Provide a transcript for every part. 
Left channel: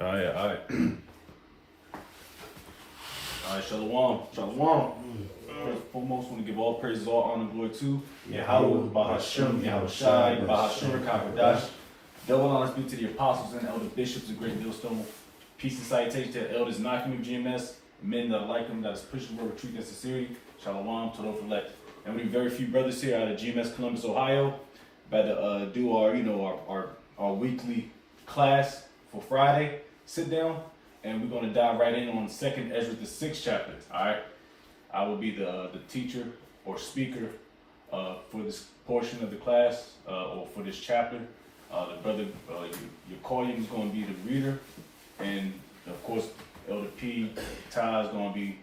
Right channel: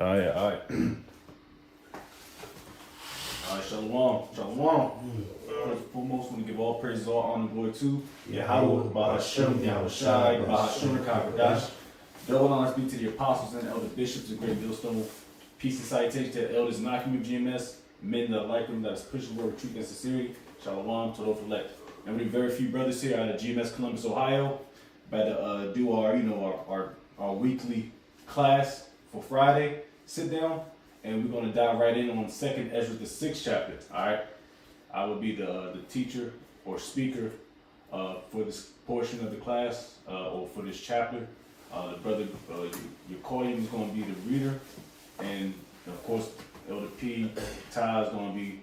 Oh yeah, all right. All right, shalom, shalom. First and foremost, want to give all praises, all honor, and glory to Yahweh, Bahashem, Yahweh Shai, Bahashem, Kakadash. Double honors be to the apostles and elder bishops of Great Millstone. Peace and salutation to the elders knocking of GMS, men that like them, that is pushing the word of truth and sincerity. Shalom, to those elect. And we have very few brothers here out of Gms Columbus Ohio. About to do our weekly class for Friday. Sit down, and we're going to dive right in on Second Esdras, the 6th chapter. All right, I will be the teacher or speaker for this portion of the class or for this chapter. The brother Yakoyim is going to be the reader, and of course Elder P. Ty is going to be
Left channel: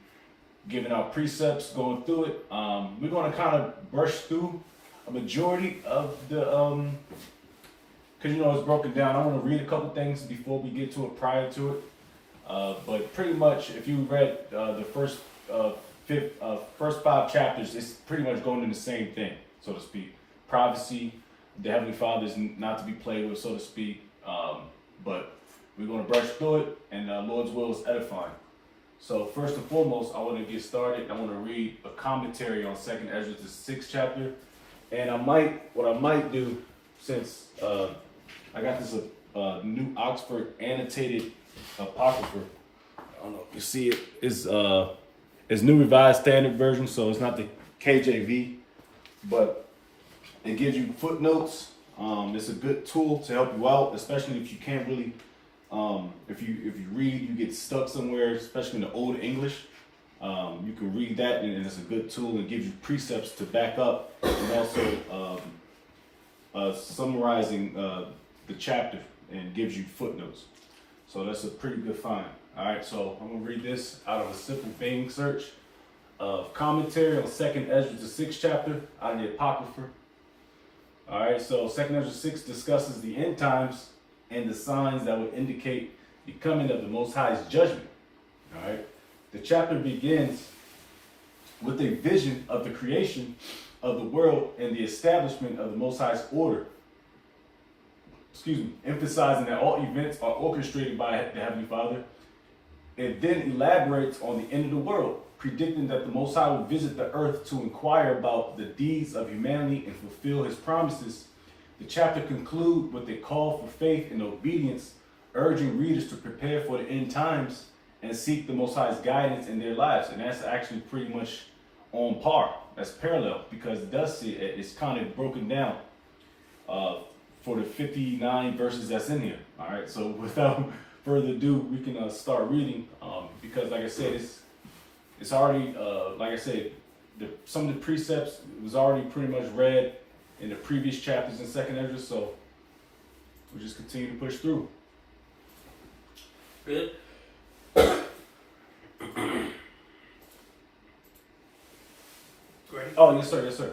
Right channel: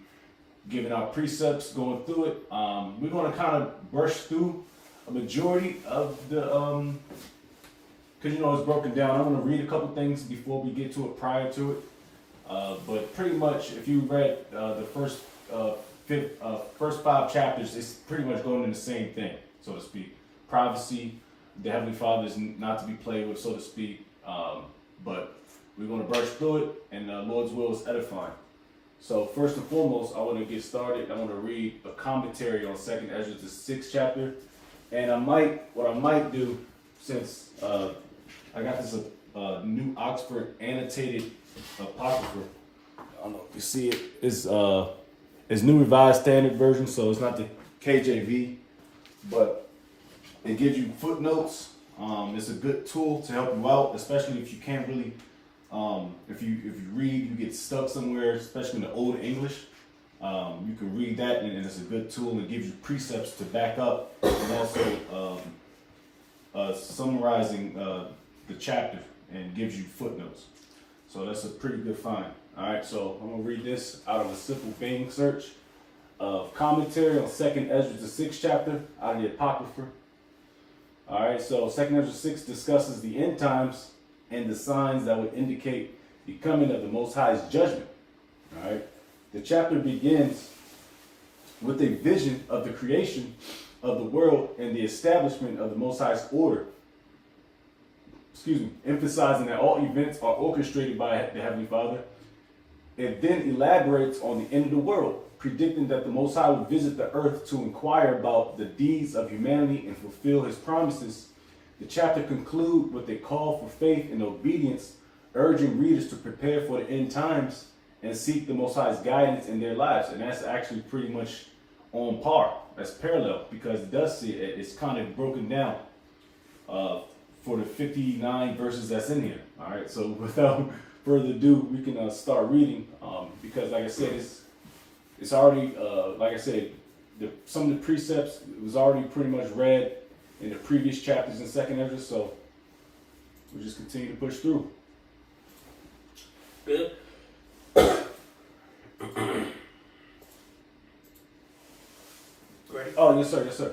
giving out precepts, going through it. We're going to kind of brush through a majority of the because it's broken down. I want to read a couple things before we get to it, prior to it. But pretty much, if you read the first 5 chapters, it's pretty much going in the same thing, so to speak. Privacy, the Heavenly Father is not to be played with, so to speak. But we're going to brush through it, and Lord's will is edifying. So first and foremost, I want to get started. I want to read a commentary on Second Esdras, the 6th chapter. And what I might do, since I got this new Oxford annotated apocrypha. I don't know if you see it. It's New Revised Standard Version, so it's not the KJV, but it gives you footnotes. It's a good tool to help you out, especially if you can't really, if you read, you get stuck somewhere, especially in the Old English. You can read that, and it's a good tool. It gives you precepts to back up, and also summarizing the chapter, and gives you footnotes. So that's a pretty good find. All right, so I'm gonna read this out of a simple Bing search of commentary on Second Esdras, the 6th chapter, out of the Apocrypha. All right, so Second Esdras 6 discusses the end times and the signs that would indicate the coming of the Most High's judgment. All right, the chapter begins with a vision of the creation of the world and the establishment of the Most High's order. Emphasizing that all events are orchestrated by the Heavenly Father. It then elaborates on the end of the world, predicting that the Most High will visit the earth to inquire about the deeds of humanity and fulfill His promises. The chapter concludes with a call for faith and obedience, urging readers to prepare for the end times and seek the Most High's guidance in their lives. And that's actually pretty much on par. That's parallel, because it does see it. It's kind of broken down for the 59 verses that's in here. All right, so without further ado, we can start reading, because like I said, it's already, like I said, some of the precepts was already pretty much read in the previous chapters in Second Esdras, so we'll just continue to push through. Good. Right. Oh, yes, sir, yes, sir.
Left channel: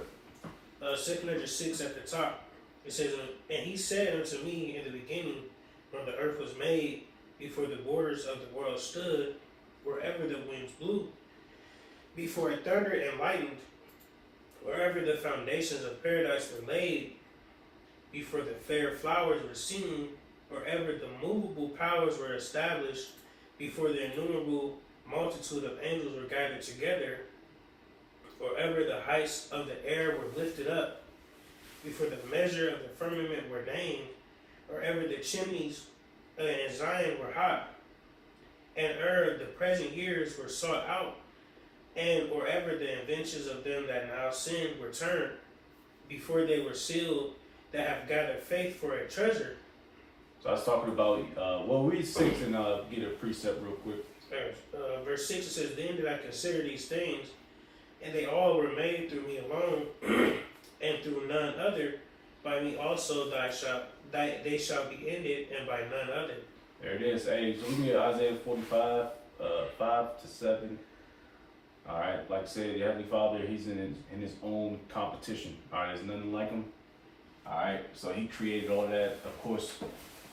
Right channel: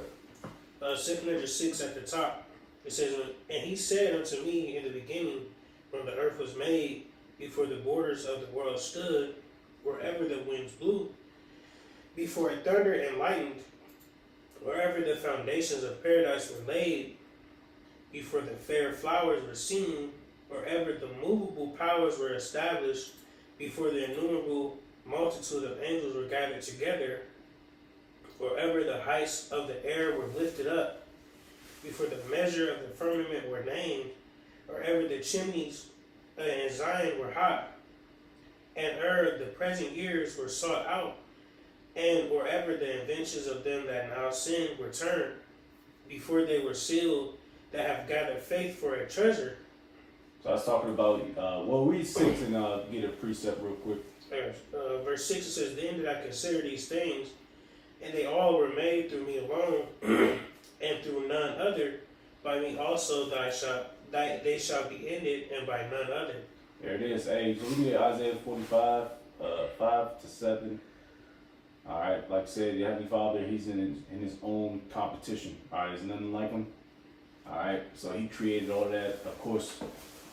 Second Esdras 6 at the top. It says, and he said unto me in the beginning, when the earth was made, before the borders of the world stood, wherever the winds blew, before it thundered and lightened, wherever the foundations of paradise were laid, before the fair flowers were seen, wherever the movable powers were established, before the innumerable multitude of angels were gathered together, wherever the heights of the air were lifted up, before the measure of the firmament were named, wherever the chimneys in Zion were hot, and the present years were sought out, and wherever the inventions of them that now sin were turned, before they were sealed, that have gathered faith for a treasure. So I was talking about, read 6 and get a precept real quick. Verse 6, it says, then did I consider these things, and they all were made through me alone, and through none other. By me also they shall be ended, and by none other. There it is. Hey, so we get Isaiah 45, 5-7. All right, like I said, the Heavenly Father, He's in His own competition. All right, there's nothing like Him. All right, so He created all that, of course,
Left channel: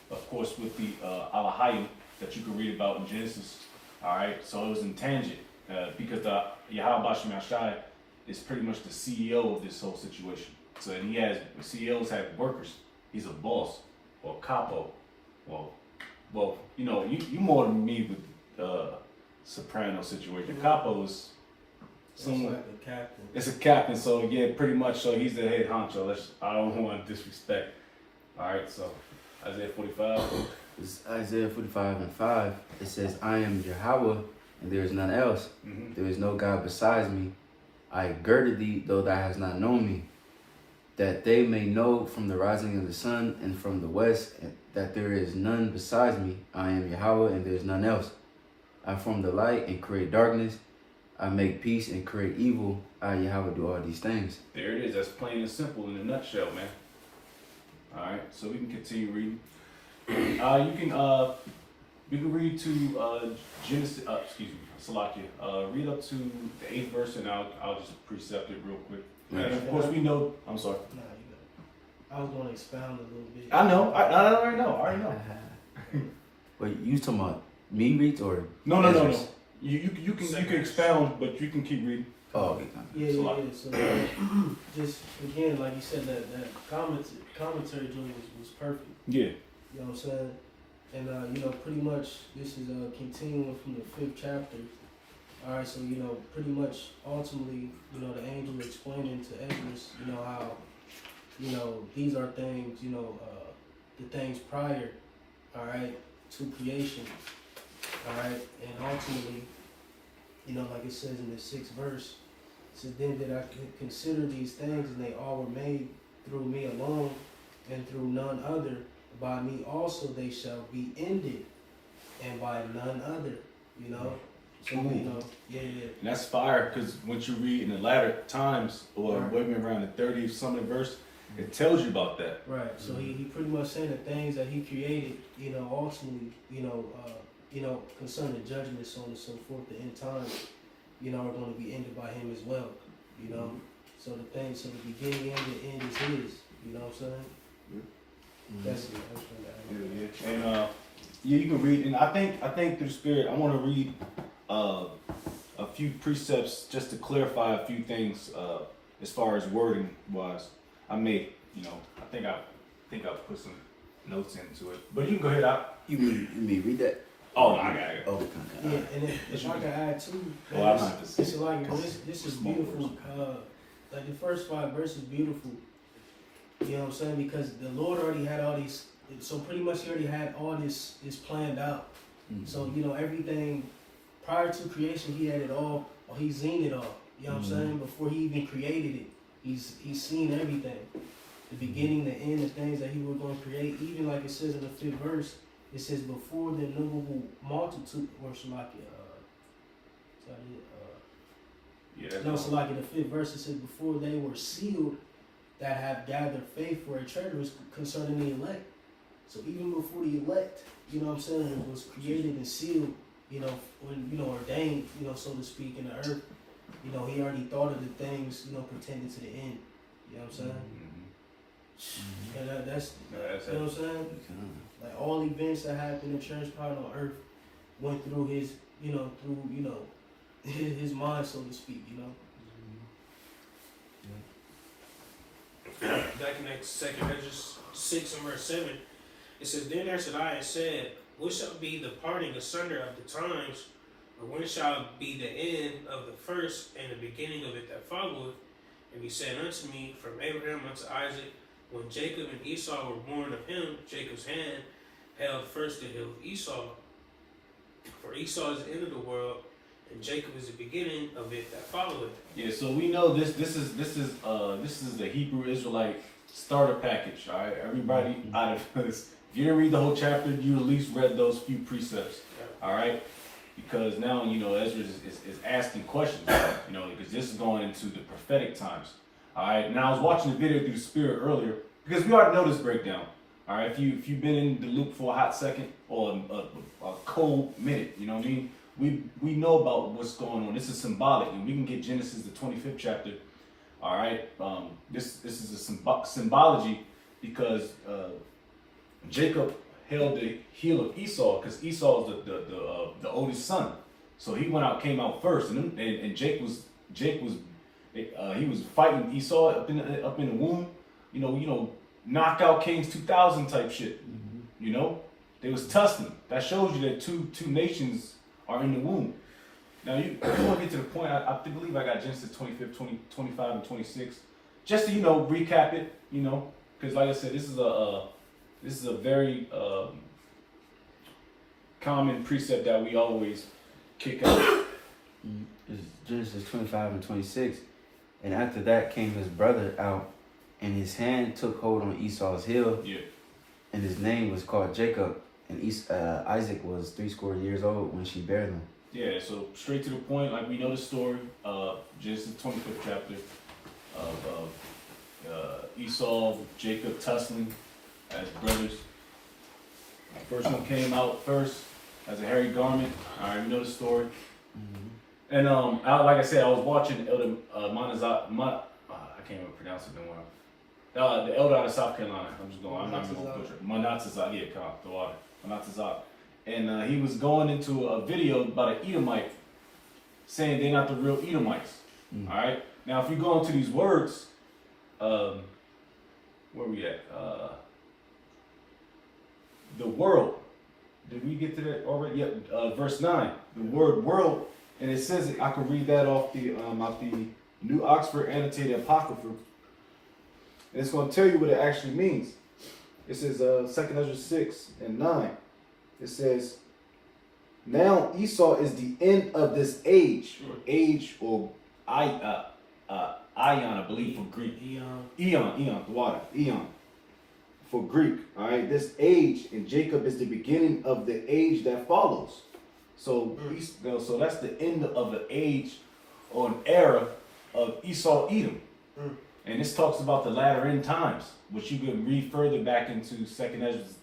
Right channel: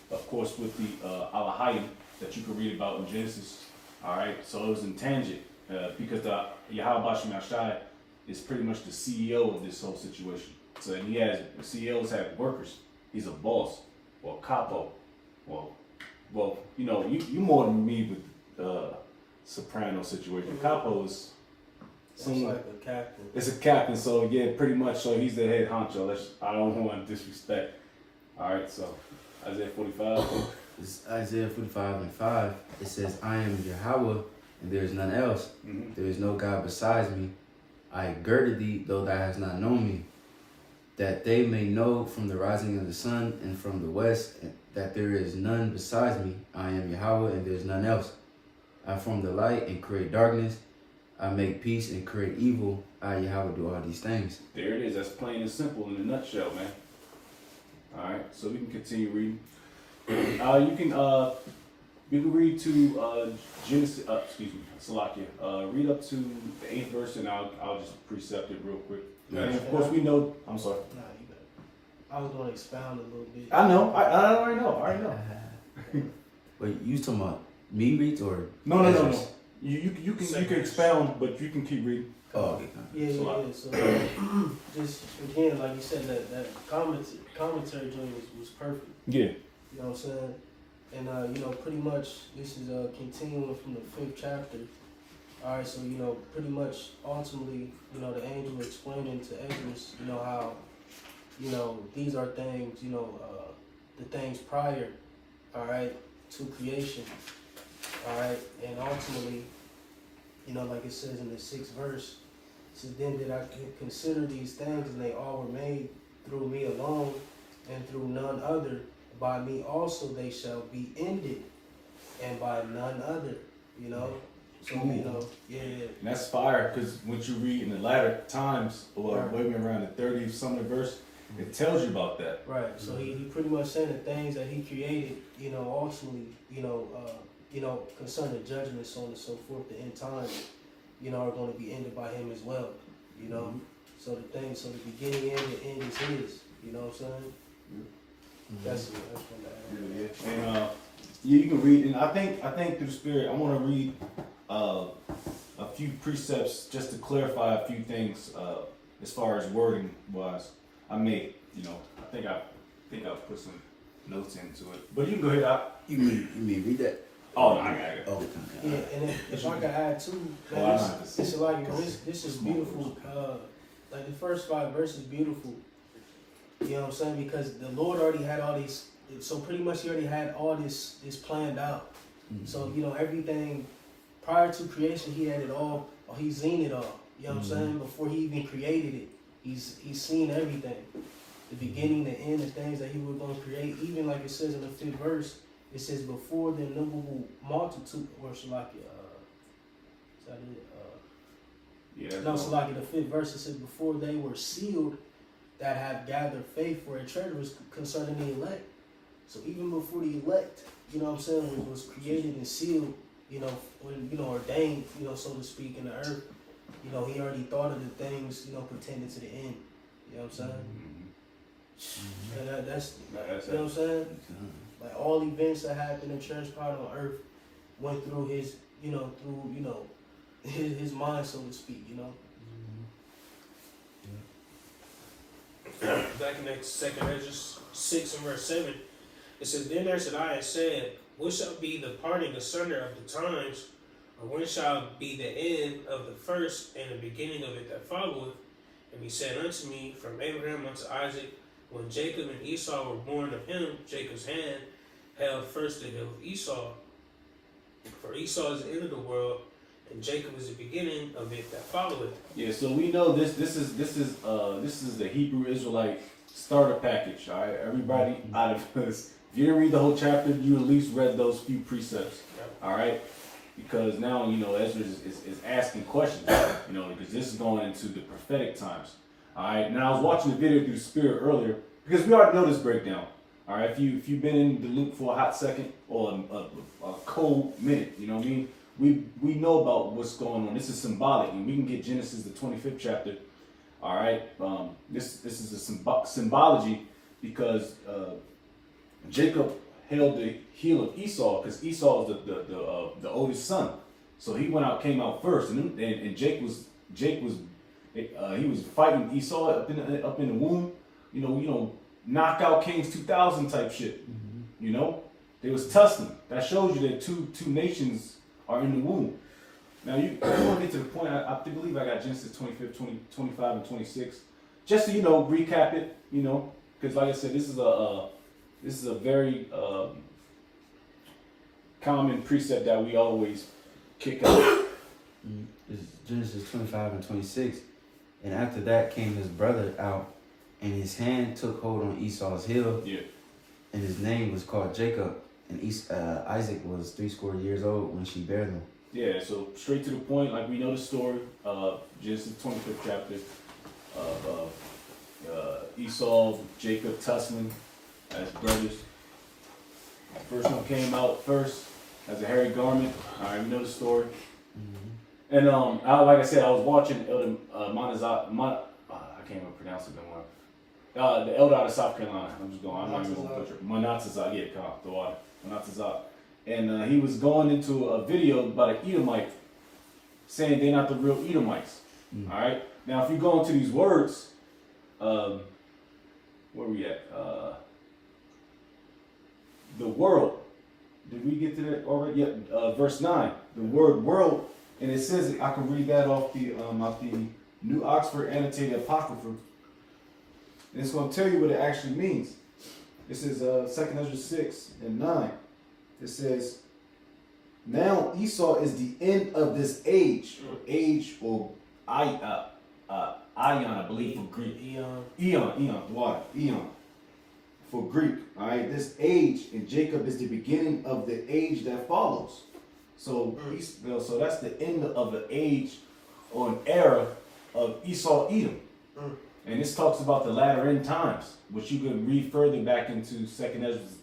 with the Alahayim that you can read about in Genesis. All right, so it was intangible because the Yahweh Bashem Yashai is pretty much the CEO of this whole situation. So CEOs have workers. He's a boss or capo. Well, well, you more than me with soprano situation. Capo is Like a captain. It's a captain, so yeah, pretty much. So he's the head honcho. I don't want to disrespect. All right, so Isaiah 45. It's Isaiah 45:5. It says, I am Yahweh, and there is none else. Mm-hmm. There is no God besides me. I girded thee, though thou hast not known me, that they may know from the rising of the sun and from the west that there is none besides me. I am Yahweh, and there is none else. I form the light and create darkness. I make peace and create evil. I, Yahweh, do all these things. There it is. That's plain and simple in a nutshell, man. All right, so we can continue reading. We can read to Genesis. Salakia. Read up to the 8th verse, and I'll just precept it real quick. Yeah. And of course, we know. I'm sorry. No, you got. I was going to expound a little bit. I know. I already know. I already know. Wait, you talking about me reads or? No. Esdras? You can expound, but you can keep reading. Oh, okay. Yeah. So, So just again, like you said, that commentary joint was perfect. Yeah. You know what I'm saying? And pretty much this is continuing from the 5th chapter. All right, so pretty much ultimately, the angel explaining to Esdras, how, these are things, the things prior, all right, to creation, all right, and ultimately, like it says in the 6th verse, it says, then did I consider these things, and they all were made through me alone, and through none other. By me also they shall be ended, and by none other, So, yeah. And that's fire, because once you read in the latter times, or Right. maybe around the 30th something verse, it tells you about that. Right. So he pretty much saying the things that he created, ultimately, concerning judgment, so on and so forth, the end times, are going to be ended by him as well, So the beginning and the end is his, you know what I'm saying? That's what that. Yeah. And you can read, and I think through the Spirit, I want to read a few precepts just to clarify a few things as far as wording wise. I may, I think I put some notes into it, but you can go ahead. You mean read that? Oh, no, I got it. Oh, okay. Yeah, and if I can add too, This this is beautiful. Like the first 5 verses, beautiful. You know what I'm saying? Because the Lord already had all these. So pretty much he already had all this planned out. Mm-hmm. So everything prior to creation, he had it all. Or he's seen it all. You know what I'm saying? Before he even created it, he's seen everything. The beginning, the end, the things that he was going to create. Even like it says in the 5th verse, it says before the innumerable multitude, or Shalakia. Is that it? No, Shalakia. The 5th verse, it says before they were sealed, that have gathered faith for a treasure was concerning the elect. So even before the elect, you know what I'm saying, it was created and sealed, when, ordained, so to speak, in the earth, he already thought of the things, pertaining to the end. You know what I'm saying? And that's you know what I'm saying? Like all events that happened in transpired on earth went through his, his mind, so to speak, Back in that 2nd Esdras 6 and verse 7, it says, Then answered I and said, What shall be the parting asunder of the times, or when shall be the end of the first and the beginning of it that followeth? And he said unto me, From Abraham unto Isaac, when Jacob and Esau were born of him, Jacob's hand held first the hill of Esau. For Esau is the end of the world, and Jacob is the beginning of it that followeth. Yeah, so we know this is the Hebrew Israelite starter package. All right, everybody out of this. If you didn't read the whole chapter, you at least read those few precepts. All right, because now Ezra is asking questions. Because this is going into the prophetic times. All right. Now I was watching the video through the Spirit earlier because we already know this breakdown. All right. If you've been in the loop for a hot second or a cold minute, you know what I mean. We know about what's going on. This is symbolic, and we can get Genesis the 25th chapter. All right, this is a symbology because Jacob held the heel of Esau because Esau is the oldest son. So he came out first, and Jake was he was fighting Esau up in the womb. Knockout Kings 2000 type shit. They was tussling. That shows you that two nations are in the womb. Now you want to get to the point. I believe I got Genesis 25, and 26. Just to recap it, because like I said, this is a very common precept that we always kick out. It's Genesis 25 and 26. And after that came his brother out, and his hand took hold on Esau's heel. Yeah. And his name was called Jacob. And Isaac was 80 years old when she bare them. Yeah, so straight to the point, like we know the story of Genesis 25th chapter of Esau, Jacob tussling as brothers. The first one came out first as a hairy garment. All right, we know the story. Mm-hmm. And like I said, I was watching Elder I can't even pronounce it anymore. The elder out of South Carolina. I'm not even going to butcher it. Manatazak, yeah, come on, the water. Manatazak. And he was going into a video about an Edomite, saying they're not the real Edomites. All right. Now, if you go into these words, where we at? The world. Did we get to that already? Yeah. Verse 9. The word world, and it says I can read that off the New Oxford Annotated Apocrypha. And it's going to tell you what it actually means. It says 2 Esdras 6 and 9. It says, now Esau is the end of this age, or ion, I believe, for Greek. Eon, the water, eon, for Greek. All right, this age, and Jacob is the beginning of the age that follows. So, so that's the end of the age or an era of Esau, Edom. And this talks about the latter end times, which you can read further back into 2 Esdras.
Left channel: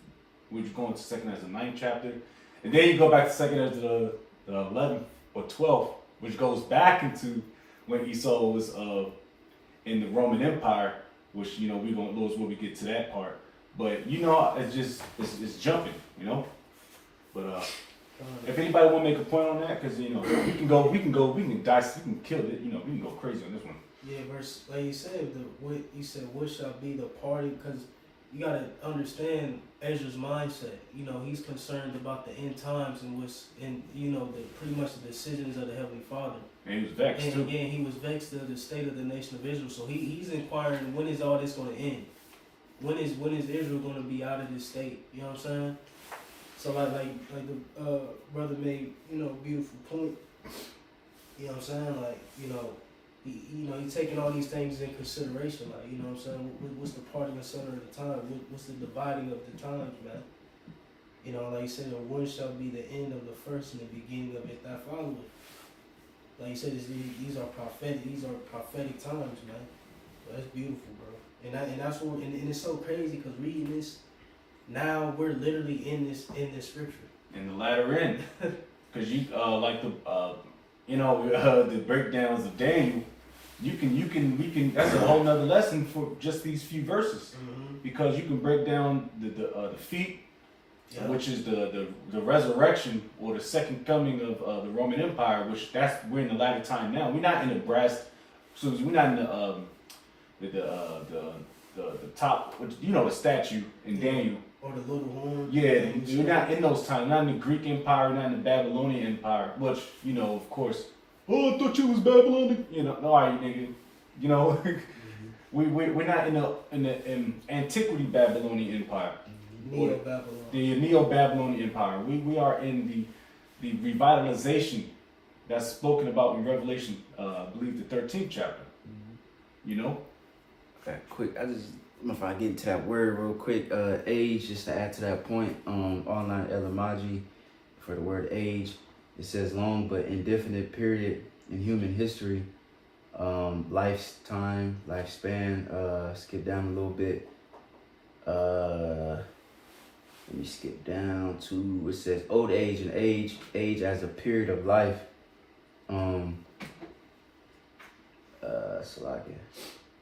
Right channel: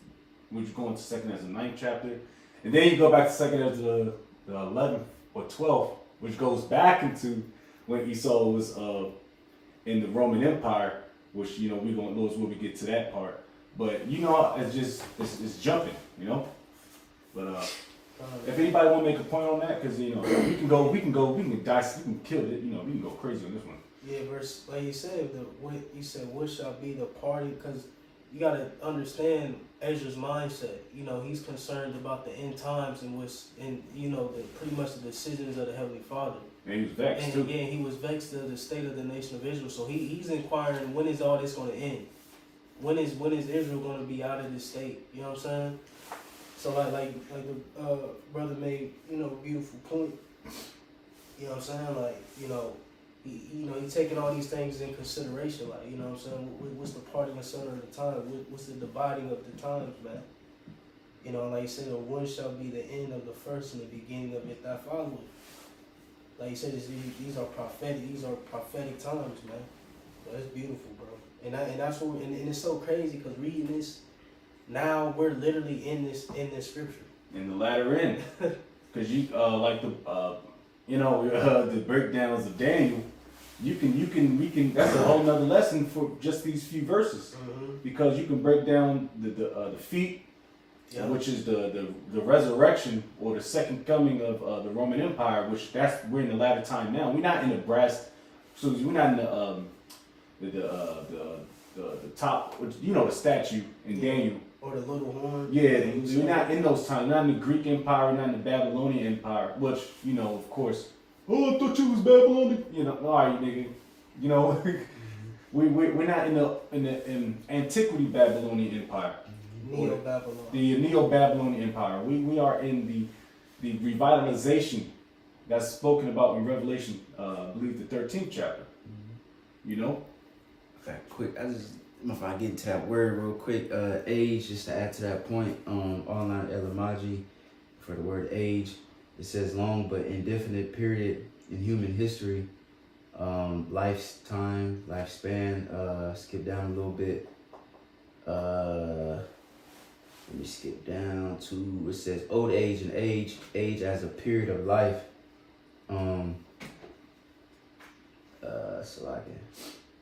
Which you go into 2 Esdras, the 9th chapter. And then you go back to 2 Esdras, the 11th or 12th, which goes back into when Esau was in the Roman Empire, which, we're going to lose when we get to that part. But, it's jumping, But if anybody want to make a point on that, because, we can dice, we can kill it, we can go crazy on this one. Yeah, verse, like you said, what shall be the party? Because you got to understand Ezra's mindset. He's concerned about the end times and pretty much the decisions of the Heavenly Father. And he was vexed too. Yeah, he was vexed at the state of the nation of Israel. So he's inquiring, when is all this going to end? When is Israel going to be out of this state? You know what I'm saying? So like the brother made beautiful point. You know what I'm saying? He's taking all these things in consideration, like, you know what I'm saying? What's the parting and center of the time? What's the dividing of the times, man? Like you said, one shall be the end of the first and the beginning of it that followeth. Like you said, these are prophetic times, man. Well, that's beautiful, bro. And that's what, and it's so crazy because reading this, now we're literally in this scripture. In the latter end, because the breakdowns of Daniel. We can. That's a whole nother lesson for just these few verses, because you can break down the feet, which is the resurrection or the second coming of the Roman Empire, which we're in the latter time now. We're not in the brass, so we're not in the top, the statue in Daniel. Or the little horn. Yeah, we're not in those times. Not in the Greek Empire, not in the Babylonian Empire, which, of course, I thought you was Babylonian. All right, nigga. We're not in the antiquity Babylonian Empire. Neo-Babylon. The Neo-Babylonian Empire. We are in the revitalization that's spoken about in Revelation, I believe the 13th chapter. Okay, quick, if I get into that word real quick, age, just to add to that point, online etymology for the word age, it says long but indefinite period in human history, lifetime, lifespan. Skip down a little bit. Let me skip down to, it says old age and age as a period of life.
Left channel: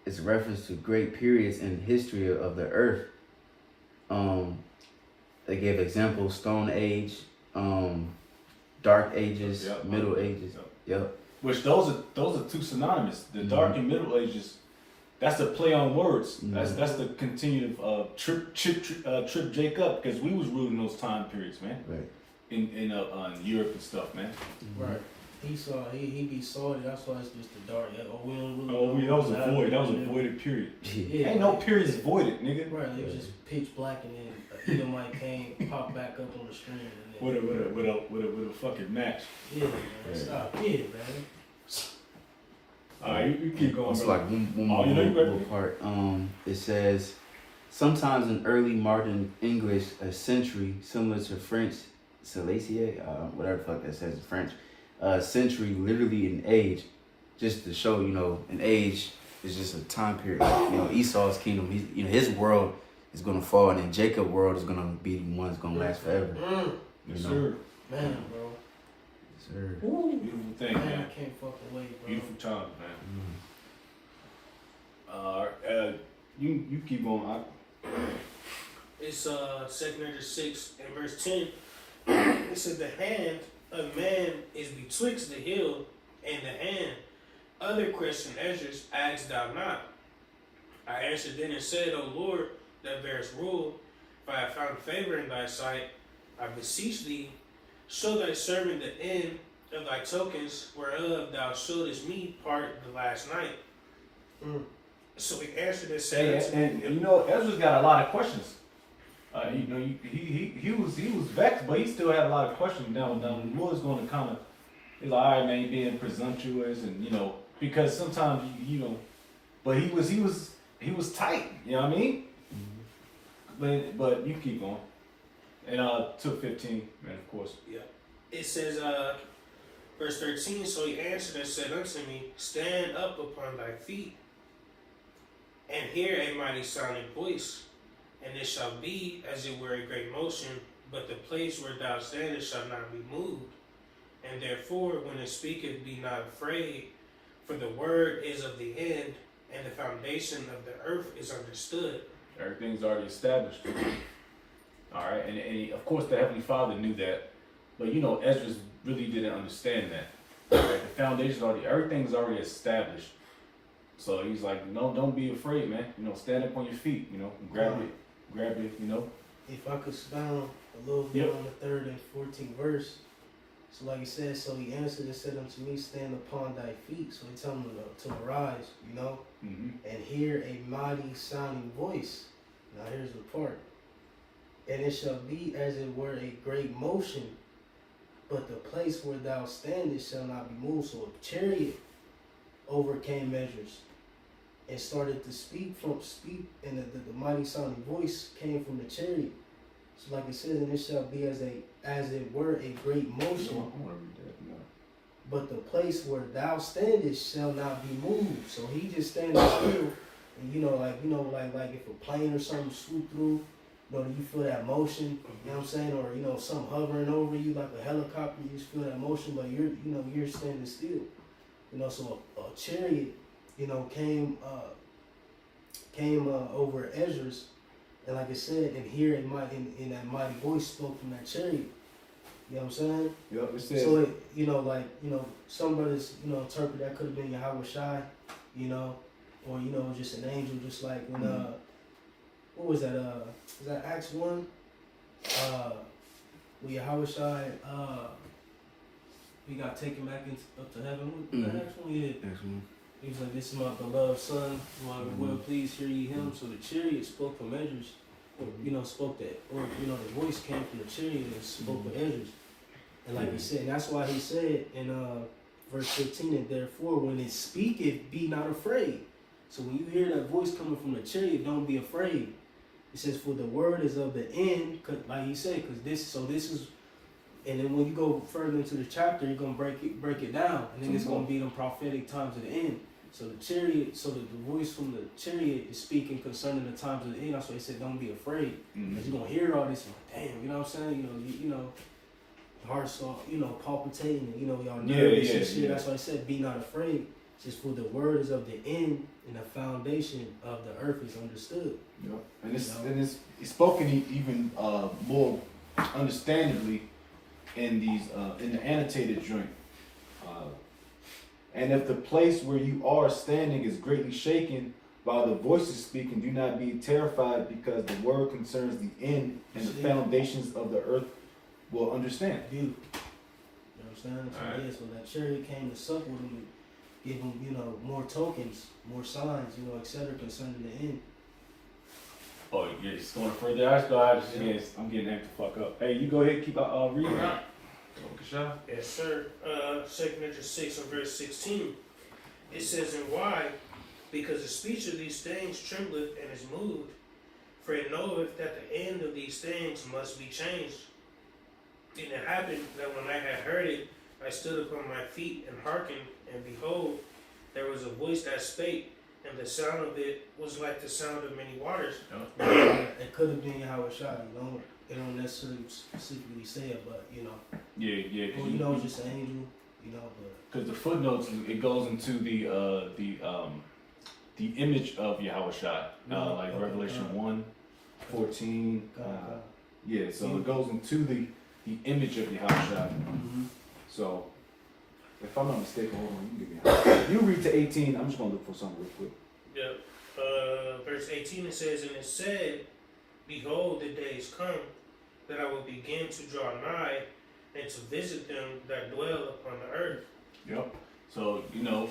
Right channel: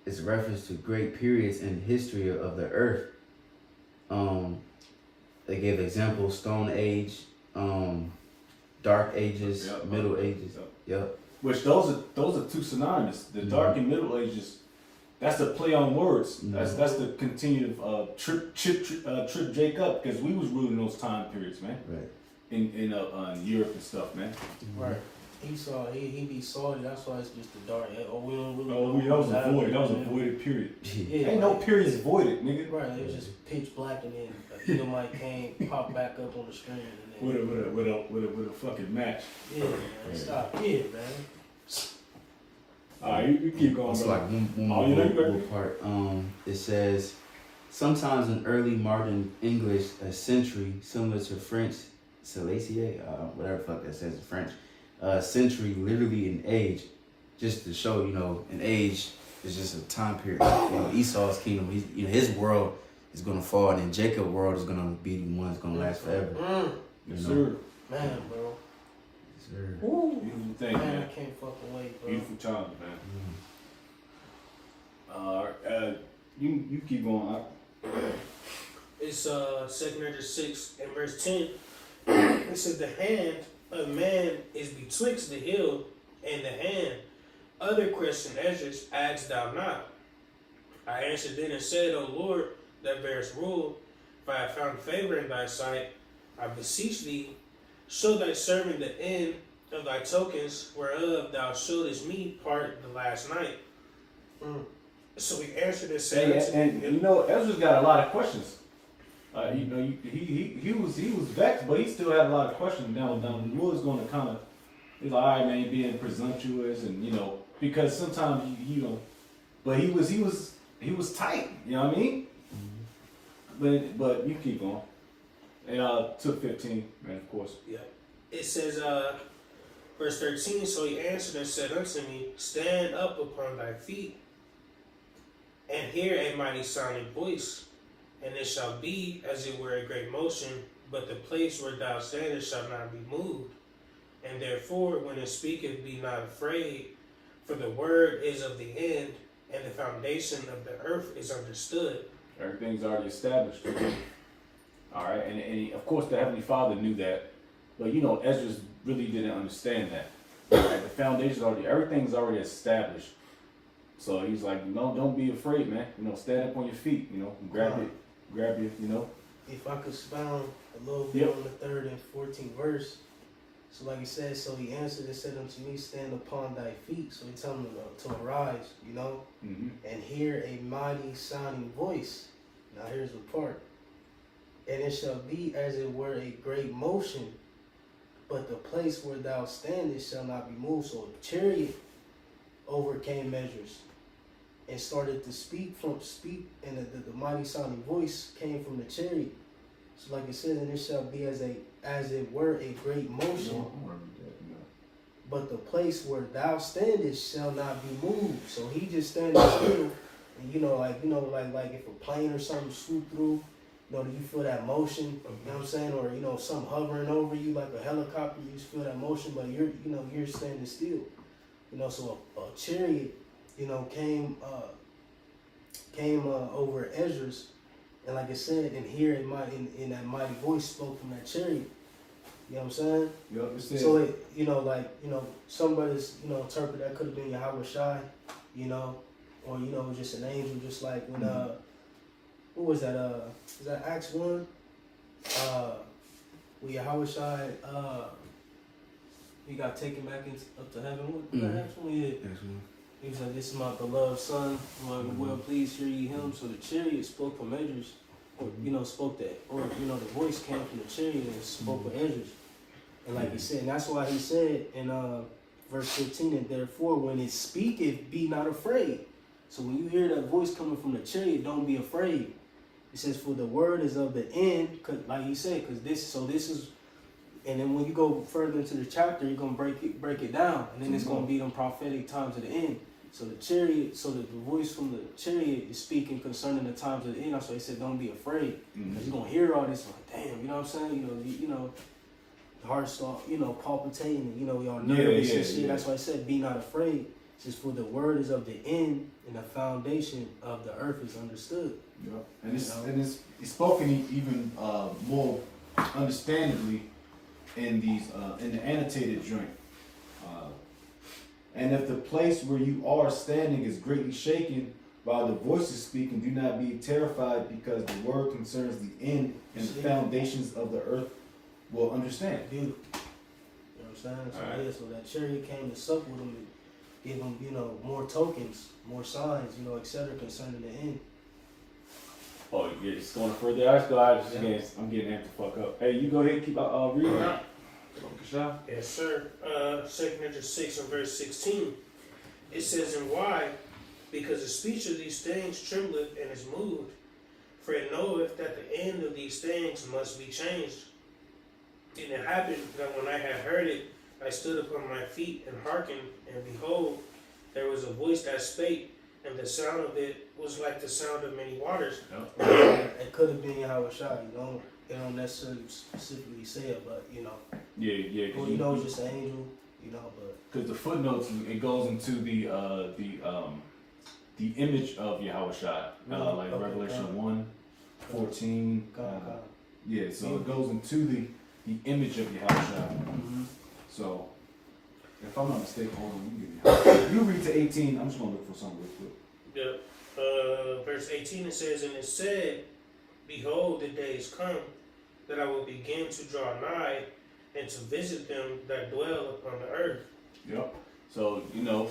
It's a reference to great periods in the history of the earth. They gave examples: Stone Age, Dark Ages, Middle Ages. Yep. Which those are two synonymous. The Dark and Middle Ages. That's the play on words. Mhm. That's the continued trip Jake up because we was ruling those time periods, man. Right. In Europe and stuff, man. Right. He saw he be salty. That's why it's just the dark. Oh, we don't really. Oh, that was a void. That was a Yeah. voided period. Yeah. Ain't no periods voided, nigga. Right. It was just pitch black, and then Edomite came, pop back up on the screen. And then, With a fucking match. yeah, man, stop. Yeah, man. Alright, you keep going, It's bro. like one Oh, more you know you little ready? part. It says, sometimes in early modern English, a century, similar to French, Silesia, whatever the fuck that says in French, century literally an age, just to show, an age is just a time period. Esau's kingdom, his world is gonna fall, and then Jacob's world is gonna be the one that's gonna last forever. Yes, sir. Man, bro. Yes, sir. Woo. Beautiful thing, Man, man. I can't fucking wait, bro. Beautiful time, man. Mm. You keep going. It's 2 Corinthians 6 and verse 10. It says, the hand of man is betwixt the heel and the hand. Other question, Esdras, asked thou not. I answered then and said, O Lord, that bearest rule, if I have found favor in thy sight, I beseech thee, show thy servant the end of thy tokens, whereof thou showedest me part the last night. So he answered and said, And Ezra's got a lot of questions. He was vexed, but he still had a lot of questions. Down the was going to kind of, he's like, all right, man, you being presumptuous, and because sometimes but he was tight. You know what I mean? But you keep going. And took 15, man, of course. Yeah. It says, verse 13, so he answered and said unto me, stand up upon thy feet, and hear a mighty sounding voice, and it shall be as it were a great motion, but the place where thou standest shall not be moved. And therefore, when it speaketh, be not afraid, for the word is of the end, and the foundation of the earth is understood. Everything's already established. All right, and of course the Heavenly Father knew that, but Ezra really didn't understand that. Right? The foundation's everything's already established. So he's like, no, don't be afraid, man. Stand up on your feet. Grab it. If I could expound a little bit on the 3rd and 14th verse. So like he said, so he answered and said unto me, stand upon thy feet. So he told him to arise, Mm-hmm. and hear a mighty sounding voice. Now here's the part. And it shall be as it were a great motion, but the place where thou standest shall not be moved. So a chariot overcame measures and started to speak, and the mighty sounding voice came from the chariot. So like it says, and it shall be as it were a great motion, but the place where thou standest shall not be moved. So he just standing still, and like if a plane or something swoop through, do you feel that motion? You know what I'm saying? Or something hovering over you like a helicopter, you just feel that motion, but you're standing still. So a chariot, came over Esdras, and like I said, and here in that mighty voice spoke from that chariot. You know what I'm saying? Yep, it says. So some brothers, interpret that could have been Yahweh Shai, or just an angel, just like when what was that? Is that Acts 1? When Yahweh Shai he got taken back up to heaven. What was that Acts 1? Yeah. Excellent. He was like, this is my beloved son, my well pleased hear ye him. So the chariot spoke for measures, or spoke that, or the voice came from the chariot and spoke for Esdras. And like he said, and that's why he said in verse 15, and therefore when it speaketh, be not afraid. So when you hear that voice coming from the chariot, don't be afraid. It says, for the word is of the end, like he said, because this is, and then when you go further into the chapter, you're gonna break it down, and then it's gonna be them prophetic times of the end. So the chariot, the voice from the chariot is speaking concerning the times of the end. That's why he said, don't be afraid, because you're gonna hear all this, like, damn, you know what I'm saying? Heart start, palpitating, y'all nervous and shit. That's why I said, be not afraid. It says, for the word is of the end, and the foundation of the earth is understood. Yep. And it's spoken even more understandably in these in the annotated joint. And if the place where you are standing is greatly shaken, while the voices speak, and do not be terrified, because the word concerns the end, and the foundations of the earth will understand. Beautiful. You know what I'm saying? So, Alright. yeah, so that chariot came to sup with him to give him, you know, more tokens, more signs, you know, etc. concerning the end. Oh, yeah, just going further. I just, Yeah. I'm getting amped the fuck up. Hey, you go ahead, keep reading. Yes, sir. 2 Corinthians 6 and verse 16. It says, "And why? Because the speech of these things trembleth and is moved. For it knoweth that the end of these things must be changed. And it happened that when I had heard it, I stood upon my feet and hearkened, and behold, there was a voice that spake, and the sound of it was like the sound of many waters." It could have been Howard Shah, you know. They don't necessarily specifically say it, but, you know. Yeah. Well, you know, it's just an angel, you know, but. Because the footnotes, it goes into the image of Yahweh Shai, like Okay, Revelation God. 1:14. God. Yeah, so it goes into the image of Yahweh Shai. Mm-hmm. So, if I'm not mistaken, hold on, you can give me. You read to 18. I'm just gonna look for something real quick. Yep. Verse 18, it says, "And it said, Behold, the days come, that I will begin to draw nigh, and to visit them that dwell upon the earth." Yep. So you know,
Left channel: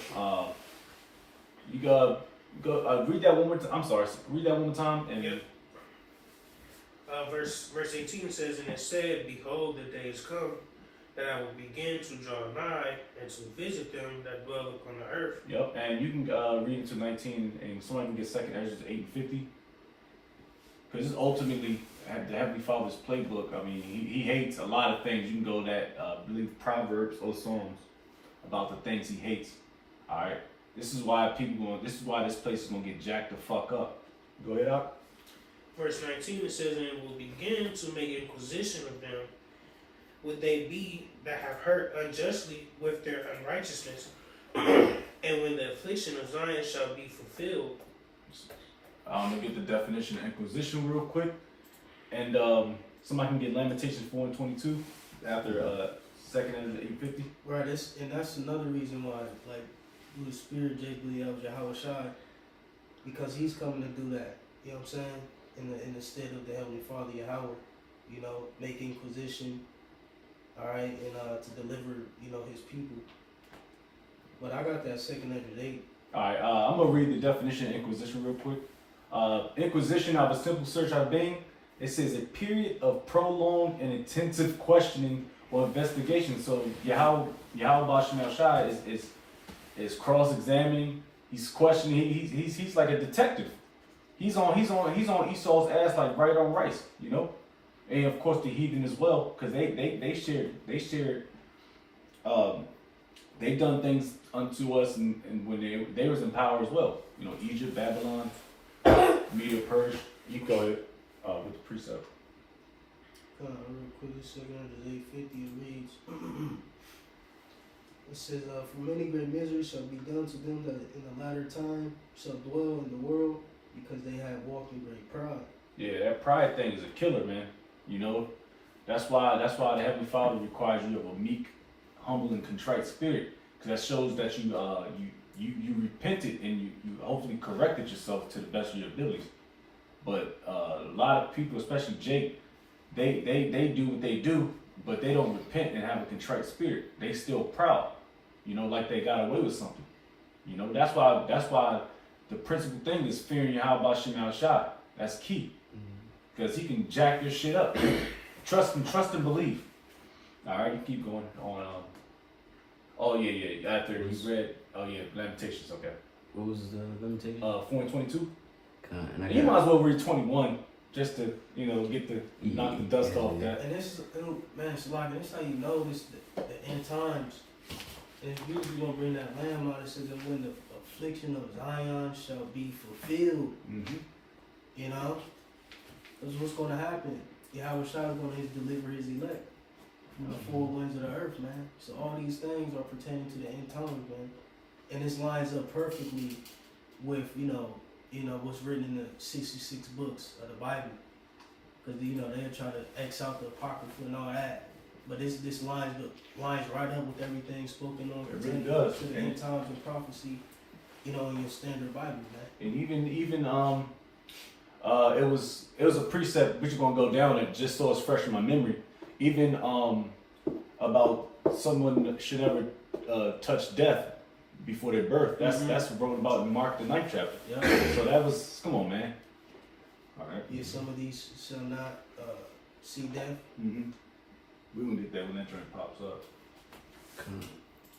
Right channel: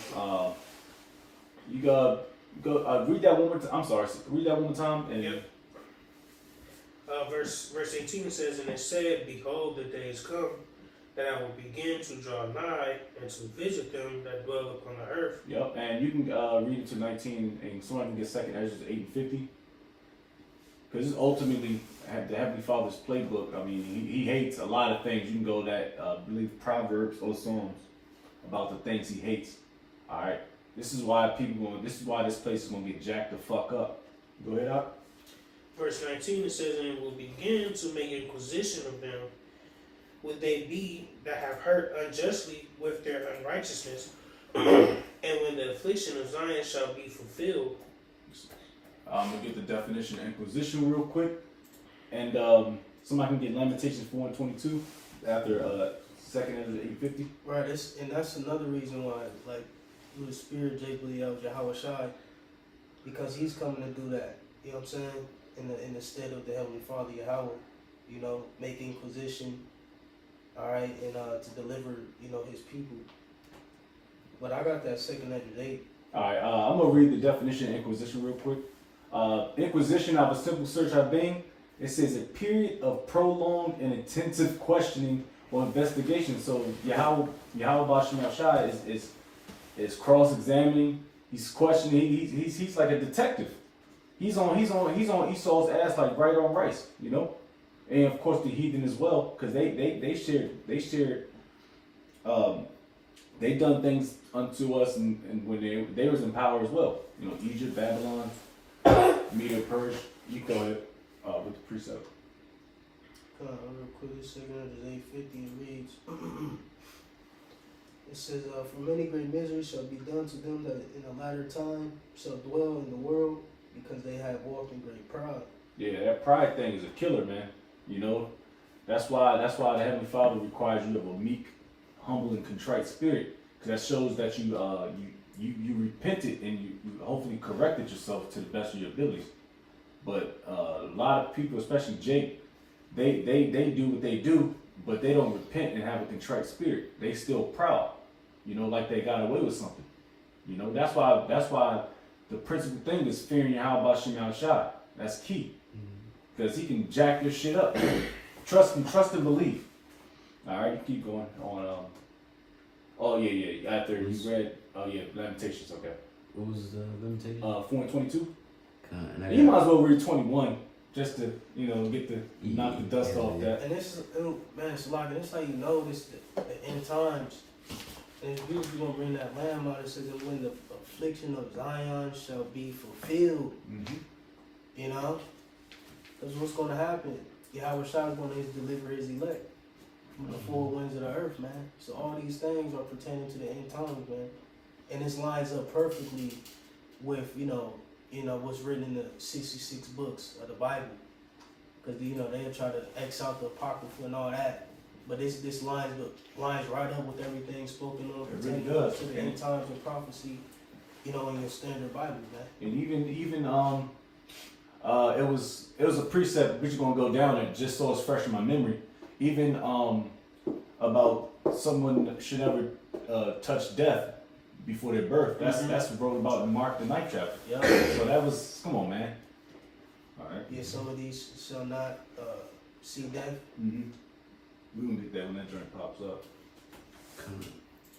you go read that one more time. I'm sorry, read that one more time. And Yep. Verse 18 says, "And it said, Behold, the days come, that I will begin to draw nigh, and to visit them that dwell upon the earth." Yep, and you can read it to 19, and somebody can get second Esdras 8 and 50. Because it's ultimately the Heavenly Father's playbook. I mean, he hates a lot of things. You can go to that, I believe, Proverbs or Psalms about the things he hates. All right, this is why this place is gonna get jacked the fuck up. Go ahead, Doc. Verse 19, it says, "And it will begin to make inquisition of them. Would they be that have hurt unjustly with their unrighteousness? And when the affliction of Zion shall be fulfilled." I'm gonna get the definition of inquisition real quick, and somebody can get Lamentations 4 and 22 after second Esdras 8:50. Right, and that's another reason why, like, through the Spirit, Jake believe that was Yahweh Shai, because he's coming to do that. You know what I'm saying? In the stead of the Heavenly Father Yahweh, you know, make inquisition, all right, and to deliver, you know, his people. But I got that second Esdras 8. All right, I'm gonna read the definition of inquisition real quick. Inquisition, of a simple search of being, it says a period of prolonged and intensive questioning or investigation. So Yahweh Bashem Shai is cross-examining. He's questioning. He's like a detective. He's on Esau's ass like right on rice, you know. And of course the heathen as well, because they shared. They done things unto us, and when they was in power as well. You know, Egypt, Babylon, Media, Persia. You go ahead with the precept. Real quick, this second Esdras 8:50, it reads. It says, "For many great miseries shall be done to them that in the latter time shall dwell in the world, because they have walked in great pride." Yeah, that pride thing is a killer, man. You know, that's why the Heavenly Father requires you of a meek, humble, and contrite spirit, because that shows that you repented and you hopefully corrected yourself to the best of your abilities. But a lot of people, especially Jake, they do what they do, but they don't repent and have a contrite spirit. They still proud, you know, like they got away with something. You know, that's why the principal thing is fearing Yahweh Bashem Shai. That's key, because he can jack your shit up. Trust and believe. All right, you keep going on. Oh yeah. After you read, Lamentations. Okay. What was the limitation? 4 and 22. And You might as well read 21 just to get the knock the dust off that. And man, it's like, and it's how you know this the end times. And it's usually gonna bring that lamb out. It says that when the affliction of Zion shall be fulfilled, Mm-hmm. you know, that's what's gonna happen. Yahweh Shai is gonna deliver his elect from the four winds of the earth, man. So all these things are pertaining to the end times, man. And this lines up perfectly with you know what's written in the 66 books of the Bible, because they'll try to X out the apocrypha and all that. But this lines right up with everything spoken on It really pertaining does. to the end times of prophecy. in your standard Bible, man. And even it was a precept which is gonna go down it just so it's fresh in my memory. Even about someone should never touch death before their birth. That's wrote about in Mark the 9th chapter. Yeah. So that was, come on, man. All right. Yeah, some of these shall not see death. Mm-hmm. We gonna get that when that joint pops up.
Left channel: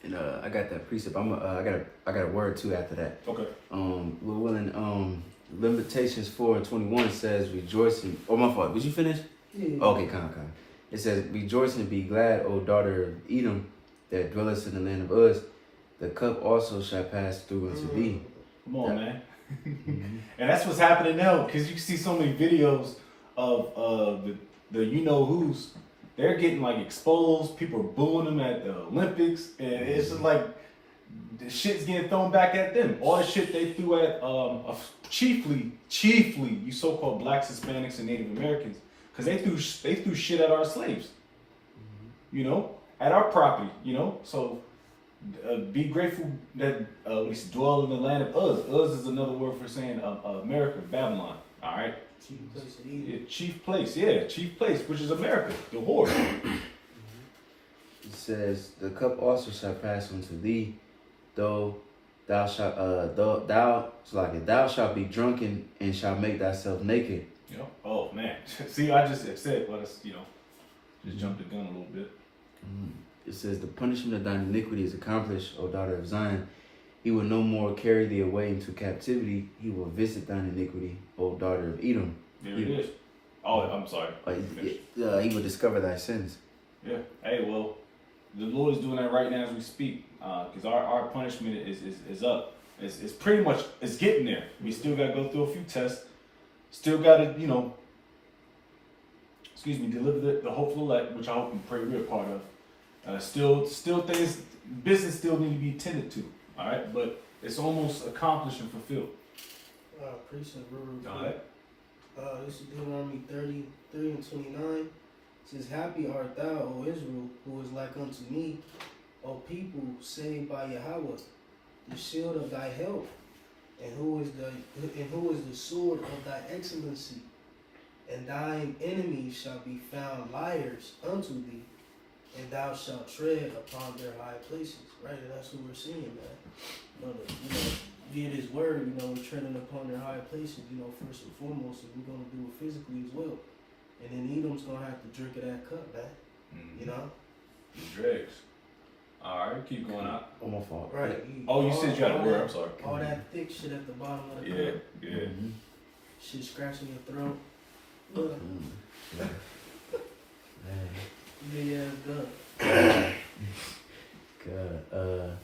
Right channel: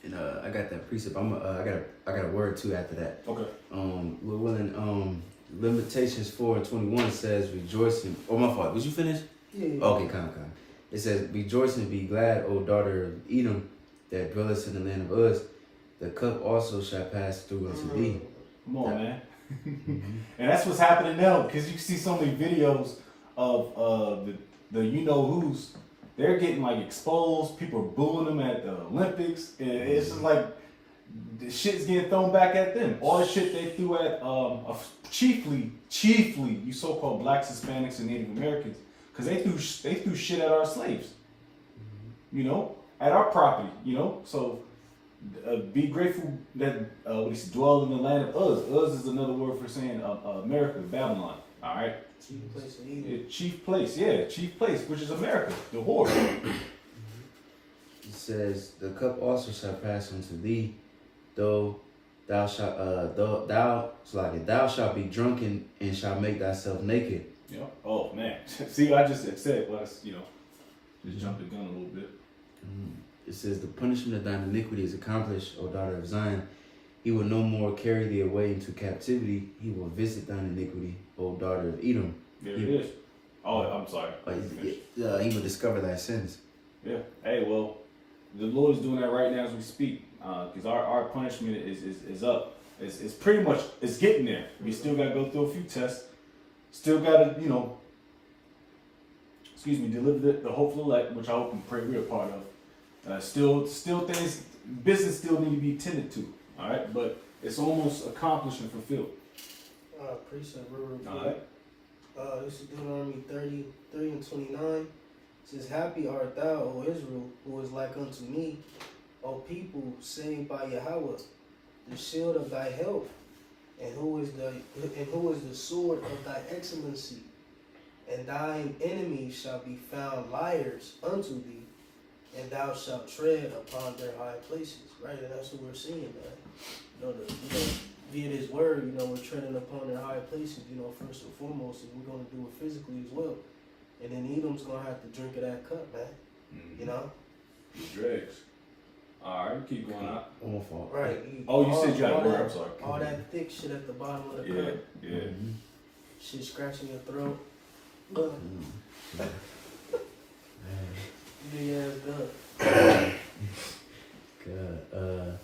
And I got that precept. I got a word too after that. Okay. Lord willing, Limitations 4:21 says rejoicing. Oh, my fault. Did you finish? Yeah. Okay, come. It says rejoice and be glad, O daughter of Edom, that dwellest in the land of Uz. The cup also shall pass through unto thee. Come on, man. And that's what's happening now, because you see so many videos of the you know who's. They're getting like exposed. People are booing them at the Olympics, and it's just like the shit's getting thrown back at them. All the shit they threw at chiefly you so-called blacks, Hispanics, and Native Americans, because they threw shit at our slaves. You know, at our property. You know, so be grateful that we dwell in the land of Uz. Uz is another word for saying America, Babylon. All right. Chief place of Eden. Yeah, chief place, which is America, the whore. It says the cup also shall pass unto thee, though thou shalt thou shalt be drunken and shalt make thyself naked. Yeah. Oh man. See, I just said, let us, just jump the gun a little bit. It says the punishment of thine iniquity is accomplished, O daughter of Zion. He will no more carry thee away into captivity. He will visit thine iniquity, O daughter of Edom. There it is. Oh, I'm sorry. He will discover thy sins. Yeah. Hey, well, the Lord is doing that right now as we speak, because our punishment is up. It's pretty much it's getting there. We still got to go through a few tests. Still got to deliver the hopeful elect, which I hope and pray we're a part of. Still things business still need to be tended to. All right, but it's almost accomplished and fulfilled. Precept real All quick. right. This is Deuteronomy 33:29. It says, Happy art thou, O Israel, who is like unto me, O people saved by Yahweh, the shield of thy help, and who is the sword of thy excellency. And thine enemies shall be found liars unto thee, and thou shalt tread upon their high places. Right, and that's what we're seeing, man. Via this word, we're treading upon their high places, first and foremost, and we're going to do it physically as well. And then Edom's going to have to drink of that cup, man. The dregs. All right, keep going out. Oh, my fault. Right. Oh, you said you had a word. I'm sorry. All that thick shit at the bottom of the cup. Yeah. Shit scratching your throat. Yeah, good. God,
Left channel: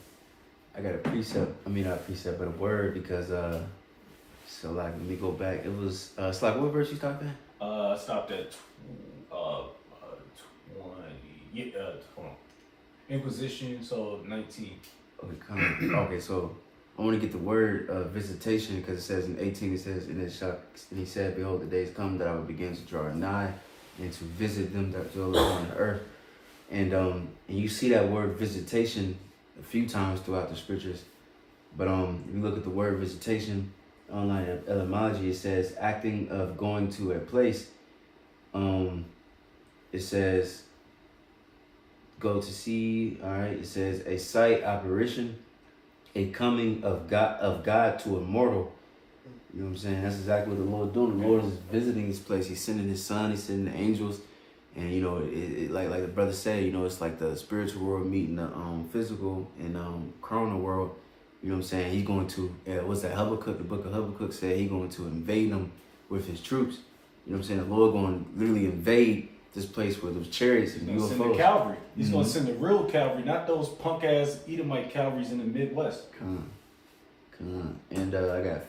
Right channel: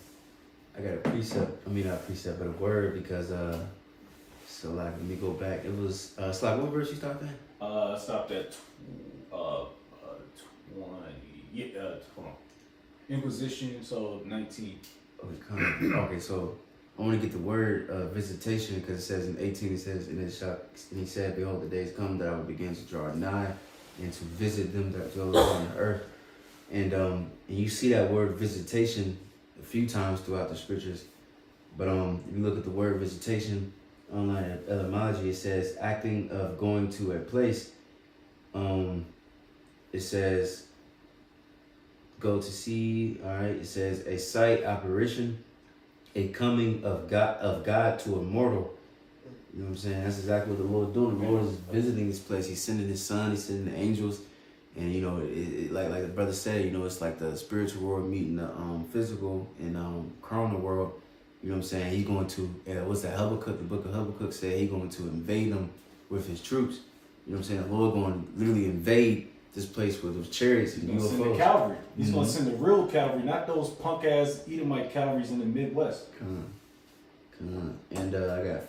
I got a precept. I mean, not a precept, but a word because so like let me go back. It was it's like what verse you stopped at? I stopped at 20. Yeah, hold on. Inquisition, so 19. Okay, so I want to get the word visitation because it says in 18 it says and he said, behold, the days come that I will begin to draw nigh and to visit them that dwell upon the earth. And you see that word visitation a few times throughout the scriptures. But if you look at the word visitation online at etymology, it says acting of going to a place. It says go to see, all right, it says a sight, apparition, a coming of God to a mortal. You know what I'm saying? That's exactly what the Lord doing. The Lord is visiting this place. He's sending his son, he's sending the angels. And like the brother said, it's like the spiritual world meeting the physical and carnal world. You know what I'm saying? He's going to what's that Habakkuk? The book of Habakkuk said he's going to invade them with his troops. You know what I'm saying? The Lord going to literally invade this place where there's chariots and He's going to send the cavalry. He's going to send the real cavalry, not those punk ass Edomite cavalries in the Midwest. Come on. And I got a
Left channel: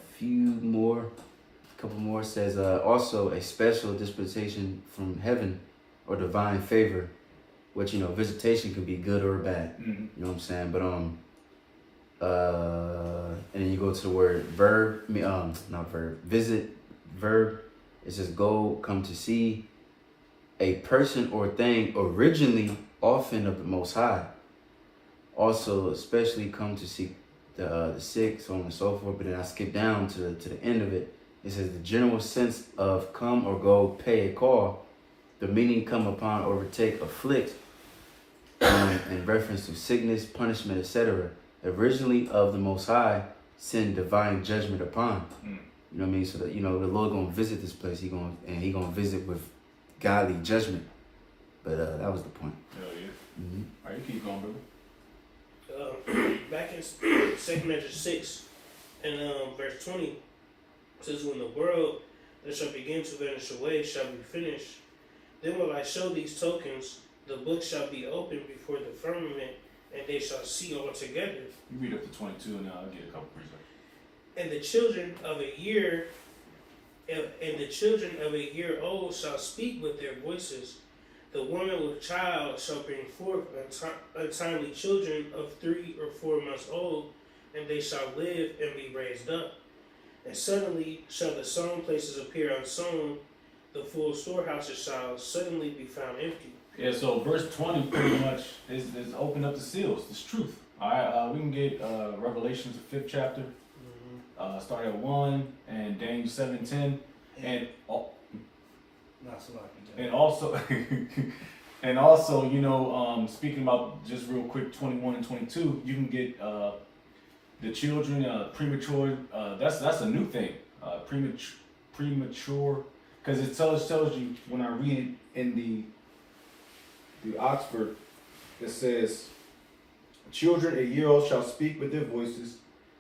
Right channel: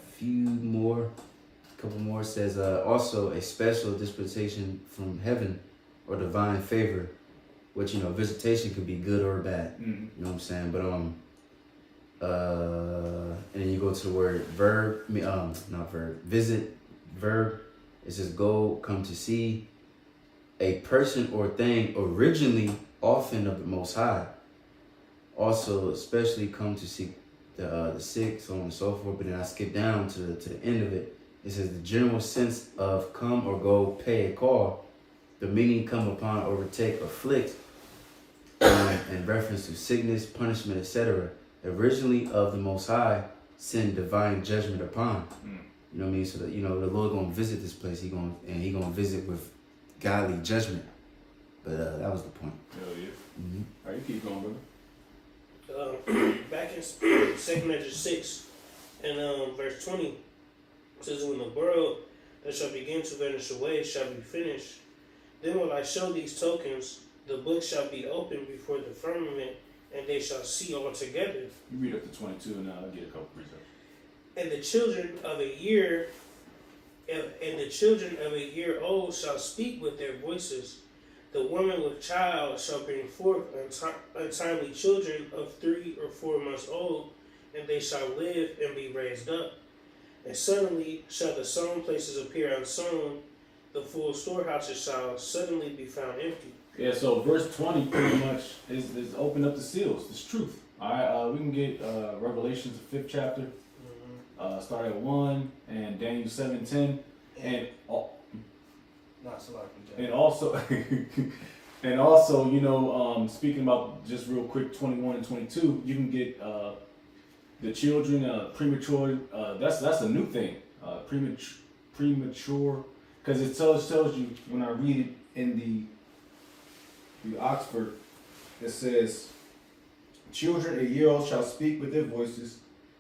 couple more. It says also a special dispensation from heaven or divine favor, which visitation could be good or bad. Mm-hmm. You know what I'm saying? But and then you go to the word verb, not verb, visit, verb. It says go, come to see a person or thing originally often of the Most High. Also, especially come to see the 6, so on and so forth. But then I skip down to the end of it. It says the general sense of come or go, pay a call. The meaning come upon, overtake, afflict, in reference to sickness, punishment, etc. Originally of the Most High, send divine judgment upon. You know what I mean? So that, you know, the Lord gonna visit this place. He gonna visit with godly judgment. But that was the point. Hell yeah. Mm-hmm. All right, you keep going, brother. Back in 2 Esdras 6 and verse 20, it says, when the world that shall begin to vanish away shall be finished, then will I show these tokens, the book shall be opened before the firmament, and they shall see all together. You read up to 22 and I'll get a couple precepts. And the children of a year old shall speak with their voices. The woman with child shall bring forth untimely children of 3 or 4 months old, and they shall live and be raised up. And suddenly shall the sown places appear unsown, the full storehouses shall suddenly be found empty. Yeah, so verse 20 pretty much is open up the seals. It's truth. All right, we can get Revelations, the 5th chapter. Start at 1 and Daniel 7:10, and also and also, you know, speaking about just real quick 21 and 22, you can get the children premature. That's a new thing. Premature, because it tells you when I read it in the Oxford, it says, children a year old shall speak with their voices,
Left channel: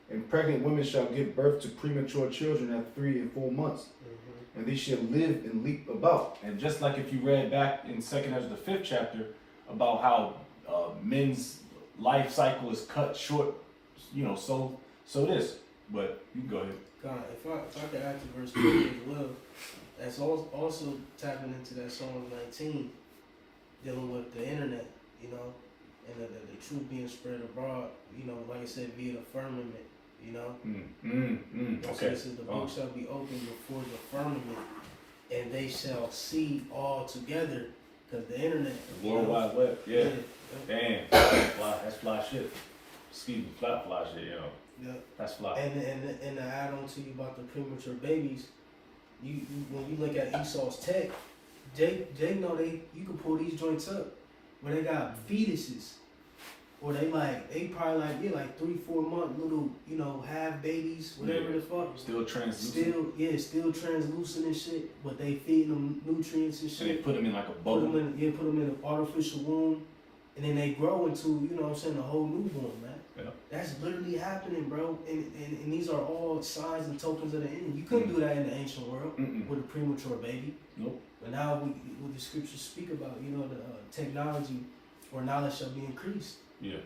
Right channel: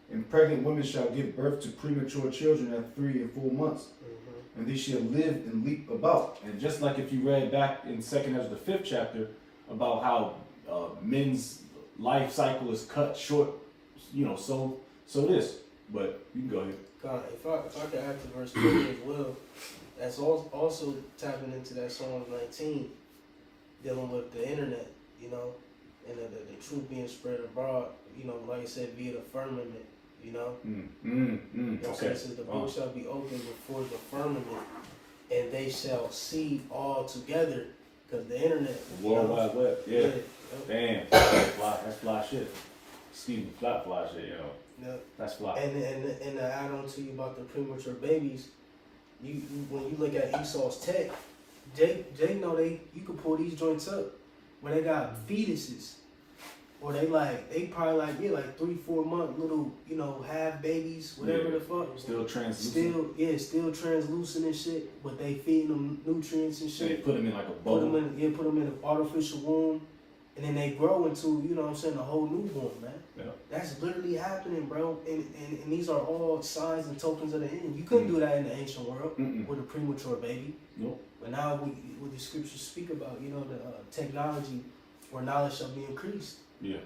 and pregnant women shall give birth to premature children at 3 and 4 months. And they shall live and leap about. And just like if you read back in 2 Esdras, the 5th chapter, about how men's life cycle is cut short, you know, so this. But you can go ahead. God, if I could add to verse 20 as well, that's also tapping into that Psalms 19, dealing with the internet, you know, and the truth being spread abroad, you know, like I said, via the firmament. You know? Okay. It says the book shall be opened before the firmament, and they shall see all together, because the internet. The World Wide Web. Yeah. Damn. That's fly shit. Excuse me, fly shit, you know. Yeah. That's fly. And to add on to you about the premature babies, you when you look at Esau's tech, Jay know you can pull these joints up where they got fetuses. Or they probably like 3-4 month little, you know, half babies, whatever the fuck. Still translucent. Still translucent and shit. But they feeding them nutrients and shit. And they put them in like a bubble. Put them in an artificial womb, and then they grow into, you know what I'm saying, a whole newborn, man. Yeah. That's literally happening, bro. And these are all signs and tokens of the end. You couldn't do that in the ancient world with a premature baby. Nope. But now what the scriptures speak about, you know, the technology or knowledge shall be increased. Yeah.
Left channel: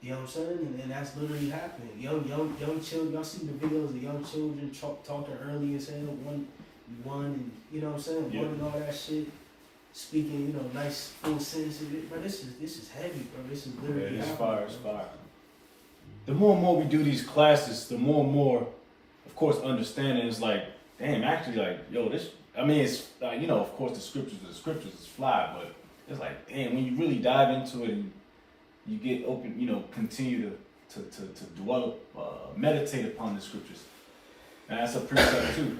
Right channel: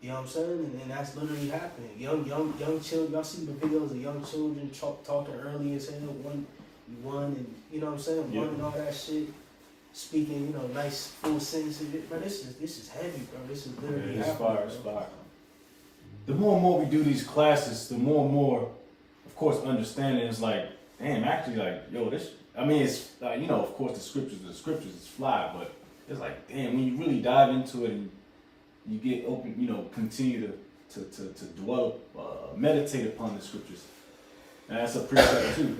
You know what I'm saying? And that's literally happening. Young children, y'all see the videos of young children talking early and saying, one, and you know what I'm saying? Yep. One and all that shit. Speaking, you know, nice full sentences. Bro, this is heavy, bro. This is literally it's happening. It's fire. The more and more we do these classes, the more and more, of course, understanding is like, damn, actually, like, yo, this, I mean, it's, you know, of course, the scriptures is fly, but it's like, damn, when you really dive into it and you get open, you know, continue to dwell, meditate upon the scriptures. And that's a precept too.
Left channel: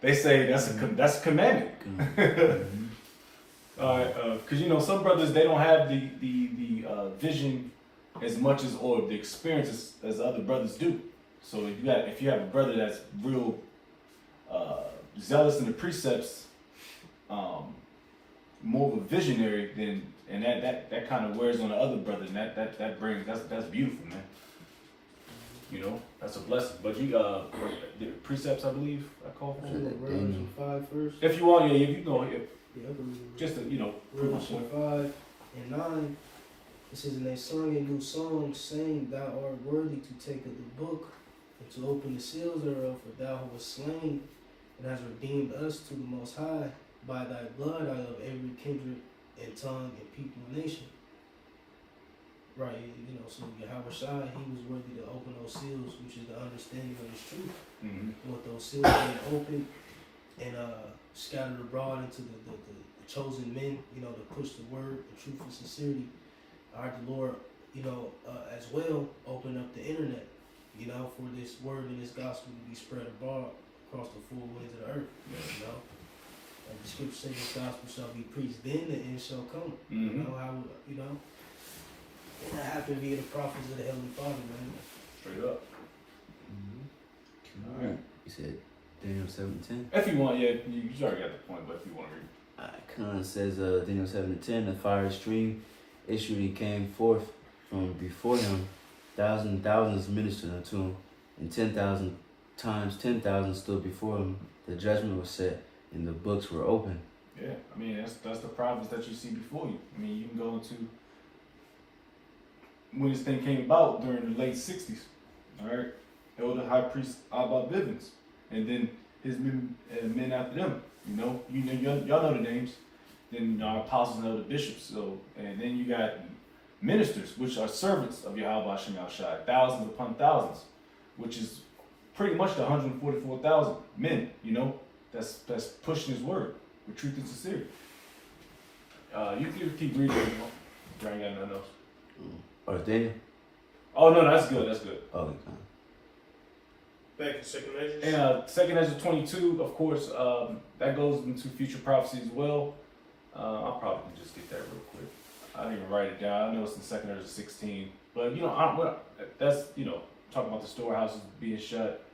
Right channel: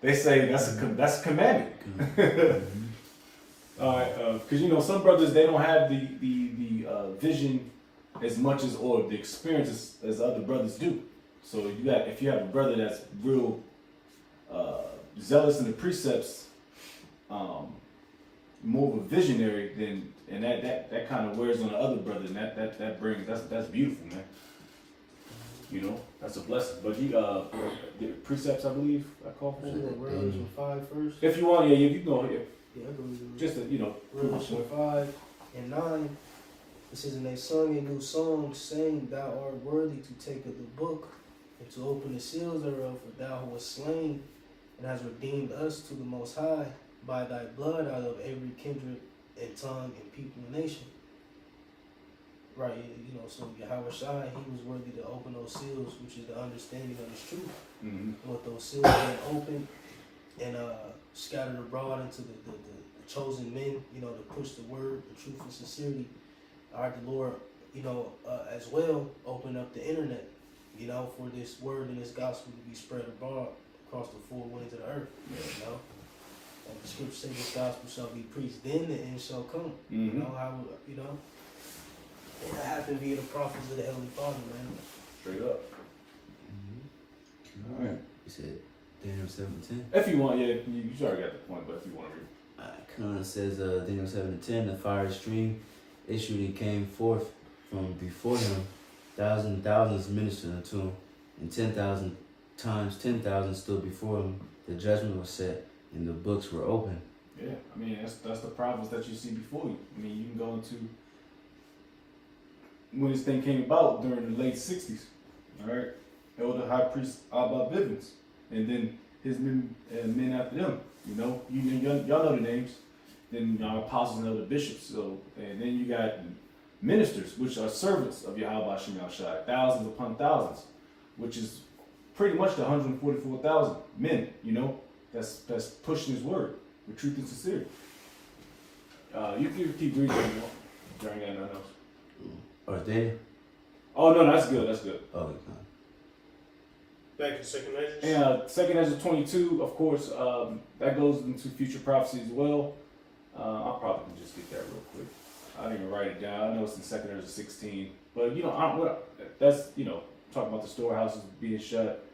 They say that's a commandment. All right, because you know some brothers, they don't have the vision as much as, or the experience as other brothers do. So if you have a brother that's real zealous in the precepts, more of a visionary, then and that kind of wears on the other brother, and that brings that's beautiful, man. You know, that's a blessing. But the precepts, I believe, I call for. Revelation 5 first. If you want, yeah, you go ahead. Yeah, I go read it. Just to, you know, Revelation 5 and 9. It says, and they sung a new song, saying, Thou art worthy to take of the book and to open the seals thereof, for thou wast slain and hast redeemed us to the Most High by thy blood out of every kindred and tongue and people and nation. Right, you know, so Yahweh Shai, he was worthy to open those seals, which is the understanding of his truth. With those seals being opened and scattered abroad into the chosen men, you know, to push the word, the truth and sincerity. Our Lord, as well, open up the internet, for this word and this gospel to be spread abroad across the four winds of the earth. Like the scripture says, this gospel shall be preached, then the end shall come. And that happened via the prophets of the Heavenly Father, man. Straight up. All right. You said Daniel 7:10. If you want, yeah, you already got the point, but if you want to read. Kind of says Daniel 7:10. The fire stream issued and came forth from before him. Thousands and thousands ministered unto him, and 10,000 times 10,000 stood before him. The judgment was set, and the books were open. Yeah, I mean that's the prophets that you see before you. I mean, you can go into when this thing came about during the late '60s. All right, Elder High Priest Abba Bivens, and then his men after them. Y'all know the names. Then apostles and elder bishops. So, and then you got ministers, which are servants of Yahweh Shem Yahushua, thousands upon thousands, which is pretty much the 144,000 men. That's pushing his word with truth and sincerity. You can keep reading. You ain't got nothing else. Oh, Daniel? Oh no, that's good. That's good. Oh, Back to second Esdras. And second Esdras 22, of course, that goes into future prophecy as well. I'll probably just get that real quick. I didn't even write it down. I know it's in second Esdras 16, but that's talking about the storehouses being shut.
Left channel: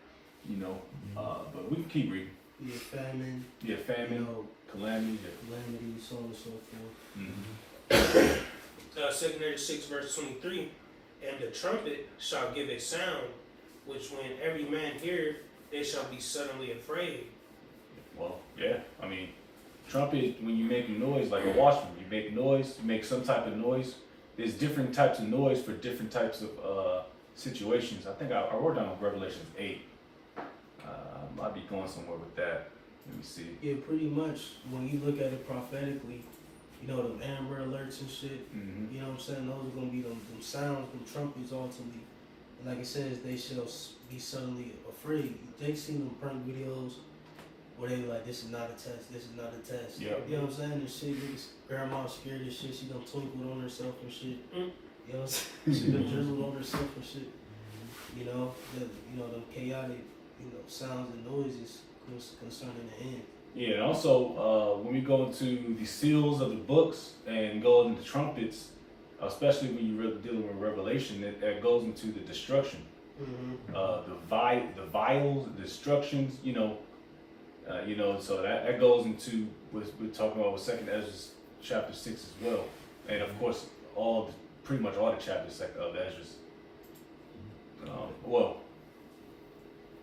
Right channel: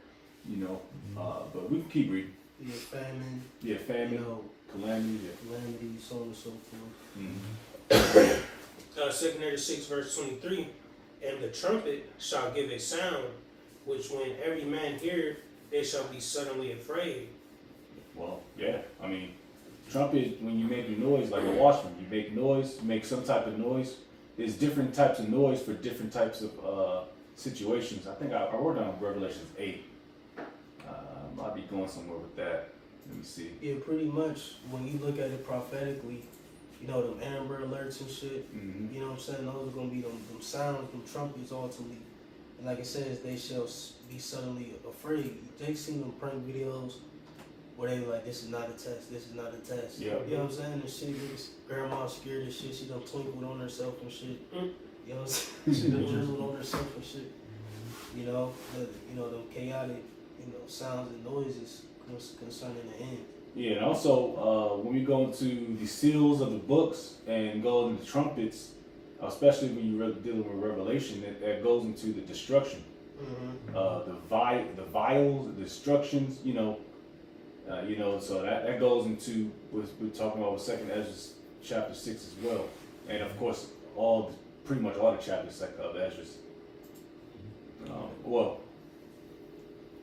But we can keep reading. Yeah, famine. Yeah, famine, calamity. Calamity, so on and so forth. Mm-hmm. Second Esdras 6 verse 23, and the trumpet shall give a sound, which when every man heareth, they shall be suddenly afraid. Well, yeah. I mean, trumpet, when you make a noise like a watchman, you make noise, you make some type of noise. There's different types of noise for different types of situations. I think I wrote down Revelation 8. I might be going somewhere with that. Let me see. Yeah, pretty much. When you look at it prophetically, them Amber Alerts and shit. Mm-hmm. You know what I'm saying? Those are gonna be them sounds, them trumpets ultimately. And like it says, they shall be suddenly afraid. They seen them prank videos where they like, this is not a test, this is not a test. Yeah. You know what I'm saying? And shit, grandma scared as shit. She done twinkled on herself and shit. You know what I'm saying? She done drizzled on herself and shit. Them chaotic, sounds and noises concerning the end. Yeah, and also when we go into the seals of the books and go into the trumpets, especially when you're dealing with Revelation, that goes into the destruction. Mm-hmm. The vials, the destructions, so that goes into what we're talking about with second Esdras chapter 6 as well. And of course, pretty much all the chapters of Esdras.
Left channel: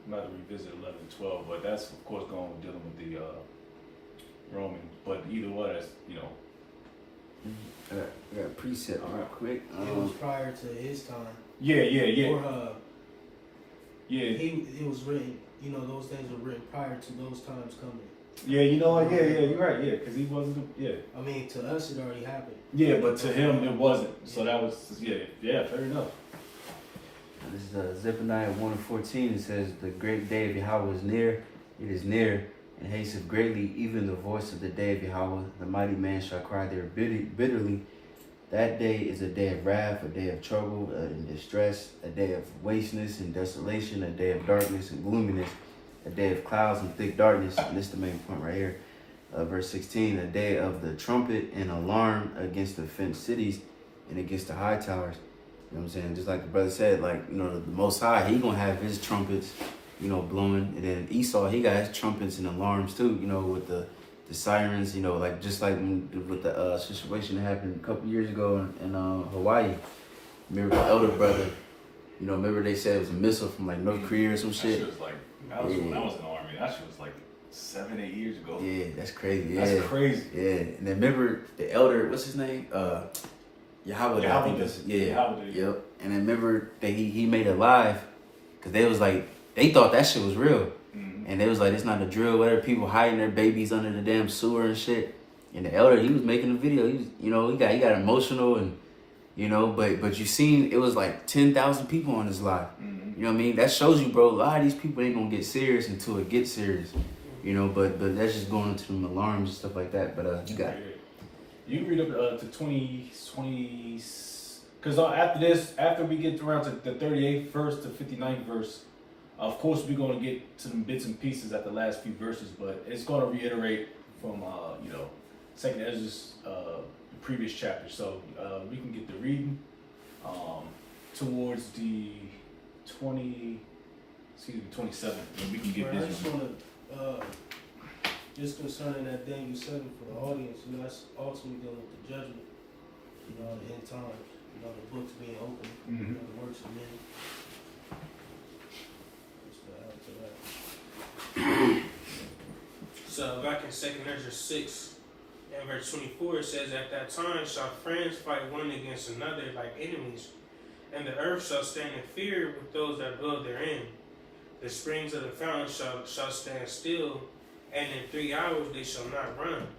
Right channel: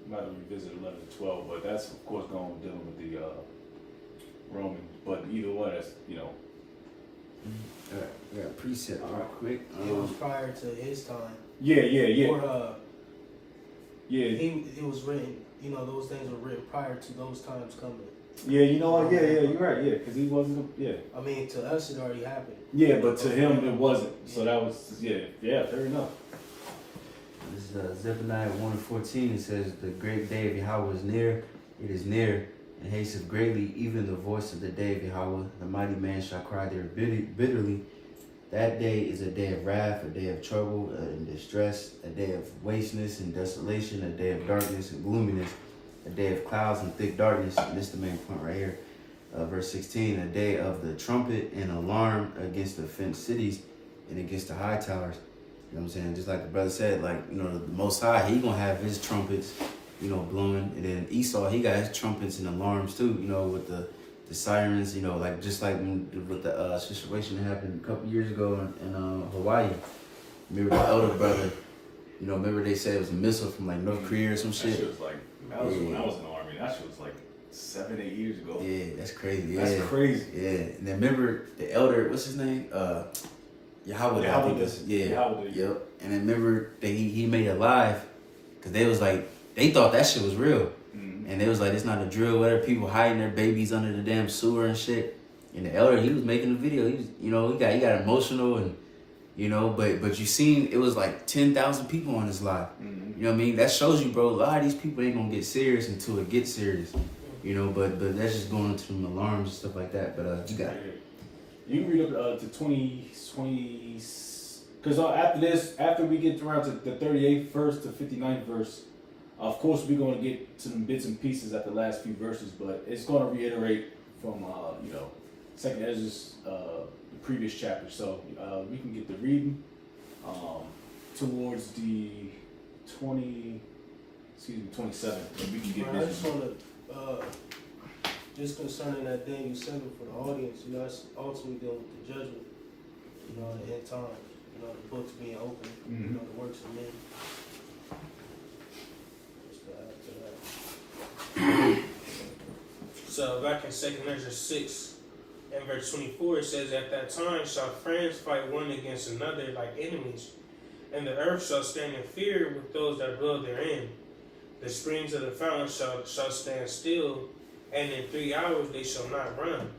I'm about to revisit 11 and 12, but that's of course dealing with the Roman. But either way, that's I got a precept real quick. It was prior to his time. Yeah. Or, yeah. It was written. Those things were written prior to those times coming. Yeah, you know what? Yeah, you're right. Yeah, because he wasn't. Yeah. I mean, to us it already happened. Yeah, but to him it wasn't. So that was fair enough. This is Zephaniah 1:14. It says, "The great day of Yahweh is near. It is near, and hasteth greatly. Even the voice of the day of Yahweh, the mighty man shall cry there bitterly. That day is a day of wrath, a day of trouble and distress, a day of wasteness and desolation, a day of darkness and gloominess, a day of clouds and thick darkness." And this is the main point right here. Verse 16, "A day of the trumpet and alarm against the fenced cities and against the high towers." You know what I'm saying? Just like the brother said, the Most High, he gonna have his trumpets, blowing. And then Esau, he got his trumpets and alarms too, with the sirens, just like with the situation that happened a couple years ago in Hawaii. Remember the elder brother, remember they said it was a missile from North Korea or some shit? That shit was that was when I was in the army. That shit was 7-8 years ago. Yeah, that's crazy. That's crazy. Yeah, and then remember the elder, what's his name? Yahweh. Yahweh. Yep. And then remember that he made it live because they was they thought that shit was real. Mm-hmm. And they was it's not a drill, whatever, people hiding their babies under the damn sewer and shit. And the elder, he was making a video. He was, he got emotional and, but you seen it was 10,000 people on his live. Mm-hmm. You know what I mean? That shows you, bro, a lot of these people ain't gonna get serious until it gets serious. But that's just going into some alarms and stuff like that. But you got it. You read up to 20, Because after this, after we get around to the 38th verse to 59th verse, of course we're going to get some bits and pieces at the last few verses, but it's going to reiterate from, Second Esdras, the previous chapter. So we can get the reading towards the 27th, and we can get Bro, I this just one. want to, just concerning that Daniel 7 for the audience, that's ultimately dealing with the judgment, the end times, the books being open, Mhm. the works of men. Just to add to that. So back in 2 Esdras 6 and verse 24, it says, "At that time shall friends fight one against another like enemies, and the earth shall stand in fear with those that dwell therein. The springs of the fountain shall stand still, and in 3 hours they shall not run.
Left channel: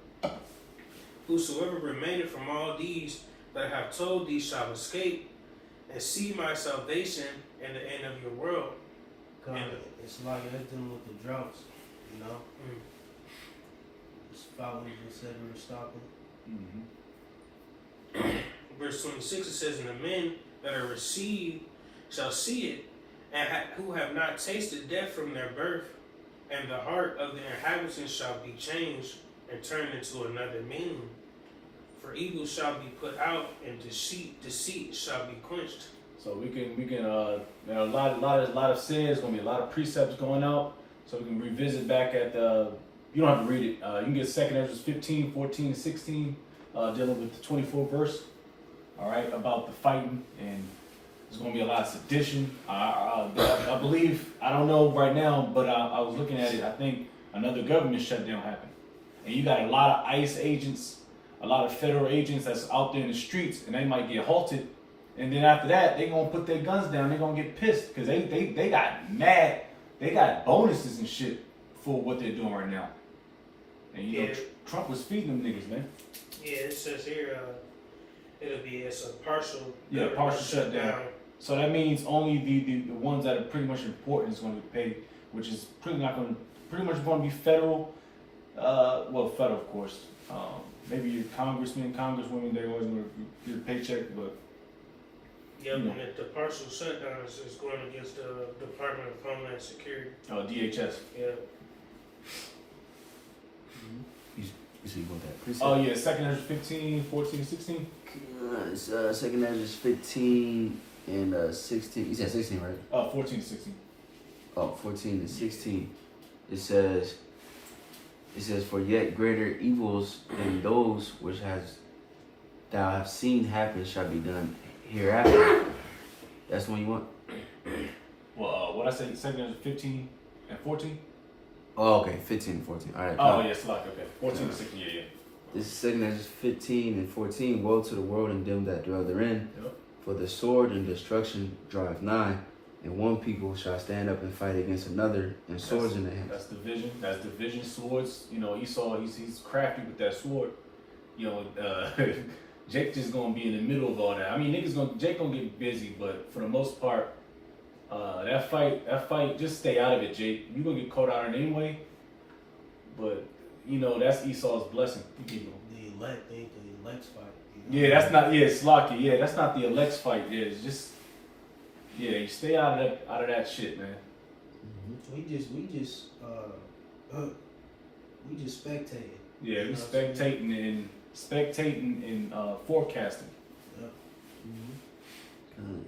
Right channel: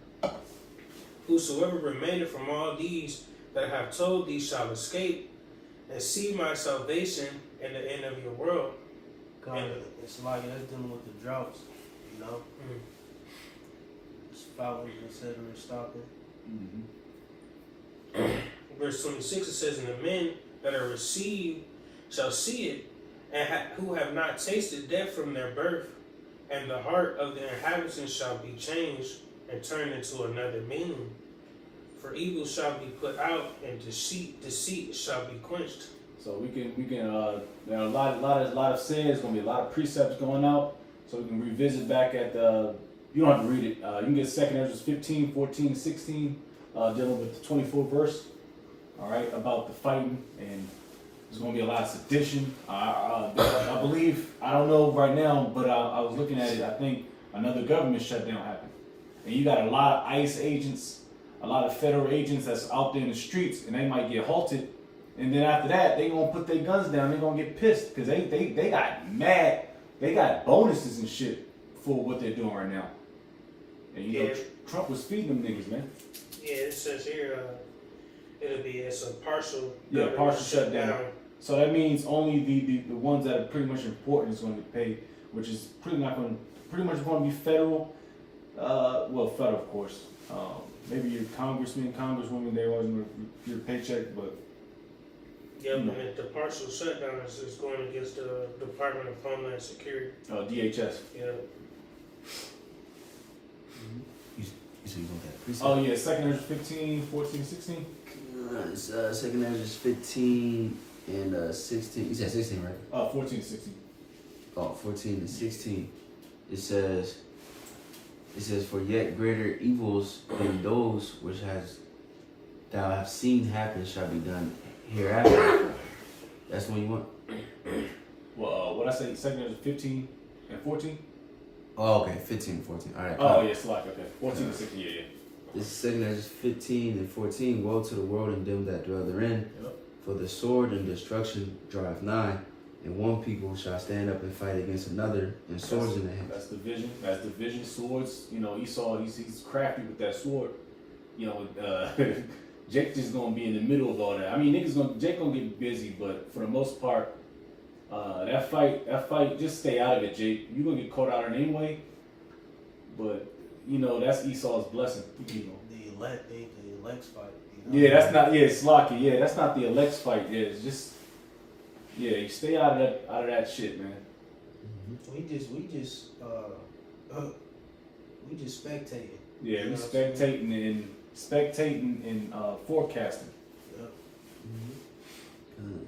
Whosoever remaineth from all these that I have told thee shall escape, and see my salvation and the end of your world." God, it's like that's dealing with the droughts, It's following, etc., stopping. Verse 26, it says, "And the men that are received shall see it, and who have not tasted death from their birth, and the heart of the inhabitants shall be changed and turned into another meaning. For evil shall be put out, and deceit shall be quenched." So we can there are a lot of sin. There's gonna be a lot of precepts going out. So we can revisit back at the. You don't have to read it. You can get 2 Esdras 15, 14, and 16, dealing with the 24th verse. All right, about the fighting, and there's gonna be a lot of sedition. I believe, I don't know right now, but I was looking at it. I think another government shutdown happened, and you got a lot of ICE agents, a lot of federal agents that's out there in the streets, and they might get halted. And then after that, they gonna put their guns down. They gonna get pissed because they got mad. They got bonuses and shit for what they're doing right now. And Trump was feeding them niggas, man. Yeah, it says here, it's a partial. Partial shutdown. So that means only the ones that are pretty much important is going to get paid, which is pretty much going to be federal. Federal of course. Maybe your congressmen, congresswomen, they always want to get a paycheck, but. And the partial shutdown is going against the Department of Homeland Security. DHS. Yeah. You see what that? Oh yeah, 2 Esdras 15, 14, 16. It's 2 Esdras 15 and 16. You said 16, right? 14 to 16. 14 and 16. It says, "For yet greater evils than those which thou have seen happen shall be done hereafter." That's when you want. Well, what I say, 2 Esdras 15 and 14. Oh, okay, 15 and 14. All right. Oh yes, like okay, 14 to 16. Yeah. This is 2 Esdras 15 and 14. "Woe to the world and them that dwell therein, Yep. for the sword and destruction draweth nigh, and one people shall stand up and fight against another, and swords in the hand." That's division. That's division. Swords. Esau. He's crafty with that sword. Jake just gonna be in the middle of all that. I mean, Jake gonna get busy, but for the most part, that fight, just stay out of it, Jake. You gonna get caught out in it anyway. But that's Esau's blessing. The elect ain't the elect's fight. Yeah, that's not. Yeah, it's lucky. Yeah, that's not the elect's fight. Yeah, it's just. Yeah, you stay out of that shit, man. We just spectating. Yeah, we spectating and forecasting. Yep.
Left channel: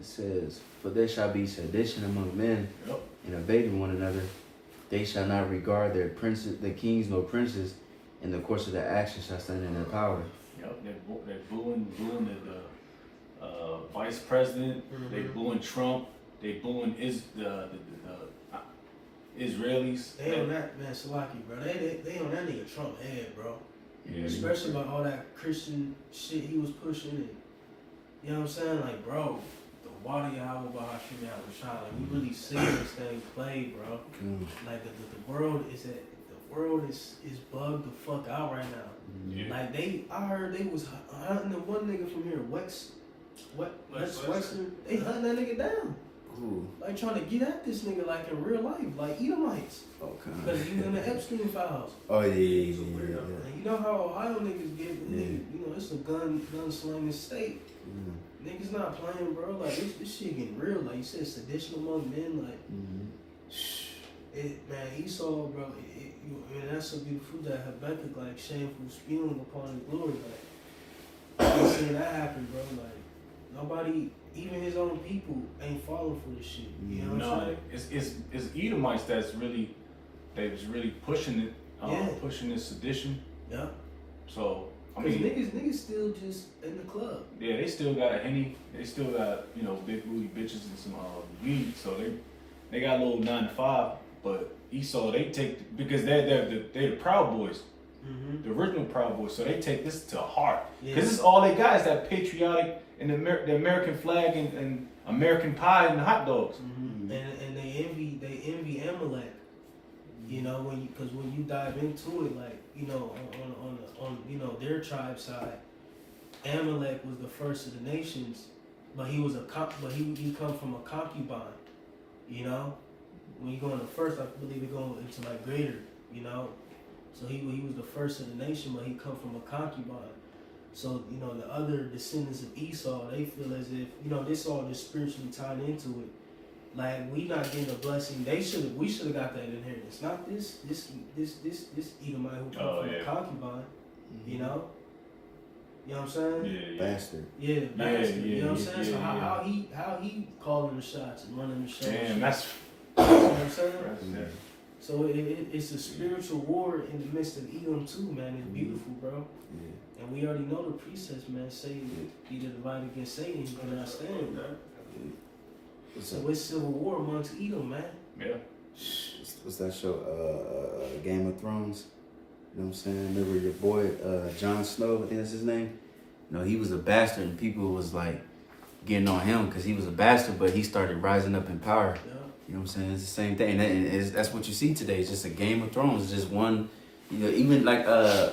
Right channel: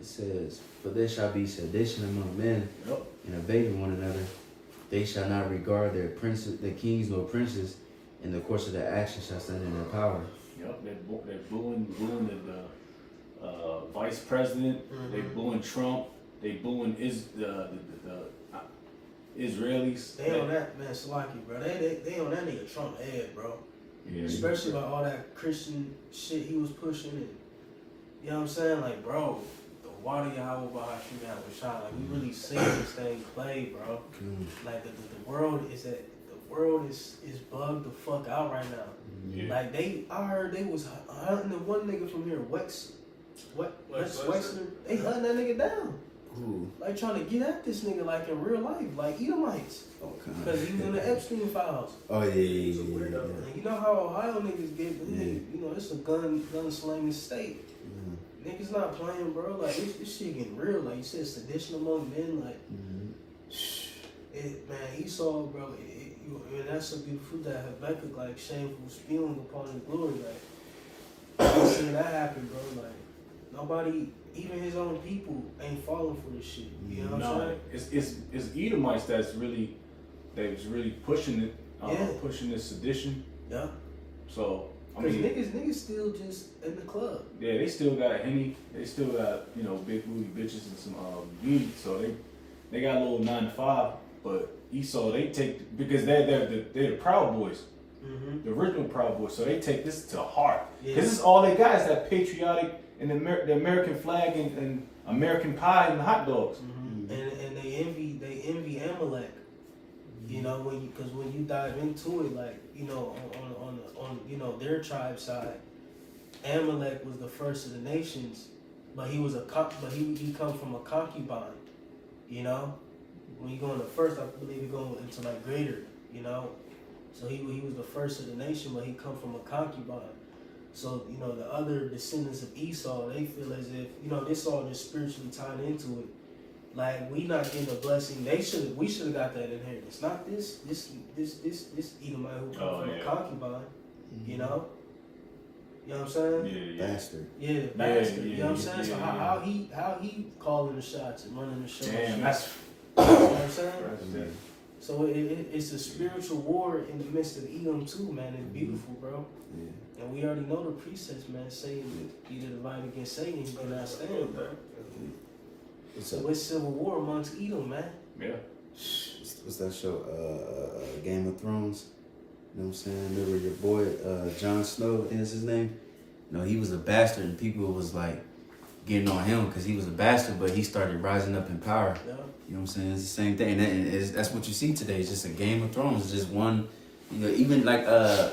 It says, "But there shall be sedition among men, Yep. and evading one another. They shall not regard their princes, the kings nor princes, and the course of their action shall stand in their power." Yep. They're booing the vice president. They booing Trump. They booing the Israelis. They on that man, Salaki, bro. They on that nigga Trump head, bro. Yeah. Especially about all that Christian shit he was pushing. And, you know what I'm saying? Like, bro, the water Yahweh Bahashim Shine. Like, we really seeing this thing play, bro. Like, the world is bugged the fuck out right now. Yeah. Like, I heard they was hunting the one nigga from here, Wexler. They hunting that nigga down. Ooh. Like trying to get at this nigga like in real life, like Edomites. Okay. Because he was in the Epstein files. Oh yeah. And you know how Ohio niggas get, you know, it's a gun-slinging state. Niggas not playing, bro. Like, this shit getting real. Like you said, sedition among men. Like, man, Esau, bro. And that's a beautiful fruit that Habakkuk, like, shameful spewing upon his glory. Like, you see that happen, bro. Like, nobody, even his own people, ain't falling for this shit. You know what I'm saying? It's Edomites that's really pushing it, pushing this sedition. Yeah. So I Cause mean, niggas still just in the club. yeah, they still got a Henny. They still got, you know, big booty bitches and some weed. So they got a little 9 to 5. But Esau, they take, because they're the Proud Boys, the original Proud Boys. So they take this to heart. Because this is all they got is that patriotic and the American flag and American pie and the hot dogs. And they envy Amalek. You know, when you dive into it, like, you know, on you know, their tribe side, Amalek was the first of the nations, but he he come from a concubine. You know, when you go into first, I believe it go into like greater. You know, so he was the first of the nation, but he come from a concubine. So, you know, the other descendants of Esau, they feel as if, you know, this all just spiritually tied into it. Like, we not getting a blessing. We should have got that inheritance. Not this Edomite who come from a concubine. You know? You know what I'm saying? Yeah. Bastard. Yeah, bastard. You know what I'm saying? So Yeah. how he calling the shots and running the show? Damn, that's you know what I'm saying? right. So it's a spiritual war in the midst of Edom too, man. It's beautiful, bro. Yeah. And we already know the precepts, man. Satan, either divide against Satan, he cannot stand, bro. So it's civil war amongst Edom, man. Yeah. What's that show? Game of Thrones. You know what I'm saying? Remember your boy Jon Snow? I think that's his name. You know, he was a bastard, and people was like getting on him because he was a bastard, but he started rising up in power. Yeah. You know what I'm saying? It's the same thing, and that's what you see today. It's just a Game of Thrones. It's just one. You know, even like I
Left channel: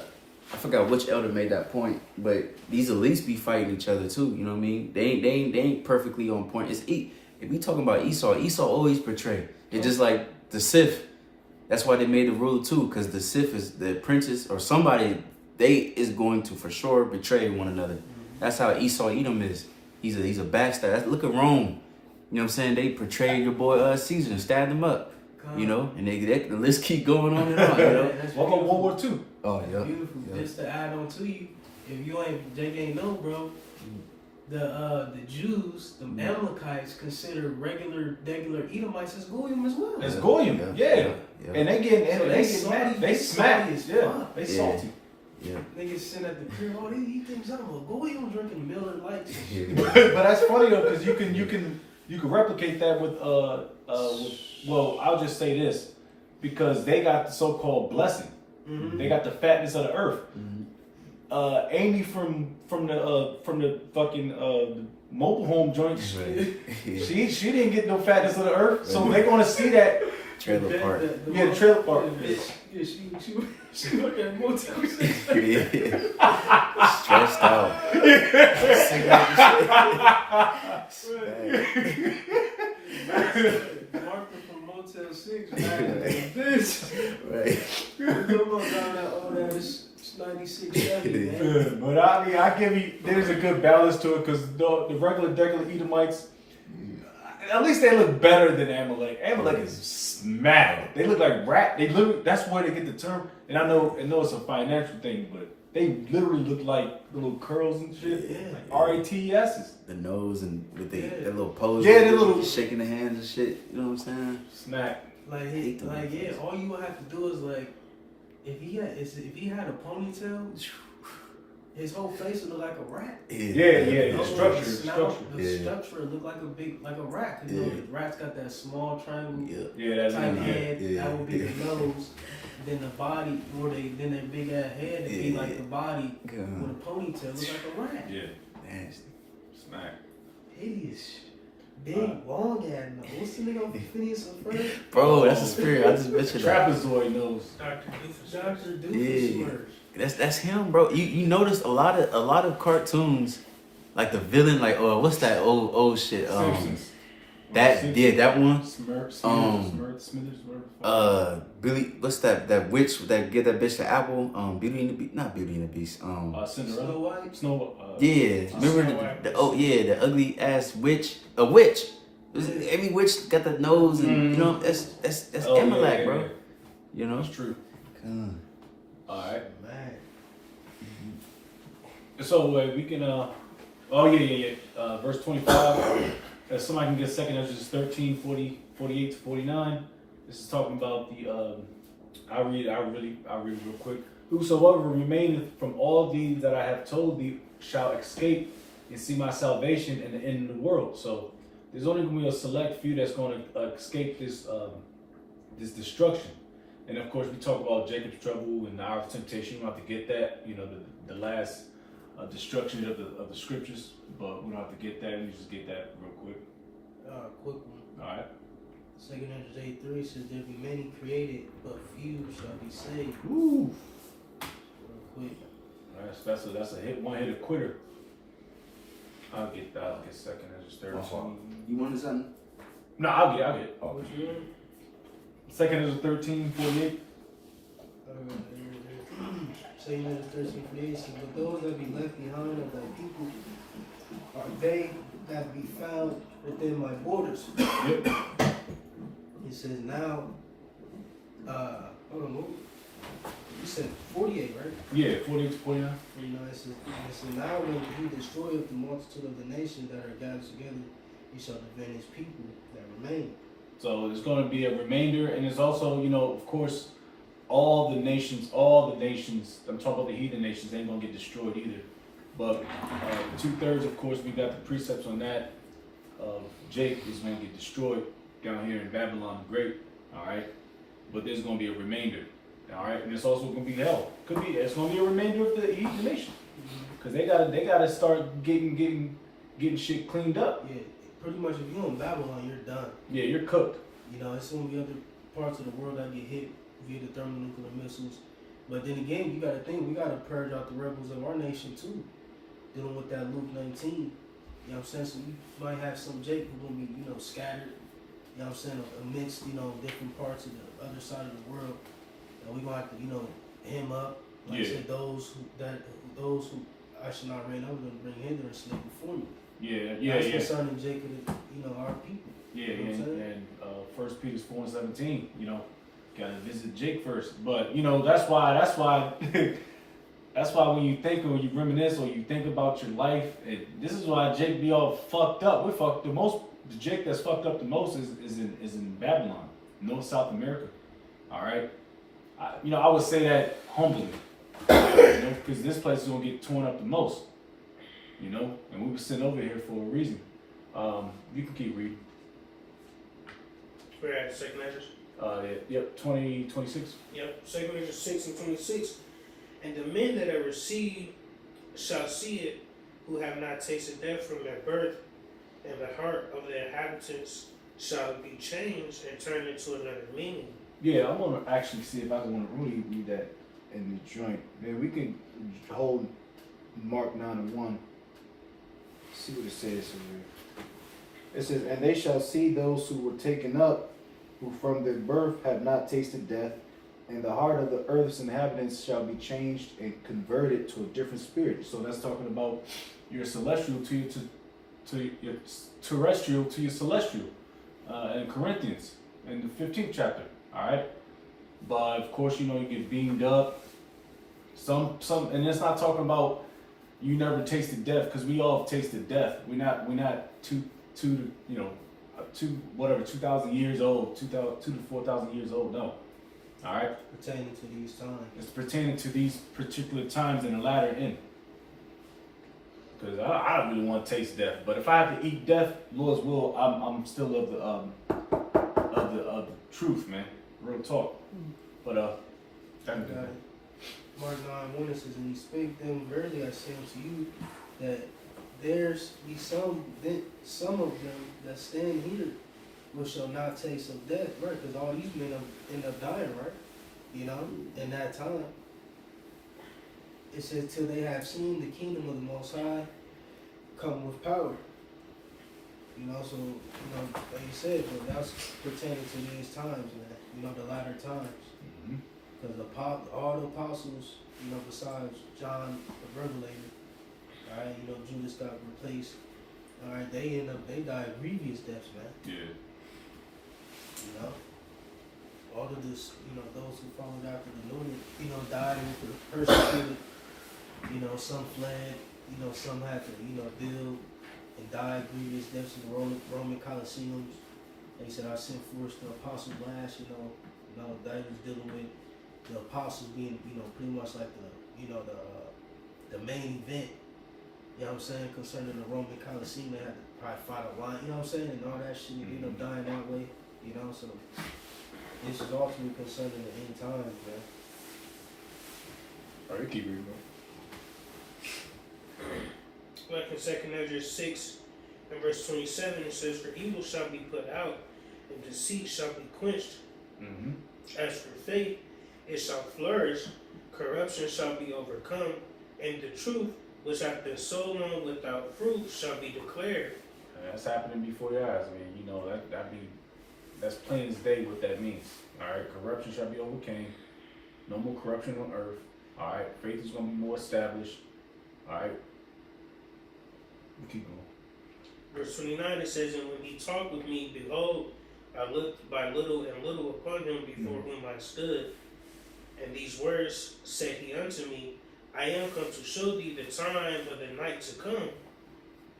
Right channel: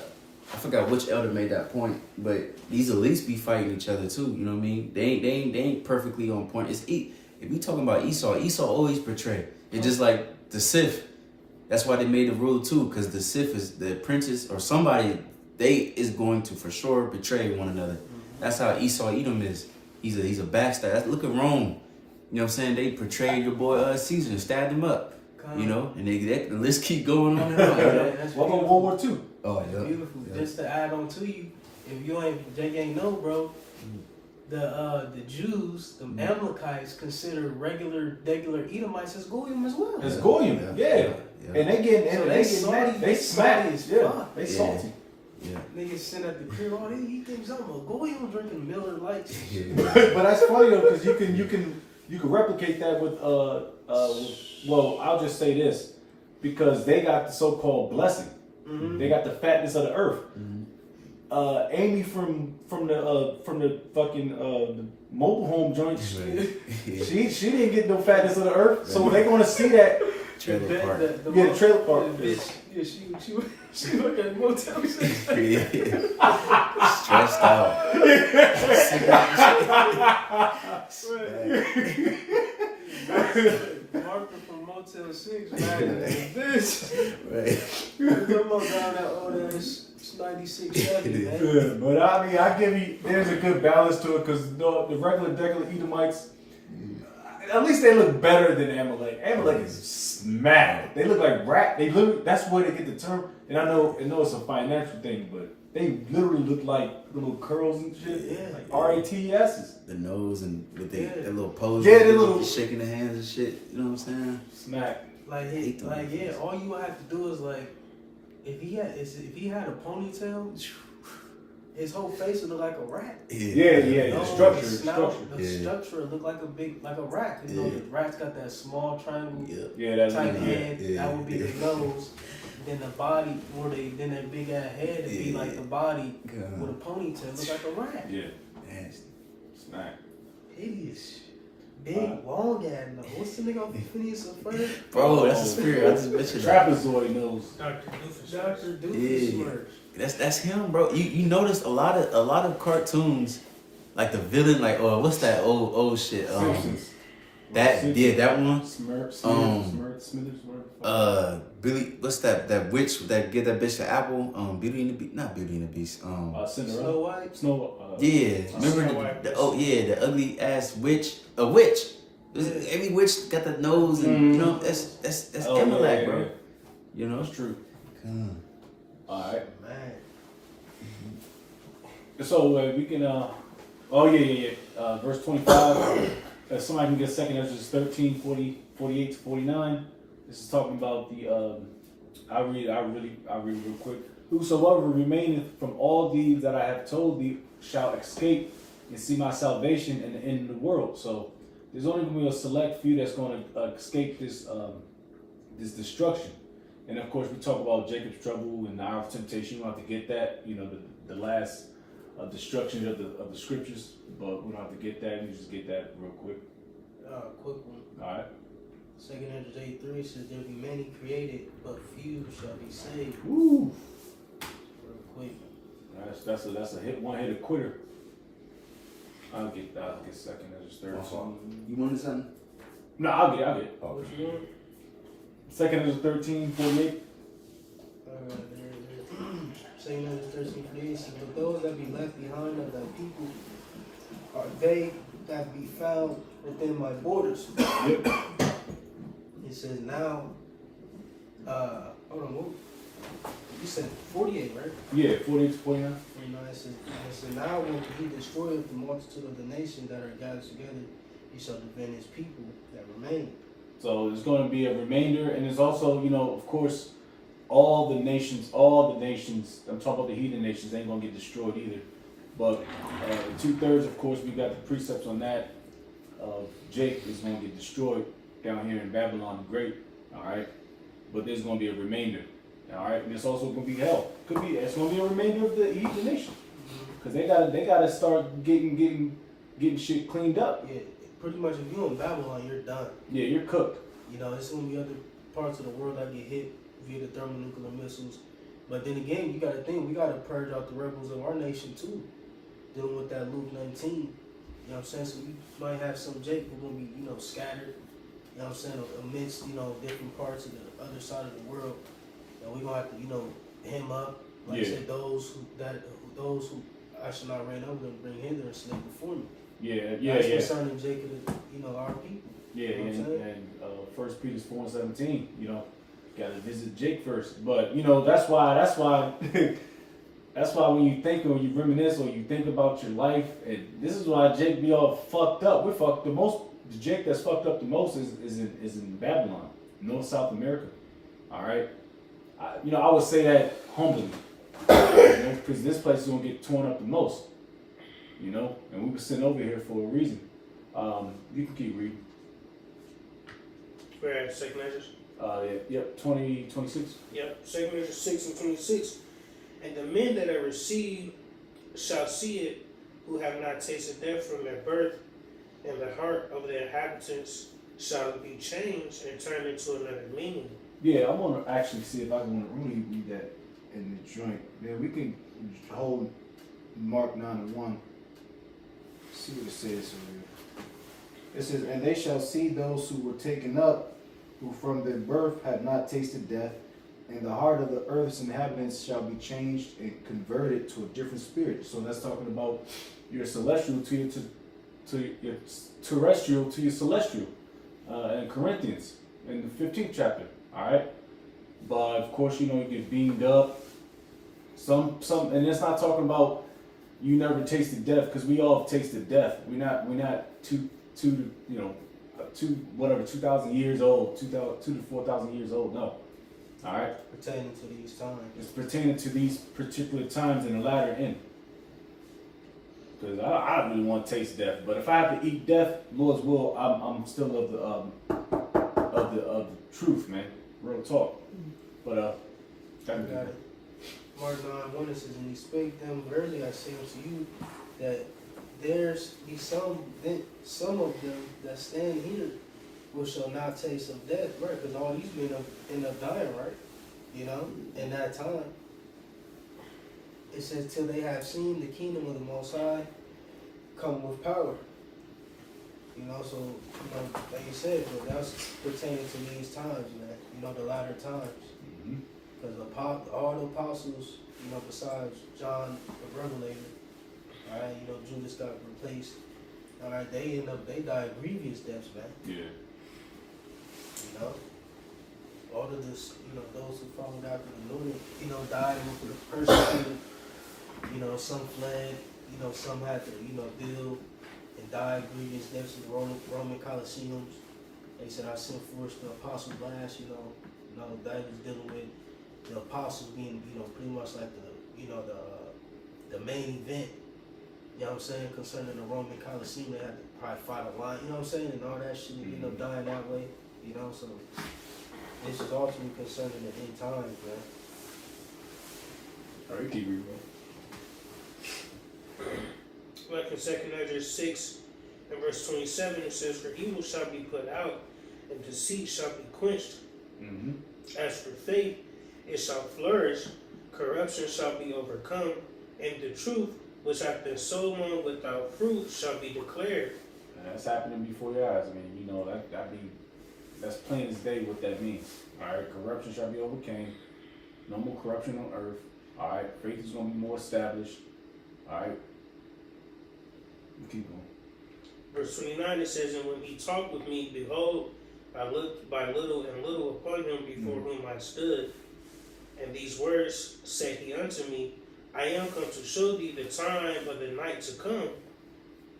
forgot which elder made that point, but these elites be fighting each other too. You know what I mean? They ain't perfectly on point. If we talking about Esau always betray. It's just like the Sith. That's why they made the rule too, because the Sith is the apprentice or somebody. They is going to for sure betray one another. That's how Esau Edom is. He's a bastard. Look at Rome. You know what I'm saying? They portrayed your boy Caesar and stabbed him up. You know, and the list keep going on and on. You know? What about World War II? Oh yeah. Beautiful. Yeah. Just to add on to you, if you ain't know, bro, the Jews, the Amalekites, consider regular Edomites as Goyim as well. It's Goyim, yeah. And they get mad. They smack. Yeah, they salty. Yeah. Niggas sitting at the crib, he thinks I'm a Goyim drinking Miller Lights. But that's funny though, because you can replicate that with well, I'll just say this, because they got the so-called blessing. They got the fatness of the earth. Amy from the fucking the mobile home joint, she didn't get no fatness of the earth, so they gonna see that trailer park. The trailer park. Yeah, she worked at Motel 6. Stressed out. Martha from Motel 6 this. Right. Almost down that old ass 96 Chevy, man. Yeah, but I mean, I give you, there's a good balance to it, because the regular Edomites, at least they look better than Amalek. Amalek is smack. They look like rat. That's where they get the term. And I know it's a financial thing, but they literally look like the little curls and shit. Yeah. Like RATSs. The nose and with their little pose. Yeah, their little shaking the hands and shit. You know what I'm saying? Snack. All you have to do is like, if he had a ponytail, his whole face would look like a rat. Yeah. The structure. The structure look like a rat. You know, the rat's got that small triangle That's type good. head. That would be the nose. Then the body, then that big ass head would be like the body with a ponytail, look like a rat. Yeah. Nasty. Snack. Hideous. Big, long ass nose. What's the nigga on Phineas and Ferb? Bro, that's a spirit. I just mentioned that. Trapezoid nose. Dr. Doofus. That's him, bro. You notice a lot of cartoons, like the villain, like what's that old shit? Simpsons. That one. Smithers, whatever. Billy, what's that witch that get that bitch the apple? Beauty and the Beast, not Beauty and the Beast. Cinderella. Snow White. Yeah, remember Snow White. the ugly ass witch. A witch. Every witch got the nose, and you know that's Amalek, bro. Yeah. You know, That's true. All right. Man. So we can. Verse 25. If somebody can get second Esdras 13, 48 to 49. This is talking about the. I'll read real quick. Whosoever remaineth from all these that I have told thee shall escape and see my salvation in the end of the world. So there's only going to be a select few that's going to escape this destruction. And of course, we talk about Jacob's trouble and the hour of temptation. You don't have to get that. You know, the last destruction of the scriptures, but we don't have to get that. You just get that real quick. Quick one. All right. 2 Esdras 8:3 says there be many created, but few shall be saved. Woo. Real quick. That's a hit. One hitter quitter. I'll get second Esdras 13. you wanted something? No, I'll get it. Oh, what you want? Second Esdras 13, 48. Saying that 13:48 says, but those that be left behind of thy people are they that be found within my borders. Yep. It says now, hold on, what? You said 48, right? Yeah, 48 to 49. It says now when he destroyeth the multitude of the nations that are gathered together, he shall defend his people that remain. So there's going to be a remainder, and there's also, of course, all the nations, I'm talking about the heathen nations, ain't going to get destroyed either. But the 2/3, of course, we got the precepts on that. Jake is going to get destroyed down here in Babylon the Great, all right? But there's going to be a remainder, all right? And it's also going to be hell. It's going to be a remainder of the heathen nation. Because they gotta start getting shit cleaned up. Yeah, pretty much if you're in Babylon, you're done. Yeah, you're cooked. It's going to be other parts of the world that get hit via the thermonuclear missiles. But then again, you got to think, we got to purge out the rebels of our nation too. Dealing with that Luke 19. You know what I'm saying? So we might have some Jake who will be, scattered, you know what I'm saying, amidst, different parts of the other side of the world. And we're going to have to, him up. Like I said, those who I should not reign over them, bring hither and slay before me. That's concerning Jacob and, our people. Yeah, and 1 Peter 4:17, gotta visit Jake first. But that's why that's why when you think or you reminisce or you think about your life, this is why Jake be all fucked up. We're fucked the most. The Jake that's fucked up the most is in Babylon, North South America. All right, I would say that humbly, because this place is gonna get torn up the most. And we were sitting over here for a reason. You can keep reading. We're at 2 Esdras. Yep, 26. Yep, 2 Esdras 6 and 26. And the men that are received shall see it, who have not tasted death from their birth, and the heart of the inhabitants shall be changed and turned into another meaning. Yeah, I want to actually see if I can really read that in the joint. Man, we can hold Mark 9:1. See what it says here. It says, and they shall see those who were taken up, who from their birth had not tasted death, and the heart of the earth's inhabitants shall be changed and converted to a different spirit. So that's talking about your celestial to your terrestrial to your celestial in Corinthians in the 15th chapter. All right, but of course you get beamed up. Some, and it's not talking about you never tasted death, because we all have tasted death. We're not 2,000 years old, 2,000 to 4,000 years old. No. All right. Pertaining to these times. It's pertaining to these particular times in the latter end. Because I don't really want to taste death, but if I have to eat death, Lord's will, I'm still of the truth, man. Real talk. But got it. Mark 9:1 says, and he spake them, verily I say unto you, that there's be some of them that stand here which shall not taste of death, right? Because all these men end up dying, right? In that time. It says, till they have seen the kingdom of the Most High come with power. You know, so, you know, like you said, but that's pertaining to these times, man. You know, the latter times. Mm-hmm. Because all the apostles, you know, besides John the Revelator, all right, you know, Judas got replaced. All right, they died grievous deaths, man. Yeah. You know, all of this, you know, those who followed after the Lord, you know, died with the persecuted. You know, some fled. You know, some had to, you know, deal and died grievous deaths in the Roman Colosseums. They said, I sent forth the apostle blast. You know, that was dealing with the apostles being, you know, pretty much like the, you know, the main event. You know what I'm saying? Concerning the Roman Colosseum, they had to probably fight a lion. You know what I'm saying? And all that shit ended up dying that way. You know, so this is ultimately concerning the end times, man. All right, keep reading. Like in 2 Ezra 6 and verse 27, it says, for evil shall be put out, and deceit shall be quenched. Mm-hmm. As for faith, it shall flourish, corruption shall be overcome, and the truth, which hath been so long without fruit, shall be declared. That's happening before your eyes. I mean, you know, that's plain as day what that means. All right, corruption shall be overcame. No more corruption on earth. All right, faith is going to be more established. All right, keep going. Verse 29, it says, and when he talked with me, behold, I looked by little and little upon him before whom I stood. And these words said he unto me, I am come to show thee the time of the night to come,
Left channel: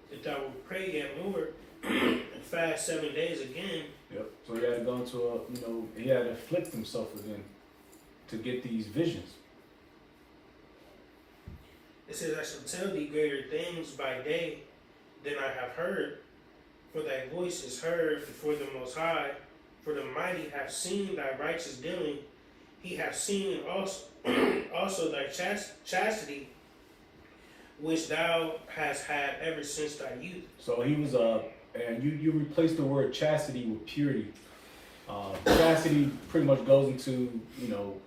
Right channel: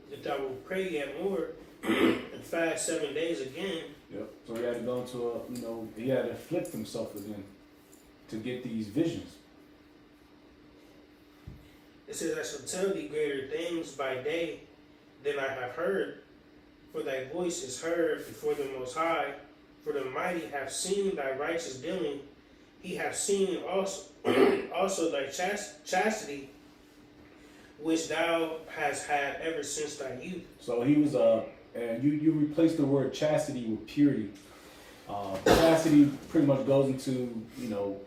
that thou wilt pray yet more, and fast 7 days again. Yep. So he had to go into a, you know, he had to afflict himself within to get these visions. It says, I shall tell thee greater things by day than I have heard, for thy voice is heard before the Most High, for the mighty have seen thy righteous dealing. He hath seen also thy chastity, which thou hast had ever since thy youth. So he was and you replace the word chastity with purity. Chastity pretty much goes into, you know,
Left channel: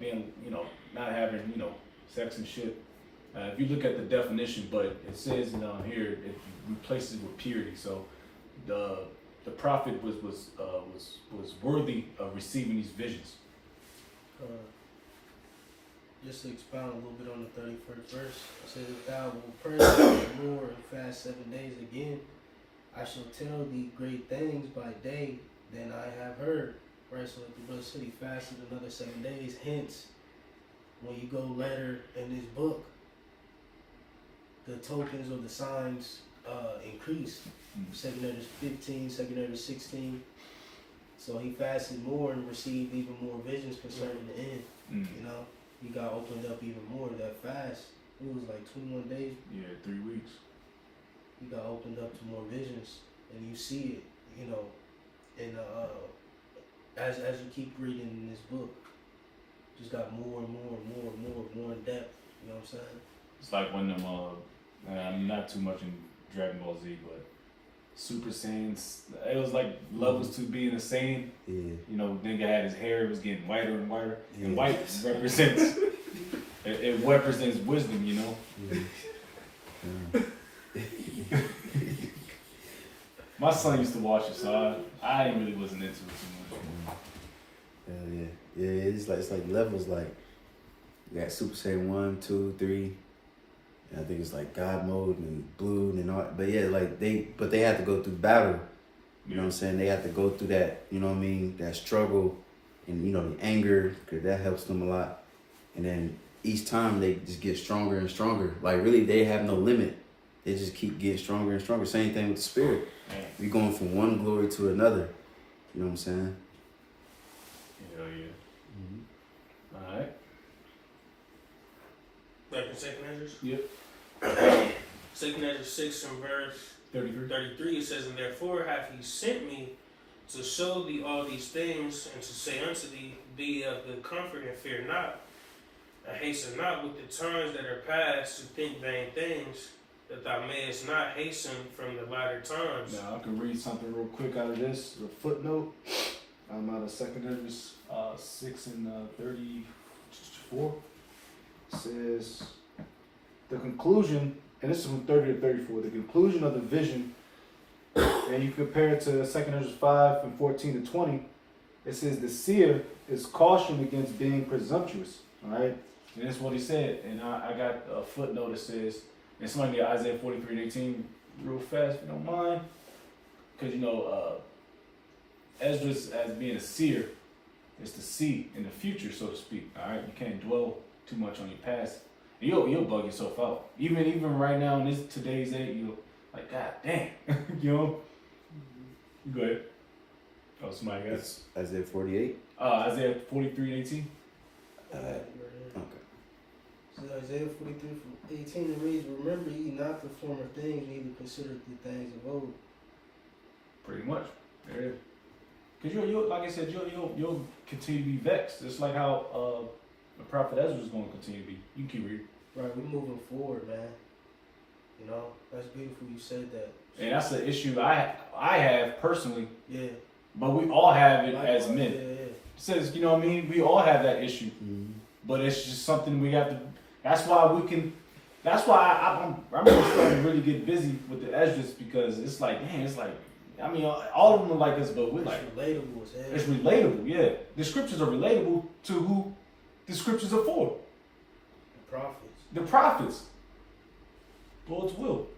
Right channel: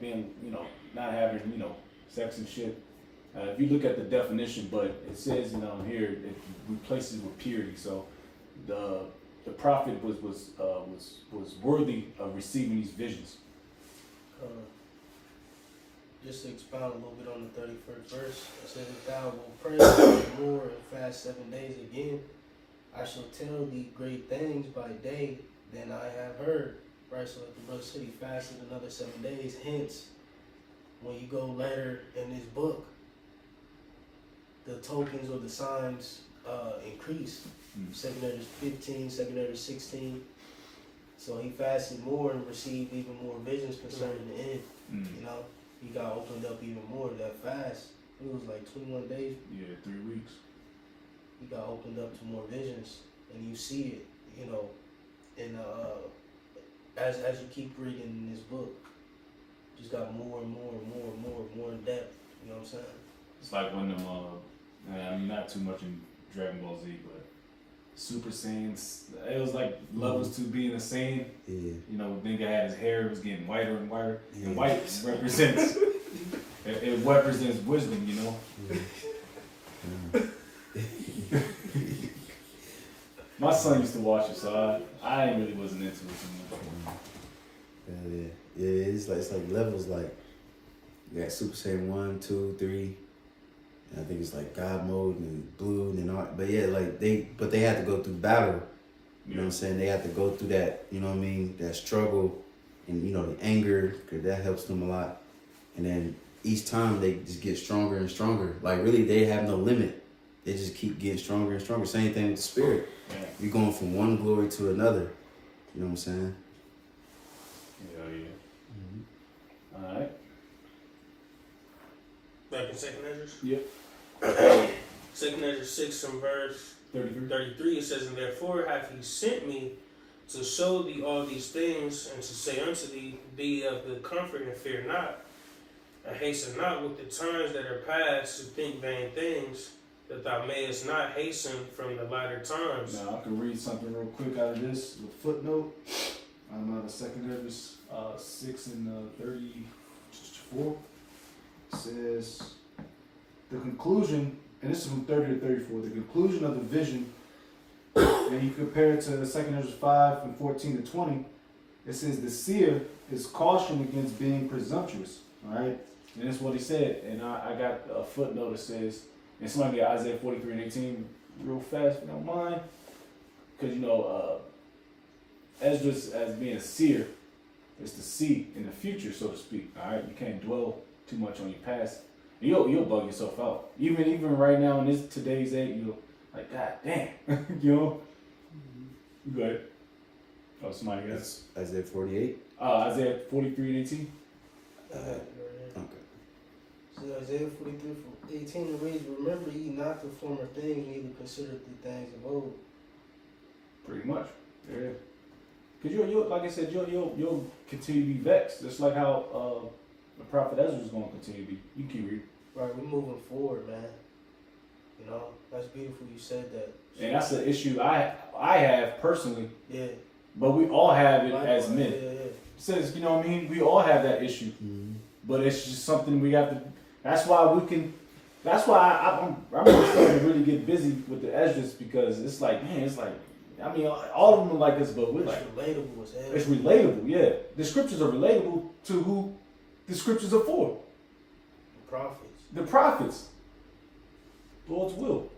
being, you know, not having, you know, sex and shit. If you look at the definition, but it says here it replaces with purity. So the prophet was worthy of receiving these visions. Just to expound a little bit on the 31st verse, it says, if thou wilt pray more and fast 7 days again, I shall tell thee great things by day than I have heard. Right, so if the brother said he fasted another 7 days, hence, when you go later in this book, the tokens or the signs increased. 2 Ezra 15, 2 Ezra 16. So he fasted more and received even more visions concerning the end. You know, he got opened up even more. That fast, it was like 21 days. Yeah, 3 weeks. He got opened up to more visions, and you see it, you know, in as you keep reading in this book, just got more and more and more and more in depth. You know what I'm saying? It's like when them I'm not too much in Dragon Ball Z, but Super Saiyans, it was like levels to being a Saiyan. Yeah. You know, nigga had his hair, it was getting whiter and whiter. Yeah. And white represents it represents wisdom, you know. My son used to watch it, so I really wasn't into it too much. Yeah. It's like levels, like you got Super Saiyan 1, 2, 3. I think it's like God mode and blue and all, but yeah, like they had to go through battle. You know what I'm saying? They had to go through that, you know what I mean? That struggle and, you know, the anger, because that helps them a lot. And then each time they just get stronger and stronger. Like really, they have no limit. They just keep getting stronger and stronger. Same thing with the spirit. Yeah. You're going from one glory to another. You know what I'm saying? Hell yeah. All right. Back in 2 Ezra? Yep. 2 Ezra 6 and verse 33, it says, and therefore hath he sent me to show thee all these things, and to say unto thee, be of good comfort and fear not, and hasten not with the times that are past to think vain things, that thou mayest not hasten from the latter times. Now I can read something real quick out of this. The footnote. I'm out of 2 Ezra 6 and 34. Says the conclusion, and this is from 30 to 34. The conclusion of the vision and you compare it to 2 Esdras 5 and 14 to 20, it says the seer is cautioned against being presumptuous. All right, and that's what he said. And I got a footnote that says, and somebody get Isaiah 43 and 18 real fast, if you don't mind, because Esdras as being a seer is to see in the future, so to speak. All right, you can't dwell too much on your past. You'll bug yourself out. Even right now in this today's age, you'll like, God damn, you know. Go ahead. Oh, somebody else. Isaiah 48. Isaiah 43 and 18. Okay. So Isaiah 43:18 reads, "Remember ye not the former things, neither consider the things of old." Pretty much. Yeah. Cause you'll like I said, you'll continue to be vexed, just like how the prophet Ezra is going to continue to be. You can keep reading. Right, we're moving forward, man. You know, that's beautiful. You said that. And that's an issue I have personally. Yeah. But we all have it Likewise, as men. Yeah. It says, you know what I mean? We all have that issue. Mm-hmm. But it's just something we have to. That's why I'm really starting to really get busy with the Esdras, because it's like, man, it's like, I mean, all of them are like us, but we're It's like, relatable as hell. it's relatable, yeah. The scriptures are relatable to who the scriptures are for. The prophets. The prophets. Lord's will.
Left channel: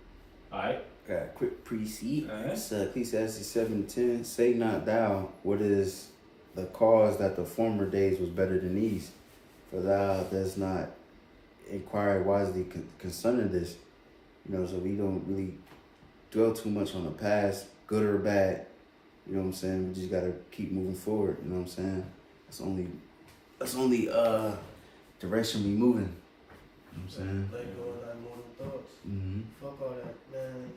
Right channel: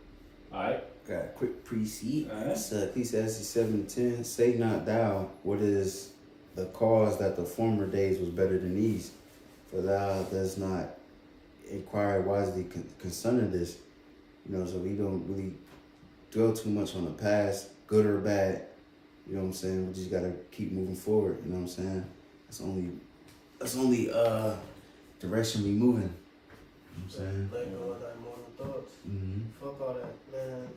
Alright. Got a quick precede. Alright. It's Ecclesiastes 7:10. Say not thou, what is the cause that the former days was better than these? For thou does not inquire wisely concerning this. You know, so we don't really dwell too much on the past, good or bad. You know what I'm saying? We just gotta keep moving forward. You know what I'm saying? That's only direction we moving. You know what I'm saying? Let go of thy mortal thoughts. Mm-hmm. Fuck all that, man.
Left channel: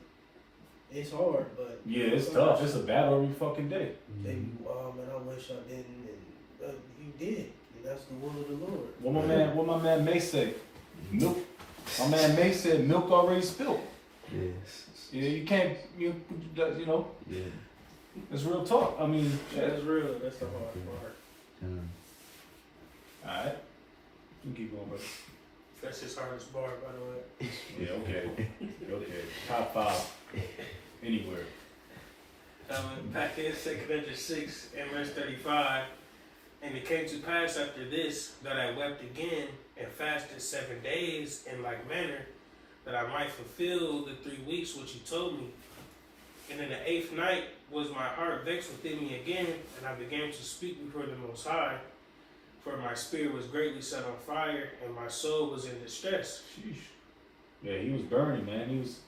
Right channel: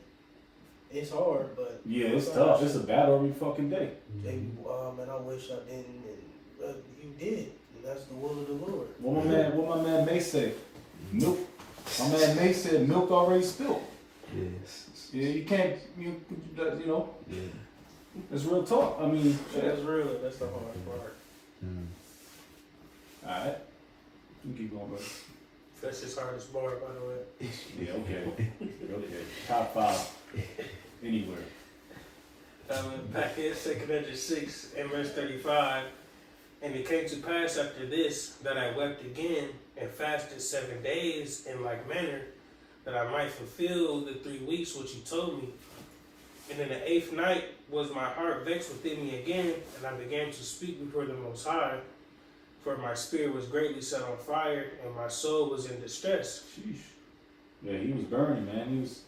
It's hard, but Yeah, it's tough. It's a battle every fucking day. Maybe, man, I wish I didn't, but you did. And that's the will of the Lord. What my man May say? Milk. My man May said milk already spilled. Yes. Yeah, you can't. You know. Yeah. It's real talk. I mean, Yeah, that's real. That's the hard part. Yeah. all right. You keep going, brother. That's his hardest bar, by the way. Yeah, okay. Okay. Top 5 anywhere. Back in 2 Esdras 6 and verse 35, and it came to pass after this that I wept again and fasted 7 days in like manner, that I might fulfill the 3 weeks which he told me. And in the 8th night was my heart vexed within me again, and I began to speak before the Most High, for my spirit was greatly set on fire, and my soul was in distress. Sheesh. Yeah, he was burning, man. He was.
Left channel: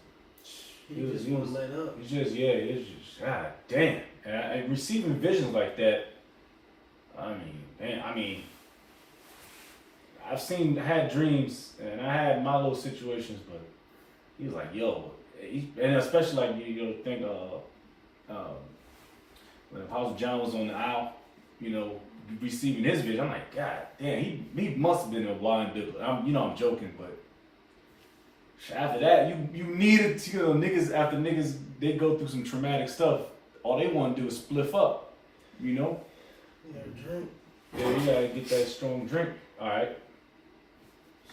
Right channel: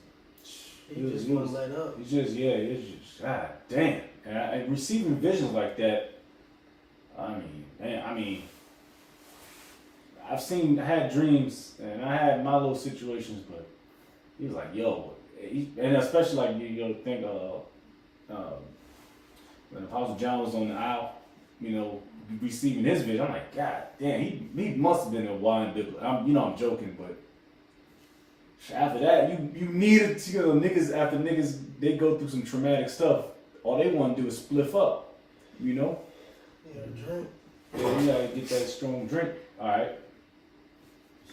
He just wouldn't let up. It's just, yeah, it's just, God damn. And receiving visions like that, I mean, man, I had dreams, and I had my little situations, but he was like, yo, and especially like you think, when Apostle John was on the aisle, you know, receiving his vision, I'm like, God damn, he must have been a blind biblical. I'm joking, but after that, you needed to, niggas, after niggas, they go through some traumatic stuff, all they want to do is spliff up, you know? You gotta drink. Yeah, you gotta get that strong drink, alright?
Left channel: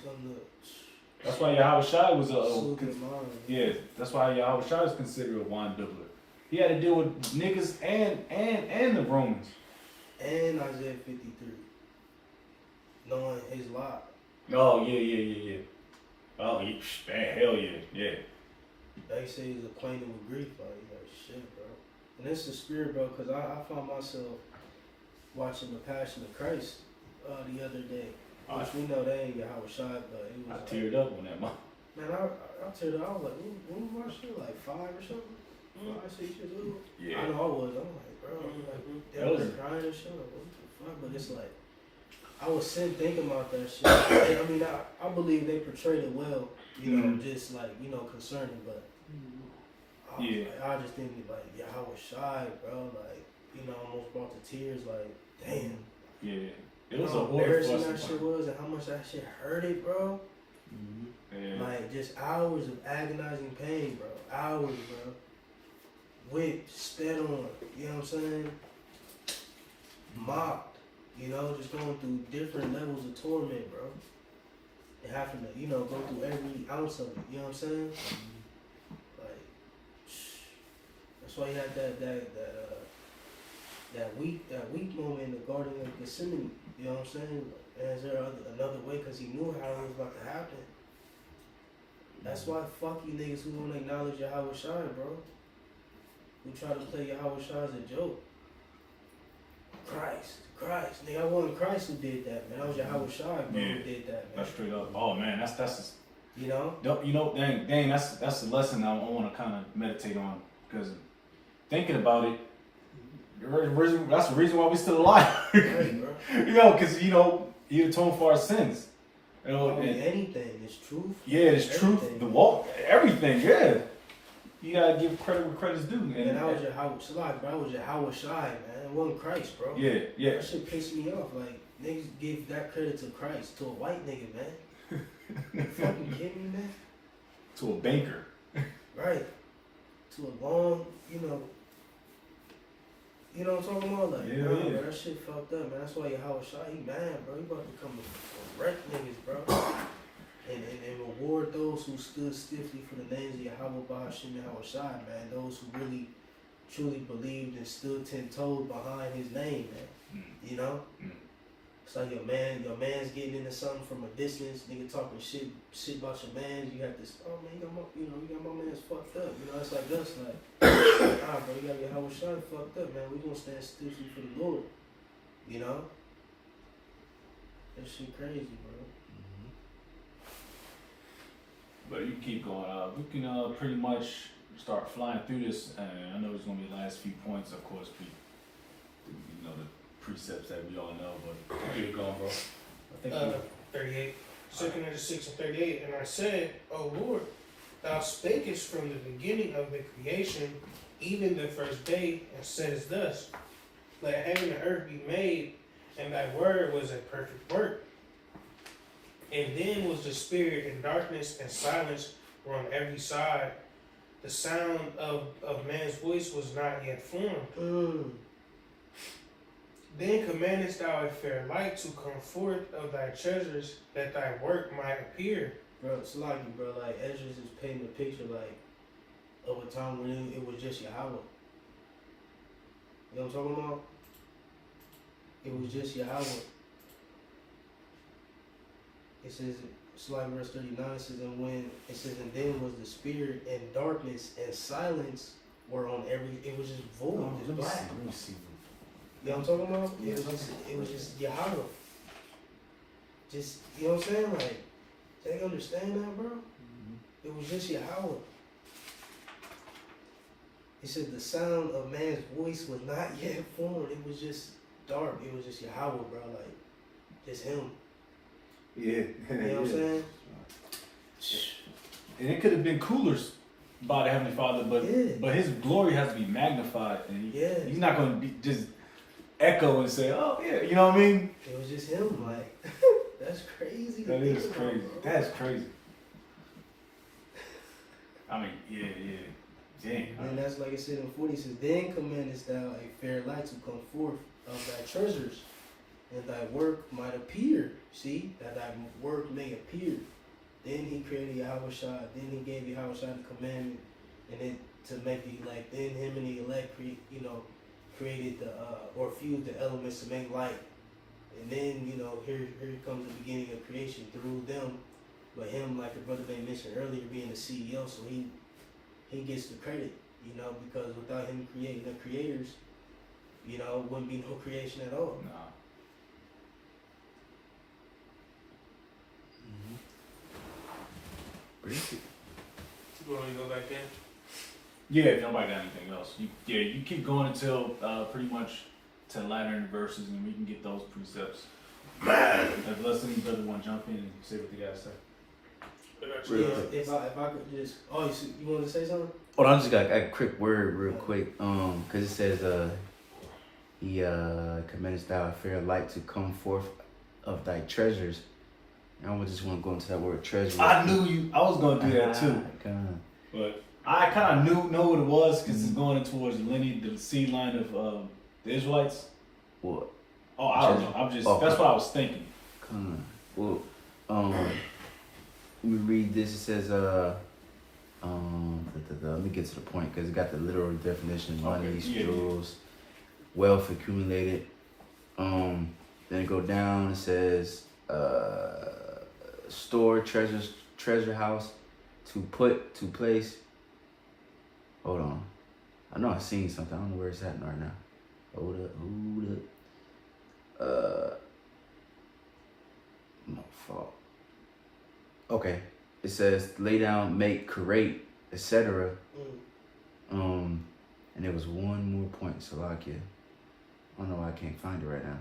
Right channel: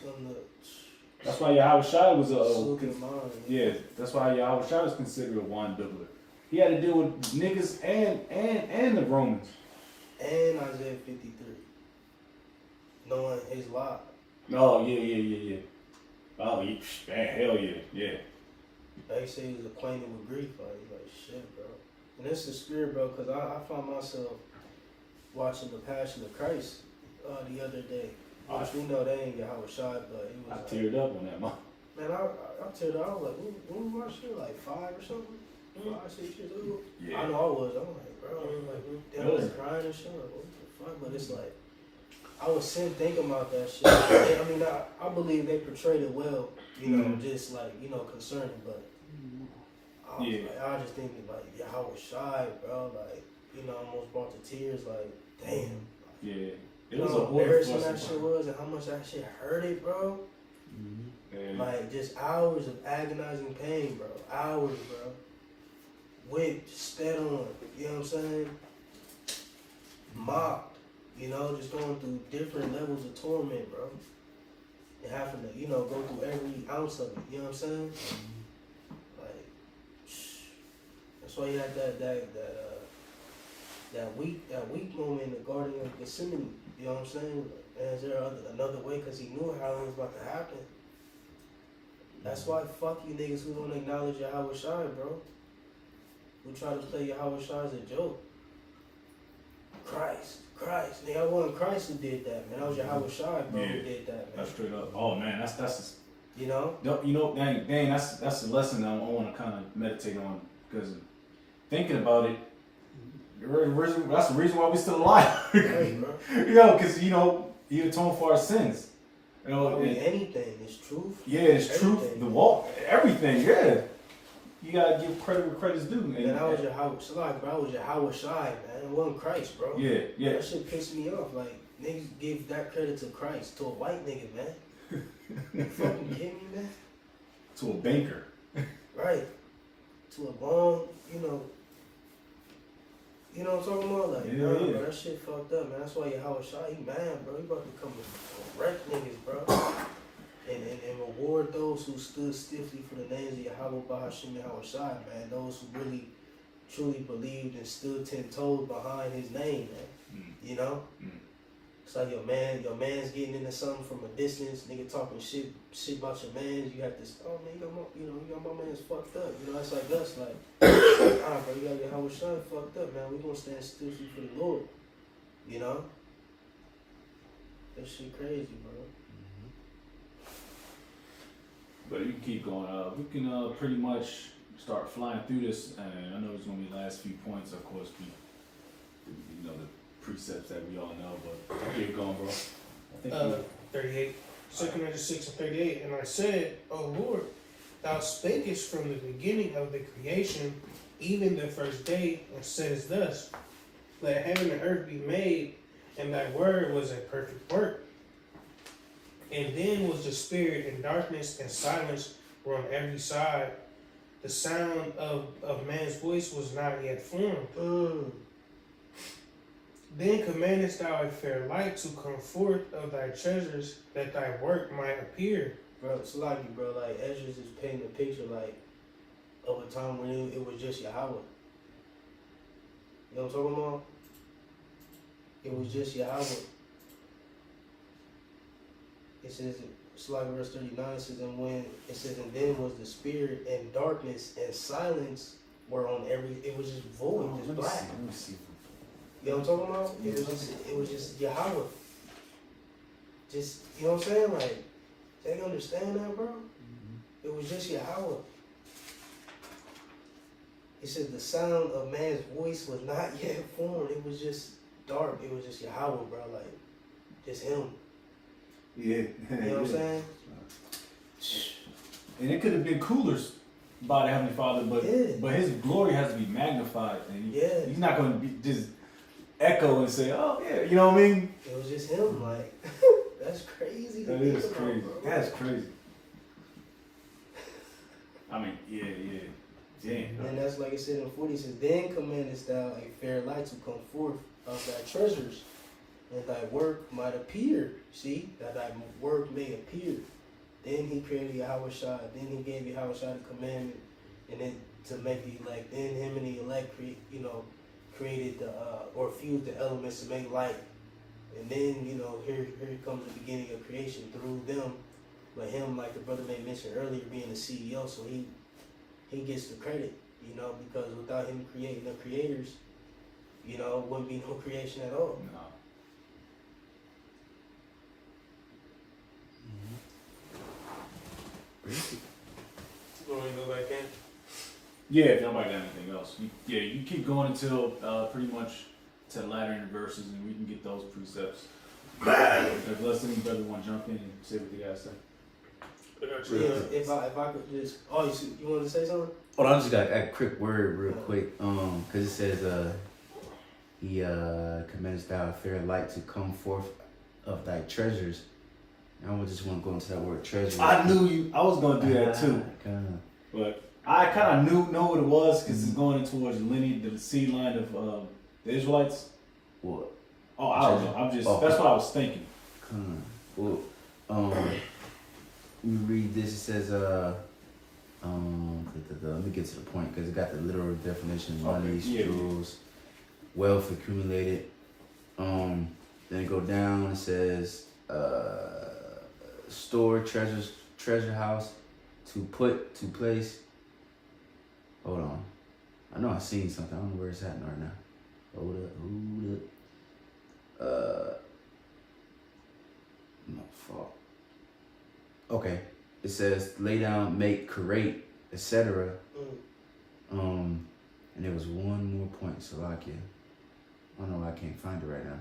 Something That's why Yahweh Shai was soothe your mind. yeah, that's why Yahweh Shai was considered a wine bibbler. He had to deal with niggas and the Romans. And Isaiah 53. Knowing his lot. Oh, yeah. Oh, man, hell yeah. They say he's acquainted with grief. Like shit, bro. And that's the spirit, bro, because I found myself watching The Passion of Christ the other day. Which we know they ain't Yahweh Shai, but it was I teared up on that, man. Man, I teared up. I was like, when we watched it, like 5 or something? 5, 6 years ago? Yeah. I know I was. I'm like, bro, That was- crying and shit. Like, what the fuck? But it's like, I was sitting thinking about that shit. And I mean, I believe they portrayed it well, you know, just like, concerning, but I was like, I just think like, yeah, I was shy, bro. Like, almost brought to tears. Like, damn. Yeah. It You was know a how order embarrassing for that shit was, and how much that shit hurted, bro. Yeah. Like, just hours of agonizing pain, bro. Hours, bro. Whipped, spat on, you know what I'm saying? Mocked, just going through different levels of torment, bro. And having to, go through every ounce of it, you know what I'm saying? Like, that's That's why you had that weak moment in the Garden of Gethsemane. You know what I'm saying? And is there another way? Because he knew how it was about to happen. That's why fuck you niggas who don't acknowledge Yahweh Shai, bro. Who try to play Yahweh Shai as a joke. Christ. Nigga, I wasn't Christ who did that, man. That was Yahweh Shai, bro, who did that, man. That's straight up. Oh man, that's you know? Dang, that's the lesson I want to kind of meditate on, because thinking about it, that's the reason why we still alive. Right, bro. Because he atoned for our sins. Anything, it's truth. Yeah, it's truth. The walk, everything. Yeah, you gotta give credit where credit's due. And that was Yahweh Shai, man. It wasn't Christ, bro. Yeah. That shit pissed me off. Like, niggas give that credit to Christ, to a white nigga, man. You fucking kidding me, man? To a banker. Right. To a long, you know what I'm talking about? Like, yeah. Bro, that shit fucked up, man. That's why Yahweh Shai, he mad, bro. He about to come and wreck niggas, bro. And reward those who stood stiffly for the names of Yahweh Bahashim Yahweh Shai, man. Those who really, truly believed and stood 10 toes behind his name, man. You know? It's like your man's getting into something from a distance, nigga talking shit about your mans. You have this, oh man, you got my man's fucked up. You know, it's like us, like, bro, you got Yahweh Shai fucked up, man. We gonna stand stiffly for the Lord. You know? That shit crazy, bro. But you can keep going. We can pretty much start flying through this. And I know there's gonna be the last few points, of course. The precepts that we all know, but keep going, bro. I think 38. 2 6 and 38. And I said, O Lord, thou spakest from the beginning of the creation, even the first day, and says thus, let heaven and earth be made, and thy word was a perfect work. And then was the spirit, and darkness and silence were on every side. The sound of man's voice was not yet formed. Then commandest thou a fair light to come forth of thy treasures, that thy work might appear. Bro, it's like, bro, like Esdras is painting a picture, like, of a time when it was just Yahweh. You know what I'm talking about? It was just Yahweh. It says, it's like verse 39, it says, and then was the spirit, and darkness and silence were on every, it was just void, just black. Let me see. You know what I'm talking about? It was just Yahweh. Just, you know what I'm saying? Like, they understand that, bro? It was just Yahweh. It said the sound of man's voice was not yet formed. It was just dark. It was just Yahweh, bro. Like, just him. Yeah. You know what I'm saying? And it could have been cooler by the Heavenly Father, but His glory has to be magnified, and He's not going to be just echo and say, "Oh yeah," you know what I mean? It was just him. Like, that's crazy. That is crazy. That's crazy. I mean, yeah. Dang. And that's like it said in 40. It says, then commandest thou a fair light to come forth of thy treasures, and thy work might appear. See, that thy work may appear. Then he created Yahweh Shai. Then he gave Yahweh Shai the commandment, and then to make the elect. Then him and the elect created the or fused the elements to make light. And then here comes the beginning of creation through them. But him, like the brother may mention earlier, being the CEO, so he gets the credit, because without him creating the creators, it wouldn't be no creation at all. No. You want to go back in? Yeah, if nobody got anything else. You keep going until pretty much to the latter end verses, and we can get those precepts. Unless any brother want to jump in and say what they got to say. If I could just, you want to say something? Well, I just got a quick word real quick, because it says, he commends thou a fair light to come forth of thy treasures. And I just want to go into that word treasure. I knew I was going to do that too. But I kind of know what it was, because it's going towards the lineage, the seed line of the Israelites. What? Oh, I don't know. That's what I was thinking. Well, let me read this. It says, Let me get to the point because it got the literal definition. One Okay, of these yeah. jewels, wealth accumulated. Then it go down. It says store treasure house to place. Hold on, I know I've seen something. I don't know where it's at right now. Hold up. No fault. Okay, it says lay down, make, create, etc. And there was one more point, Salakia. I don't know why I can't find it right now.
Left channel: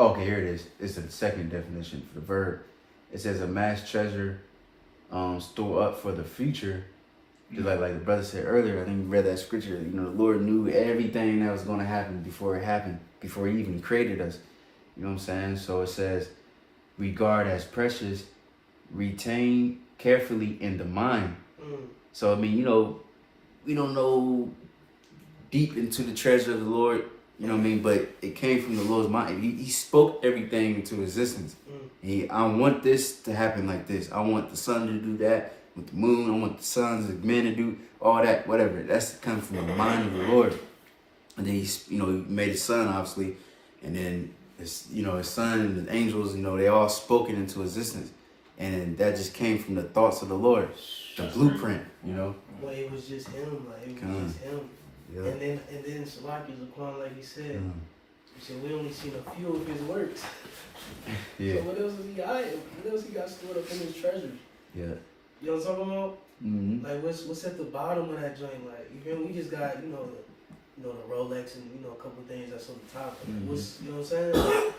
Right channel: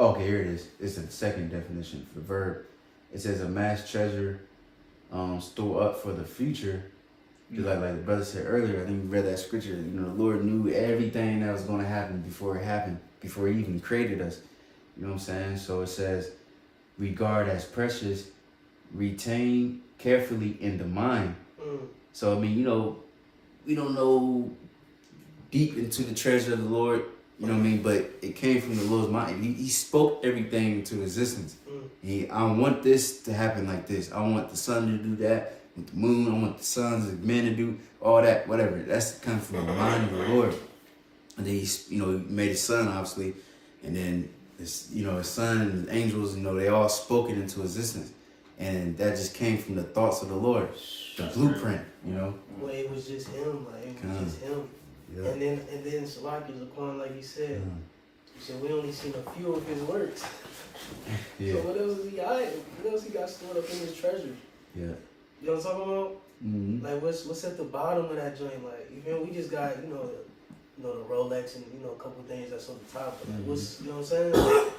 Okay, here it is. It's the second definition for the verb. It says amass treasure, store up for the future. Like the brother said earlier, I think we read that scripture. You know, the Lord knew everything that was going to happen before it happened, before He even created us. You know what I'm saying? So it says, regard as precious, retain carefully in the mind. So I mean, you know, we don't know deep into the treasure of the Lord. You know what I mean? But it came from the Lord's mind. He spoke everything into existence. I want this to happen like this. I want the sun to do that with the moon. I want the sons of men to do all that, whatever. That's coming from the mind of the Lord. And then He made His Son, obviously. And then, His Son and the angels, they all spoke it into existence. And that just came from the thoughts of the Lord. The blueprint, Well, it was just Him. Like, it was just Him. Yeah. And then Salaki's upon, like he said, he said we only seen a few of His works. Yeah. So what else is He hiding? What else He got stored up in His treasures? Yeah. You know what I'm talking about? Mm-hmm. Like what's at the bottom of that joint? Like we just got the Rolex and a couple things that's on the top. But what's, you know what I'm saying?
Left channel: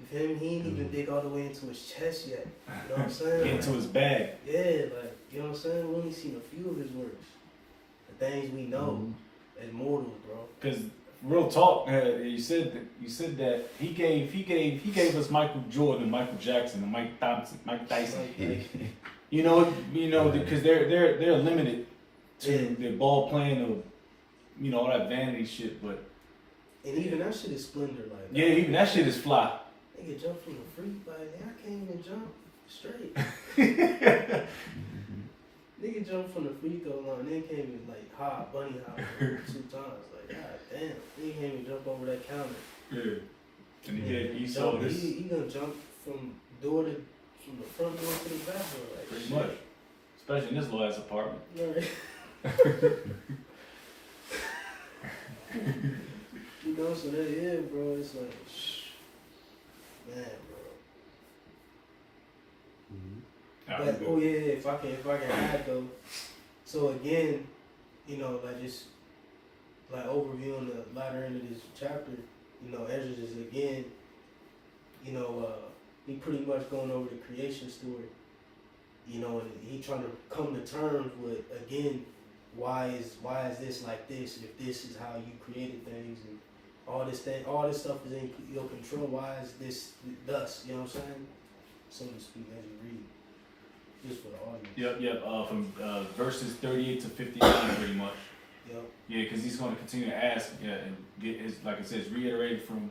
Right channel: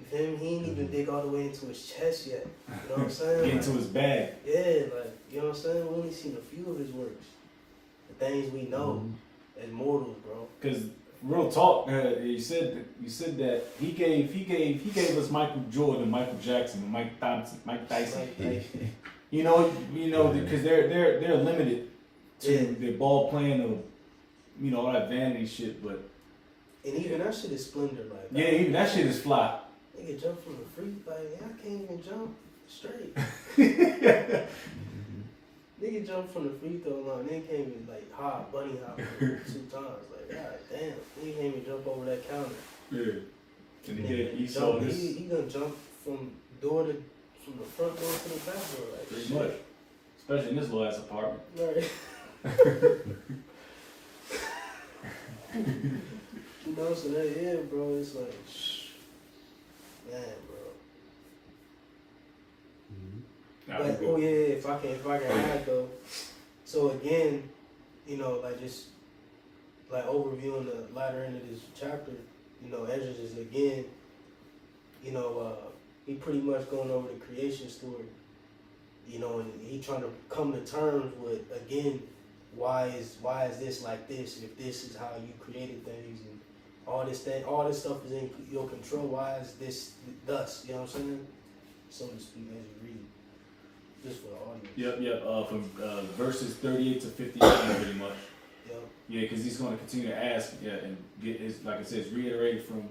You feel me? He ain't even dig all the way into his chest yet. You know what I'm saying? Into his bag. Yeah, like you know what I'm saying? We only seen a few of His works. The things we know as mortals, bro. Because real talk, you said that he gave us Michael Jordan, Michael Jackson, and Mike Tyson. Because they're limited to their ball playing of all that vanity shit, but and even that shit is splendor, like even that shit is fly. Nigga jump from the free, like I can't even jump straight. Nigga jumped from the free throw line, then came in like bunny hop 2 times. Like, god damn, he can't even jump over that counter. Yeah. And he saw this. He gonna jump from the front door to the back door. Like, pretty much. Especially in this little ass apartment. Right. So that bro, it's like, man, bro. But if I can add though. So again, just like overviewing the latter end of this chapter, Esdras is again, he pretty much going over the creation story, and he trying to come to terms with again, why is this like this? If this is how you created things and all this stuff is in your control, why is this thus? You know what I'm saying? So to speak, as you read. Just for the audience. Yep. From verses 38 to 59, pretty much. Yep. Yeah, because he's going to continue to ask, and get his, like it says, reiterated from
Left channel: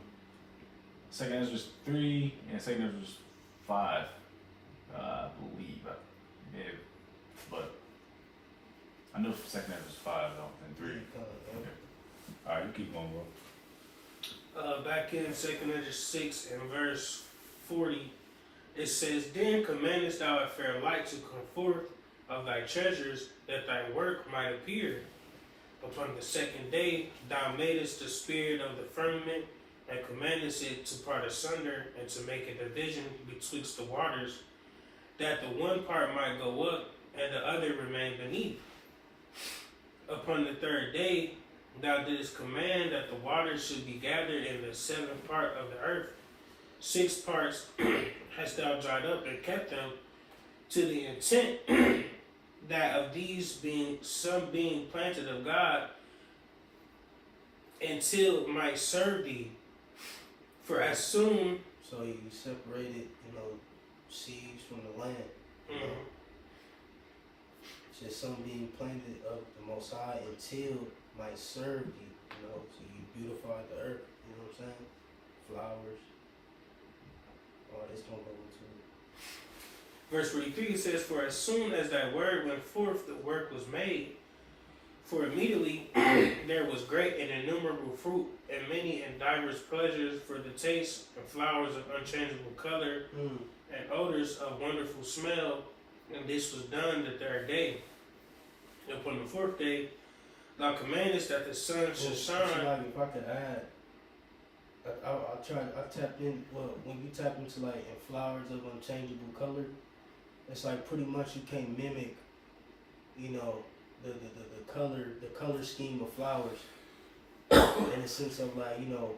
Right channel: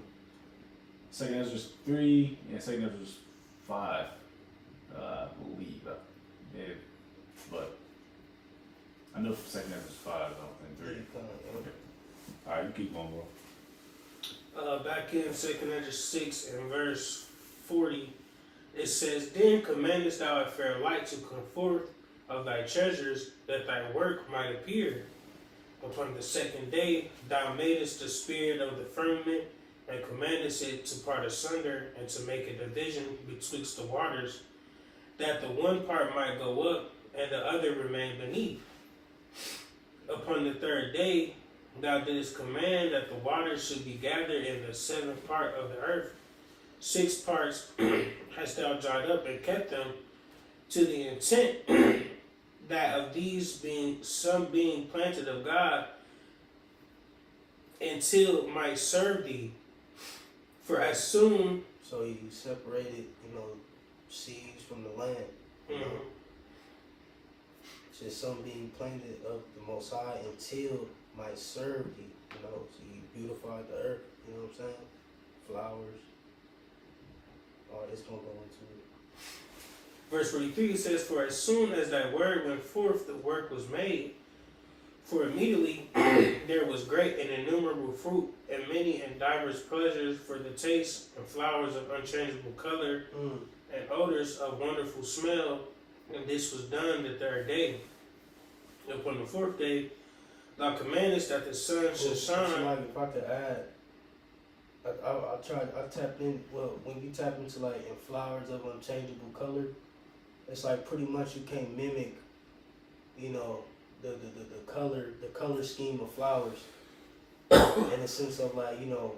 2 Esdras 3 and 2 Esdras 5, I believe. Yeah, but I know for 2 Esdras 5, I don't think 3. Okay. All right, you keep going, bro. Back in 2 Esdras 6 and verse 40. It says, then commandest thou a fair light to come forth of thy treasures, that thy work might appear. Upon the second day thou madest the spirit of the firmament, and commandest it to part asunder, and to make a division betwixt the waters, that the one part might go up, and the other remain beneath. Upon the third day thou didst command that the waters should be gathered in the 7th part of the earth. 6 parts hast thou dried up and kept them, to the intent that of these some being planted of God, until it might serve thee. For as soon so he separated, seeds from the land. Just some being planted of the Most High until might serve thee. So you beautified the earth. You know what I'm saying? Flowers. All this gonna go into it. Verse 43 says, "For as soon as that word went forth, the work was made. For immediately there was great and innumerable fruit, and many and diverse pleasures for the taste, and flowers of unchangeable color, and odors of wonderful smell. And this was done the third day. And upon the fourth day, thou commandest that the sun should shine." Like if I could add, I tapped in. Well, when you tap into like in flowers of unchangeable color, it's like pretty much you can't mimic, you know, the color scheme of flowers in the sense of like, you know,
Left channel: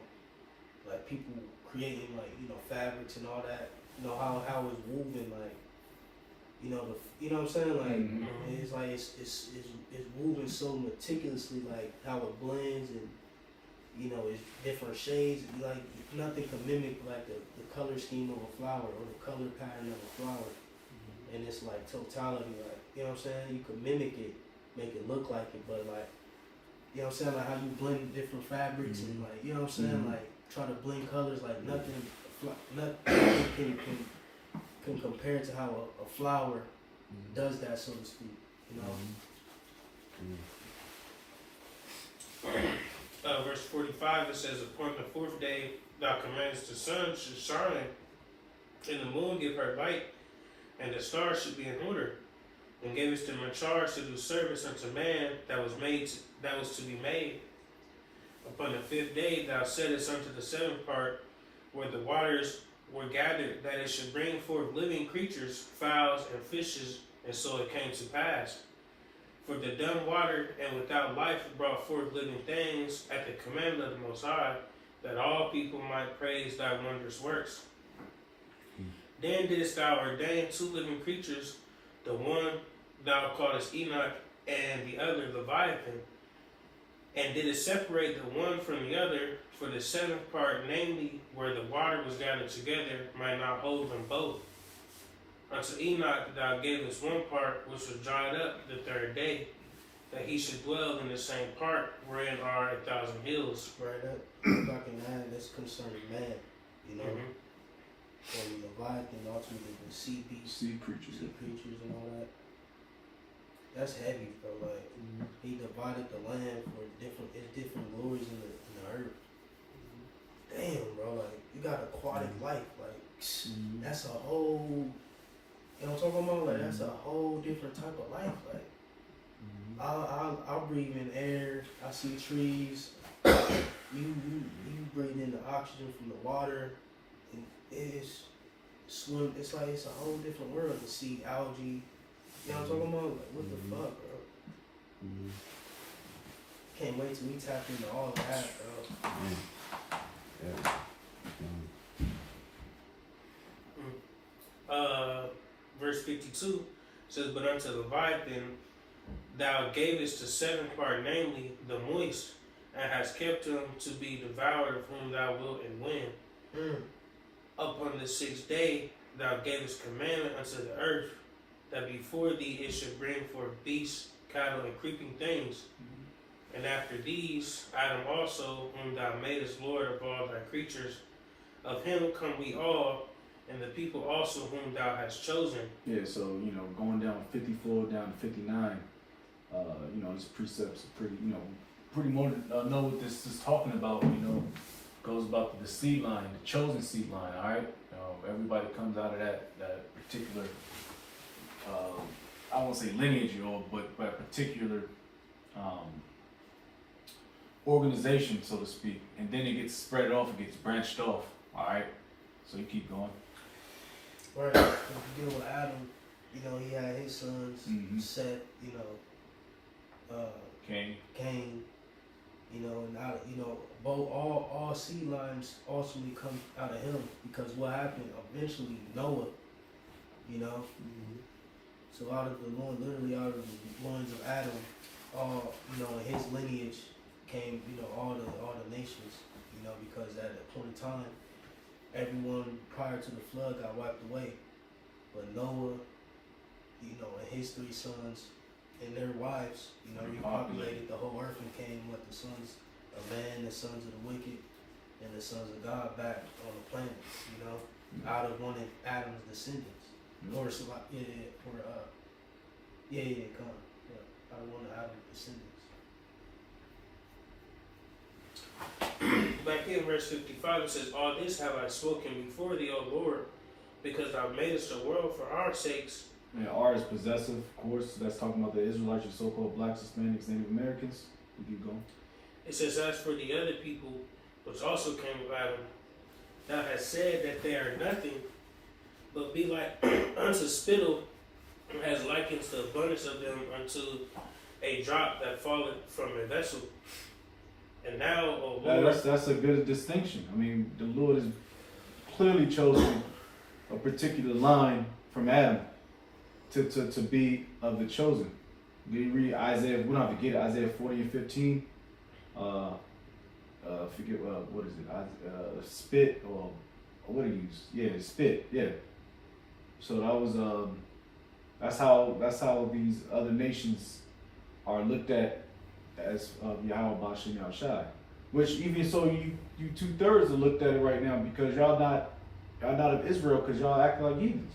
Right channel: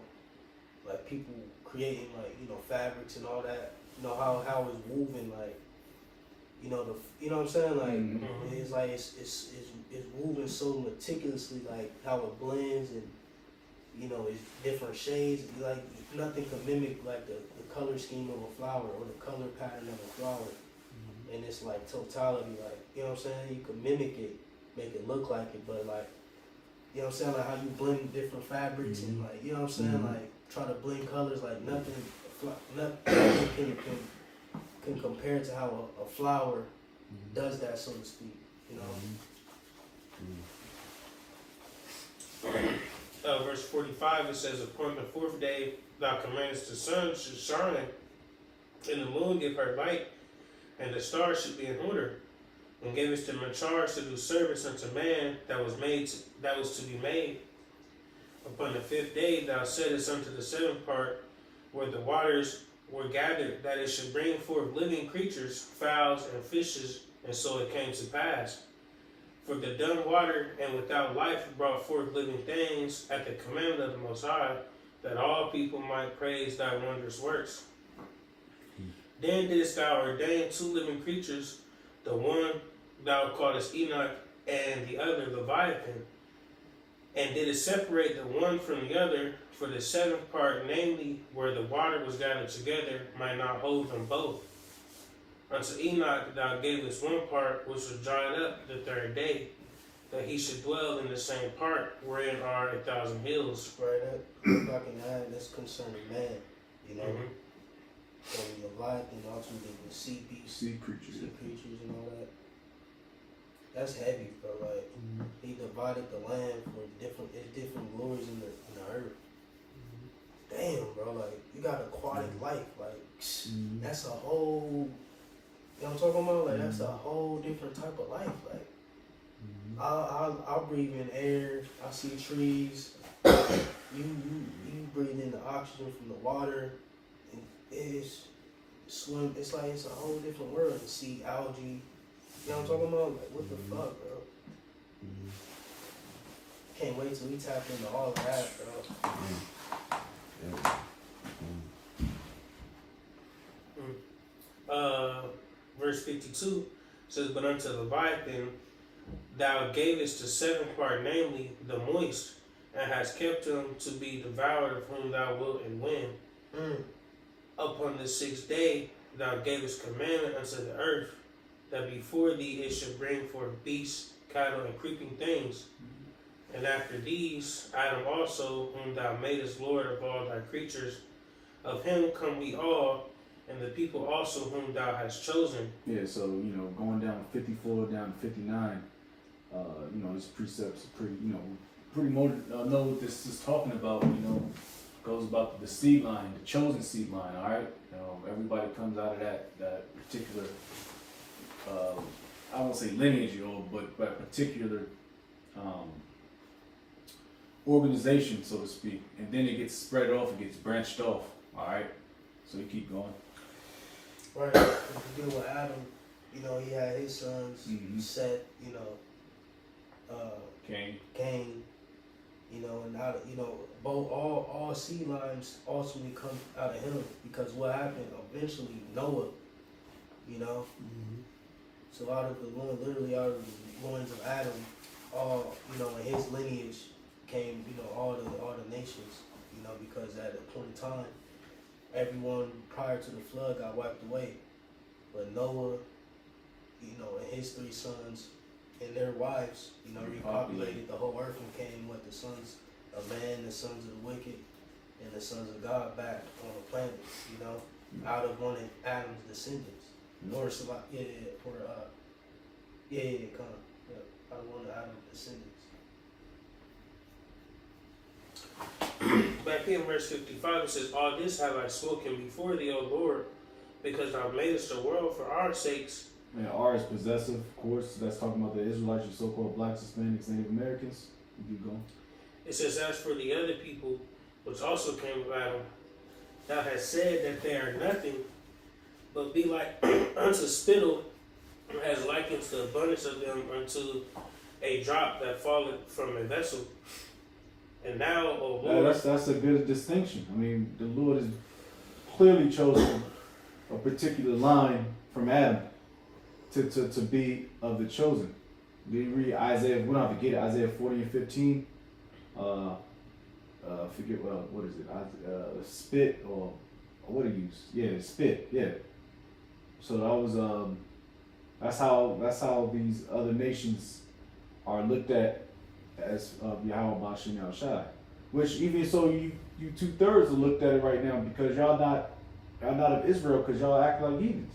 like people creating like, you know, fabrics and all that, you know, how it's woven, like, you know, you know what I'm saying, like it's like it's woven so meticulously, like how it blends, and you know, it's different shades, like nothing can mimic like the color scheme of a flower or the color pattern of a flower. And it's like totality, like, you know what I'm saying? You can mimic it, make it look like it, but like, you know what I'm saying? Like how you blend different fabrics and like, you know what I'm saying? Like try to blend colors, like nothing can compare to how a flower does that, so to speak, you know? Verse 45, it says, "Upon the fourth day, thou commandest the sun should shine, and the moon give her light, and the stars should be in order, and gavest them a charge to do service unto man that was to be made. Upon the fifth day, thou saidest unto the seventh part, where the waters were gathered, that it should bring forth living creatures, fowls and fishes, and so it came to pass. For the dumb water and without life brought forth living things at the commandment of the Most High, that all people might praise thy wondrous works. Then didst thou ordain two living creatures, the one thou callest Enoch, and the other Leviathan, and didst separate the one from the other, for the seventh part, namely, where the water was gathered together, might not hold them both. Unto Enoch thou gavest one part, which was dried up the third day, that he should dwell in the same part, wherein are 1,000 hills." Right up, if I can add, that's concerning man, you know? And Leviathan, ultimately the sea beasts, Sea creatures. and all that. That's heavy, bro. Like he divided the land for different glories in the earth. Damn, bro. Like you got aquatic life. Like that's a whole. You know what I'm talking about? Like that's a whole different type of life. Like I'll breathe in air. I see trees. You breathe in the oxygen from the water. It's swim. It's like it's a whole different world to see algae. You know what I'm talking about? Like what the fuck, bro? Can't wait till we tap into all of that, bro. Verse 52 says, "But unto Leviathan thou gavest the seventh part, namely the moist, and hast kept him to be devoured, of whom thou wilt and when. Upon the sixth day thou gavest commandment unto the earth, that before thee it should bring forth beasts, cattle, and creeping things. And after these, Adam also, whom thou madest Lord of all thy creatures, of him come we all, and the people also whom thou hast chosen." Yeah, so, you know, going down 54 down to 59, you know, this precept's pretty, you know, pretty more know what this is talking about, you know, goes about the seed line, the chosen seed line, all right? You know, everybody comes out of that particular, I won't say lineage, but particular organization, so to speak, and then it gets spread off, it gets branched off, all right? So you keep going. Right. If you deal with Adam, you know, he had his sons, Seth, you know, Cain, you know, and out of, you know, both all seed lines ultimately come out of him, because what happened eventually, Noah, you know, so out of the loin, literally out of the loins of Adam, all, you know, in his lineage came, you know, all the nations, you know, because at a point in time, everyone prior to the flood got wiped away, but Noah, you know, and his three sons and their wives, you know, repopulated the whole earth and came with the sons of man, the sons of the wicked, and the sons of God back on the planet, you know, out of one of Adam's descendants. Or Salak, or Khan. Yeah, out of one of Adam's descendants. Back here in verse 55, it says, "All this have I spoken before thee, O Lord, because thou madest the world for our sakes." Yeah, R is possessive, of course. That's talking about the Israelites, your so-called blacks, Hispanics, Native Americans. We keep going. It says, "As for the other people, which also came of Adam, thou hast said that they are nothing, but be like unto spittle, as likens the abundance of them unto a drop that falleth from a vessel. And now, O Lord," That's a good distinction. I mean, the Lord has clearly chosen a particular line from Adam to be of the chosen. We read Isaiah, we don't have to get it, Isaiah 40 and 15. Forget what is it? Spit or what do you use? Yeah, spit. Yeah. So that was that's how these other nations are looked at as Yahweh Bashim Yahushai. Which even so, you 2/3 are looked at it right now because y'all not of Israel because y'all act like heathens.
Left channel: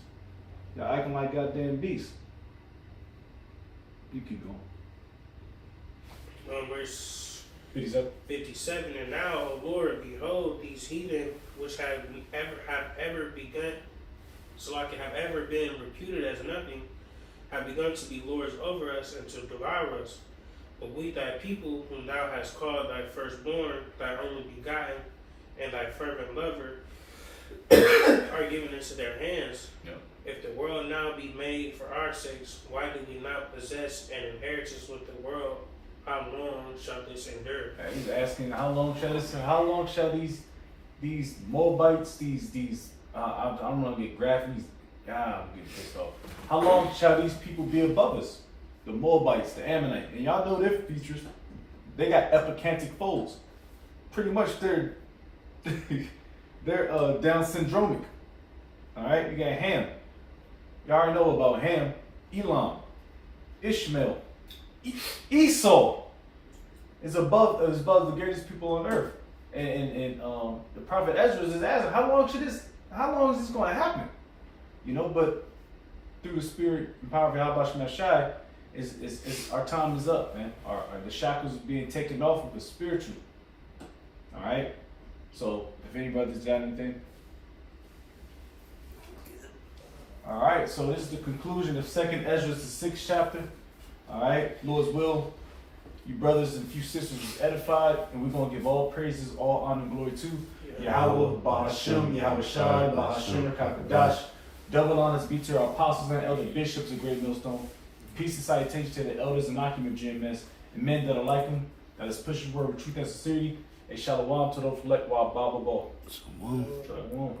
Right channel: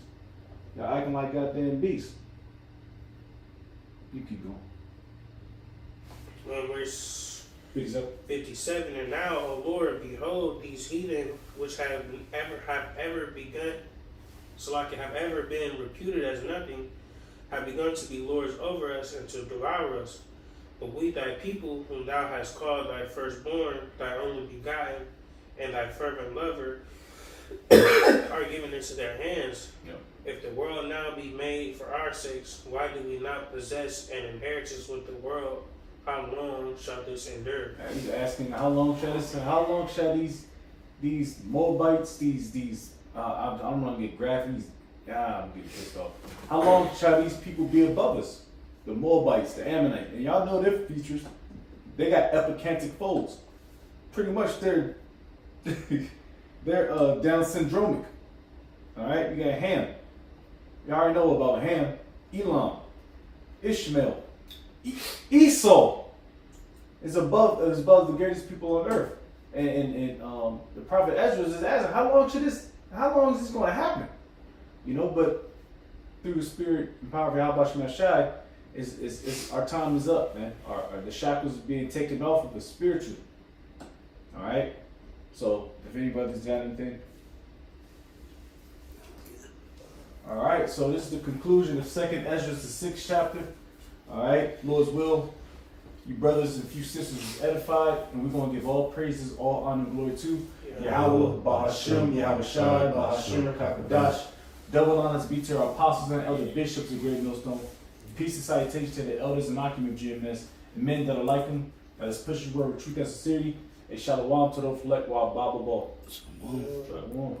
Y'all acting like goddamn beasts. You keep going. verse 57. 57, "And now, O Lord, behold, these heathen which have ever begun, so like have ever been reputed as nothing, have begun to be lords over us and to devour us. But we, thy people, whom thou hast called thy firstborn, thy only begotten, and thy fervent lover, are given into their hands. Yeah. If the world now be made for our sakes, why do we not possess an inheritance with the world? How long shall this endure?" He's asking how long shall these Moabites, I'm gonna get graphic. I'm getting pissed off. How long shall these people be above us? The Moabites, the Ammonites, and y'all know their features. They got epicantic folds. Pretty much they're Down syndromic. All right, you got Ham. You already know about Ham, Elam, Ishmael, Esau is above the greatest people on earth. And the prophet Esdras is asking, how long is this going to happen? You know, but through the spirit and power of Yahweh Shai, is our time is up, man. The shackles are being taken off of us spiritually. All right. So if anybody's got anything. All right. So this is the conclusion of 2nd Esdras, the 6th chapter. All right. Lord's will. You brothers and few sisters is edified, and we're gonna give all praises, all honor, and glory to Yahweh, Bahashim, Yahweh Shai, Bahashim, Kakadash. Double honors be to our apostles and elder bishops of Great Millstone. Peace and salutation to the elders and occupant of GMS, and men that are like them, that is pushing the word with truth and sincerity. A shalom to those elect while Baba Ball. Shalom.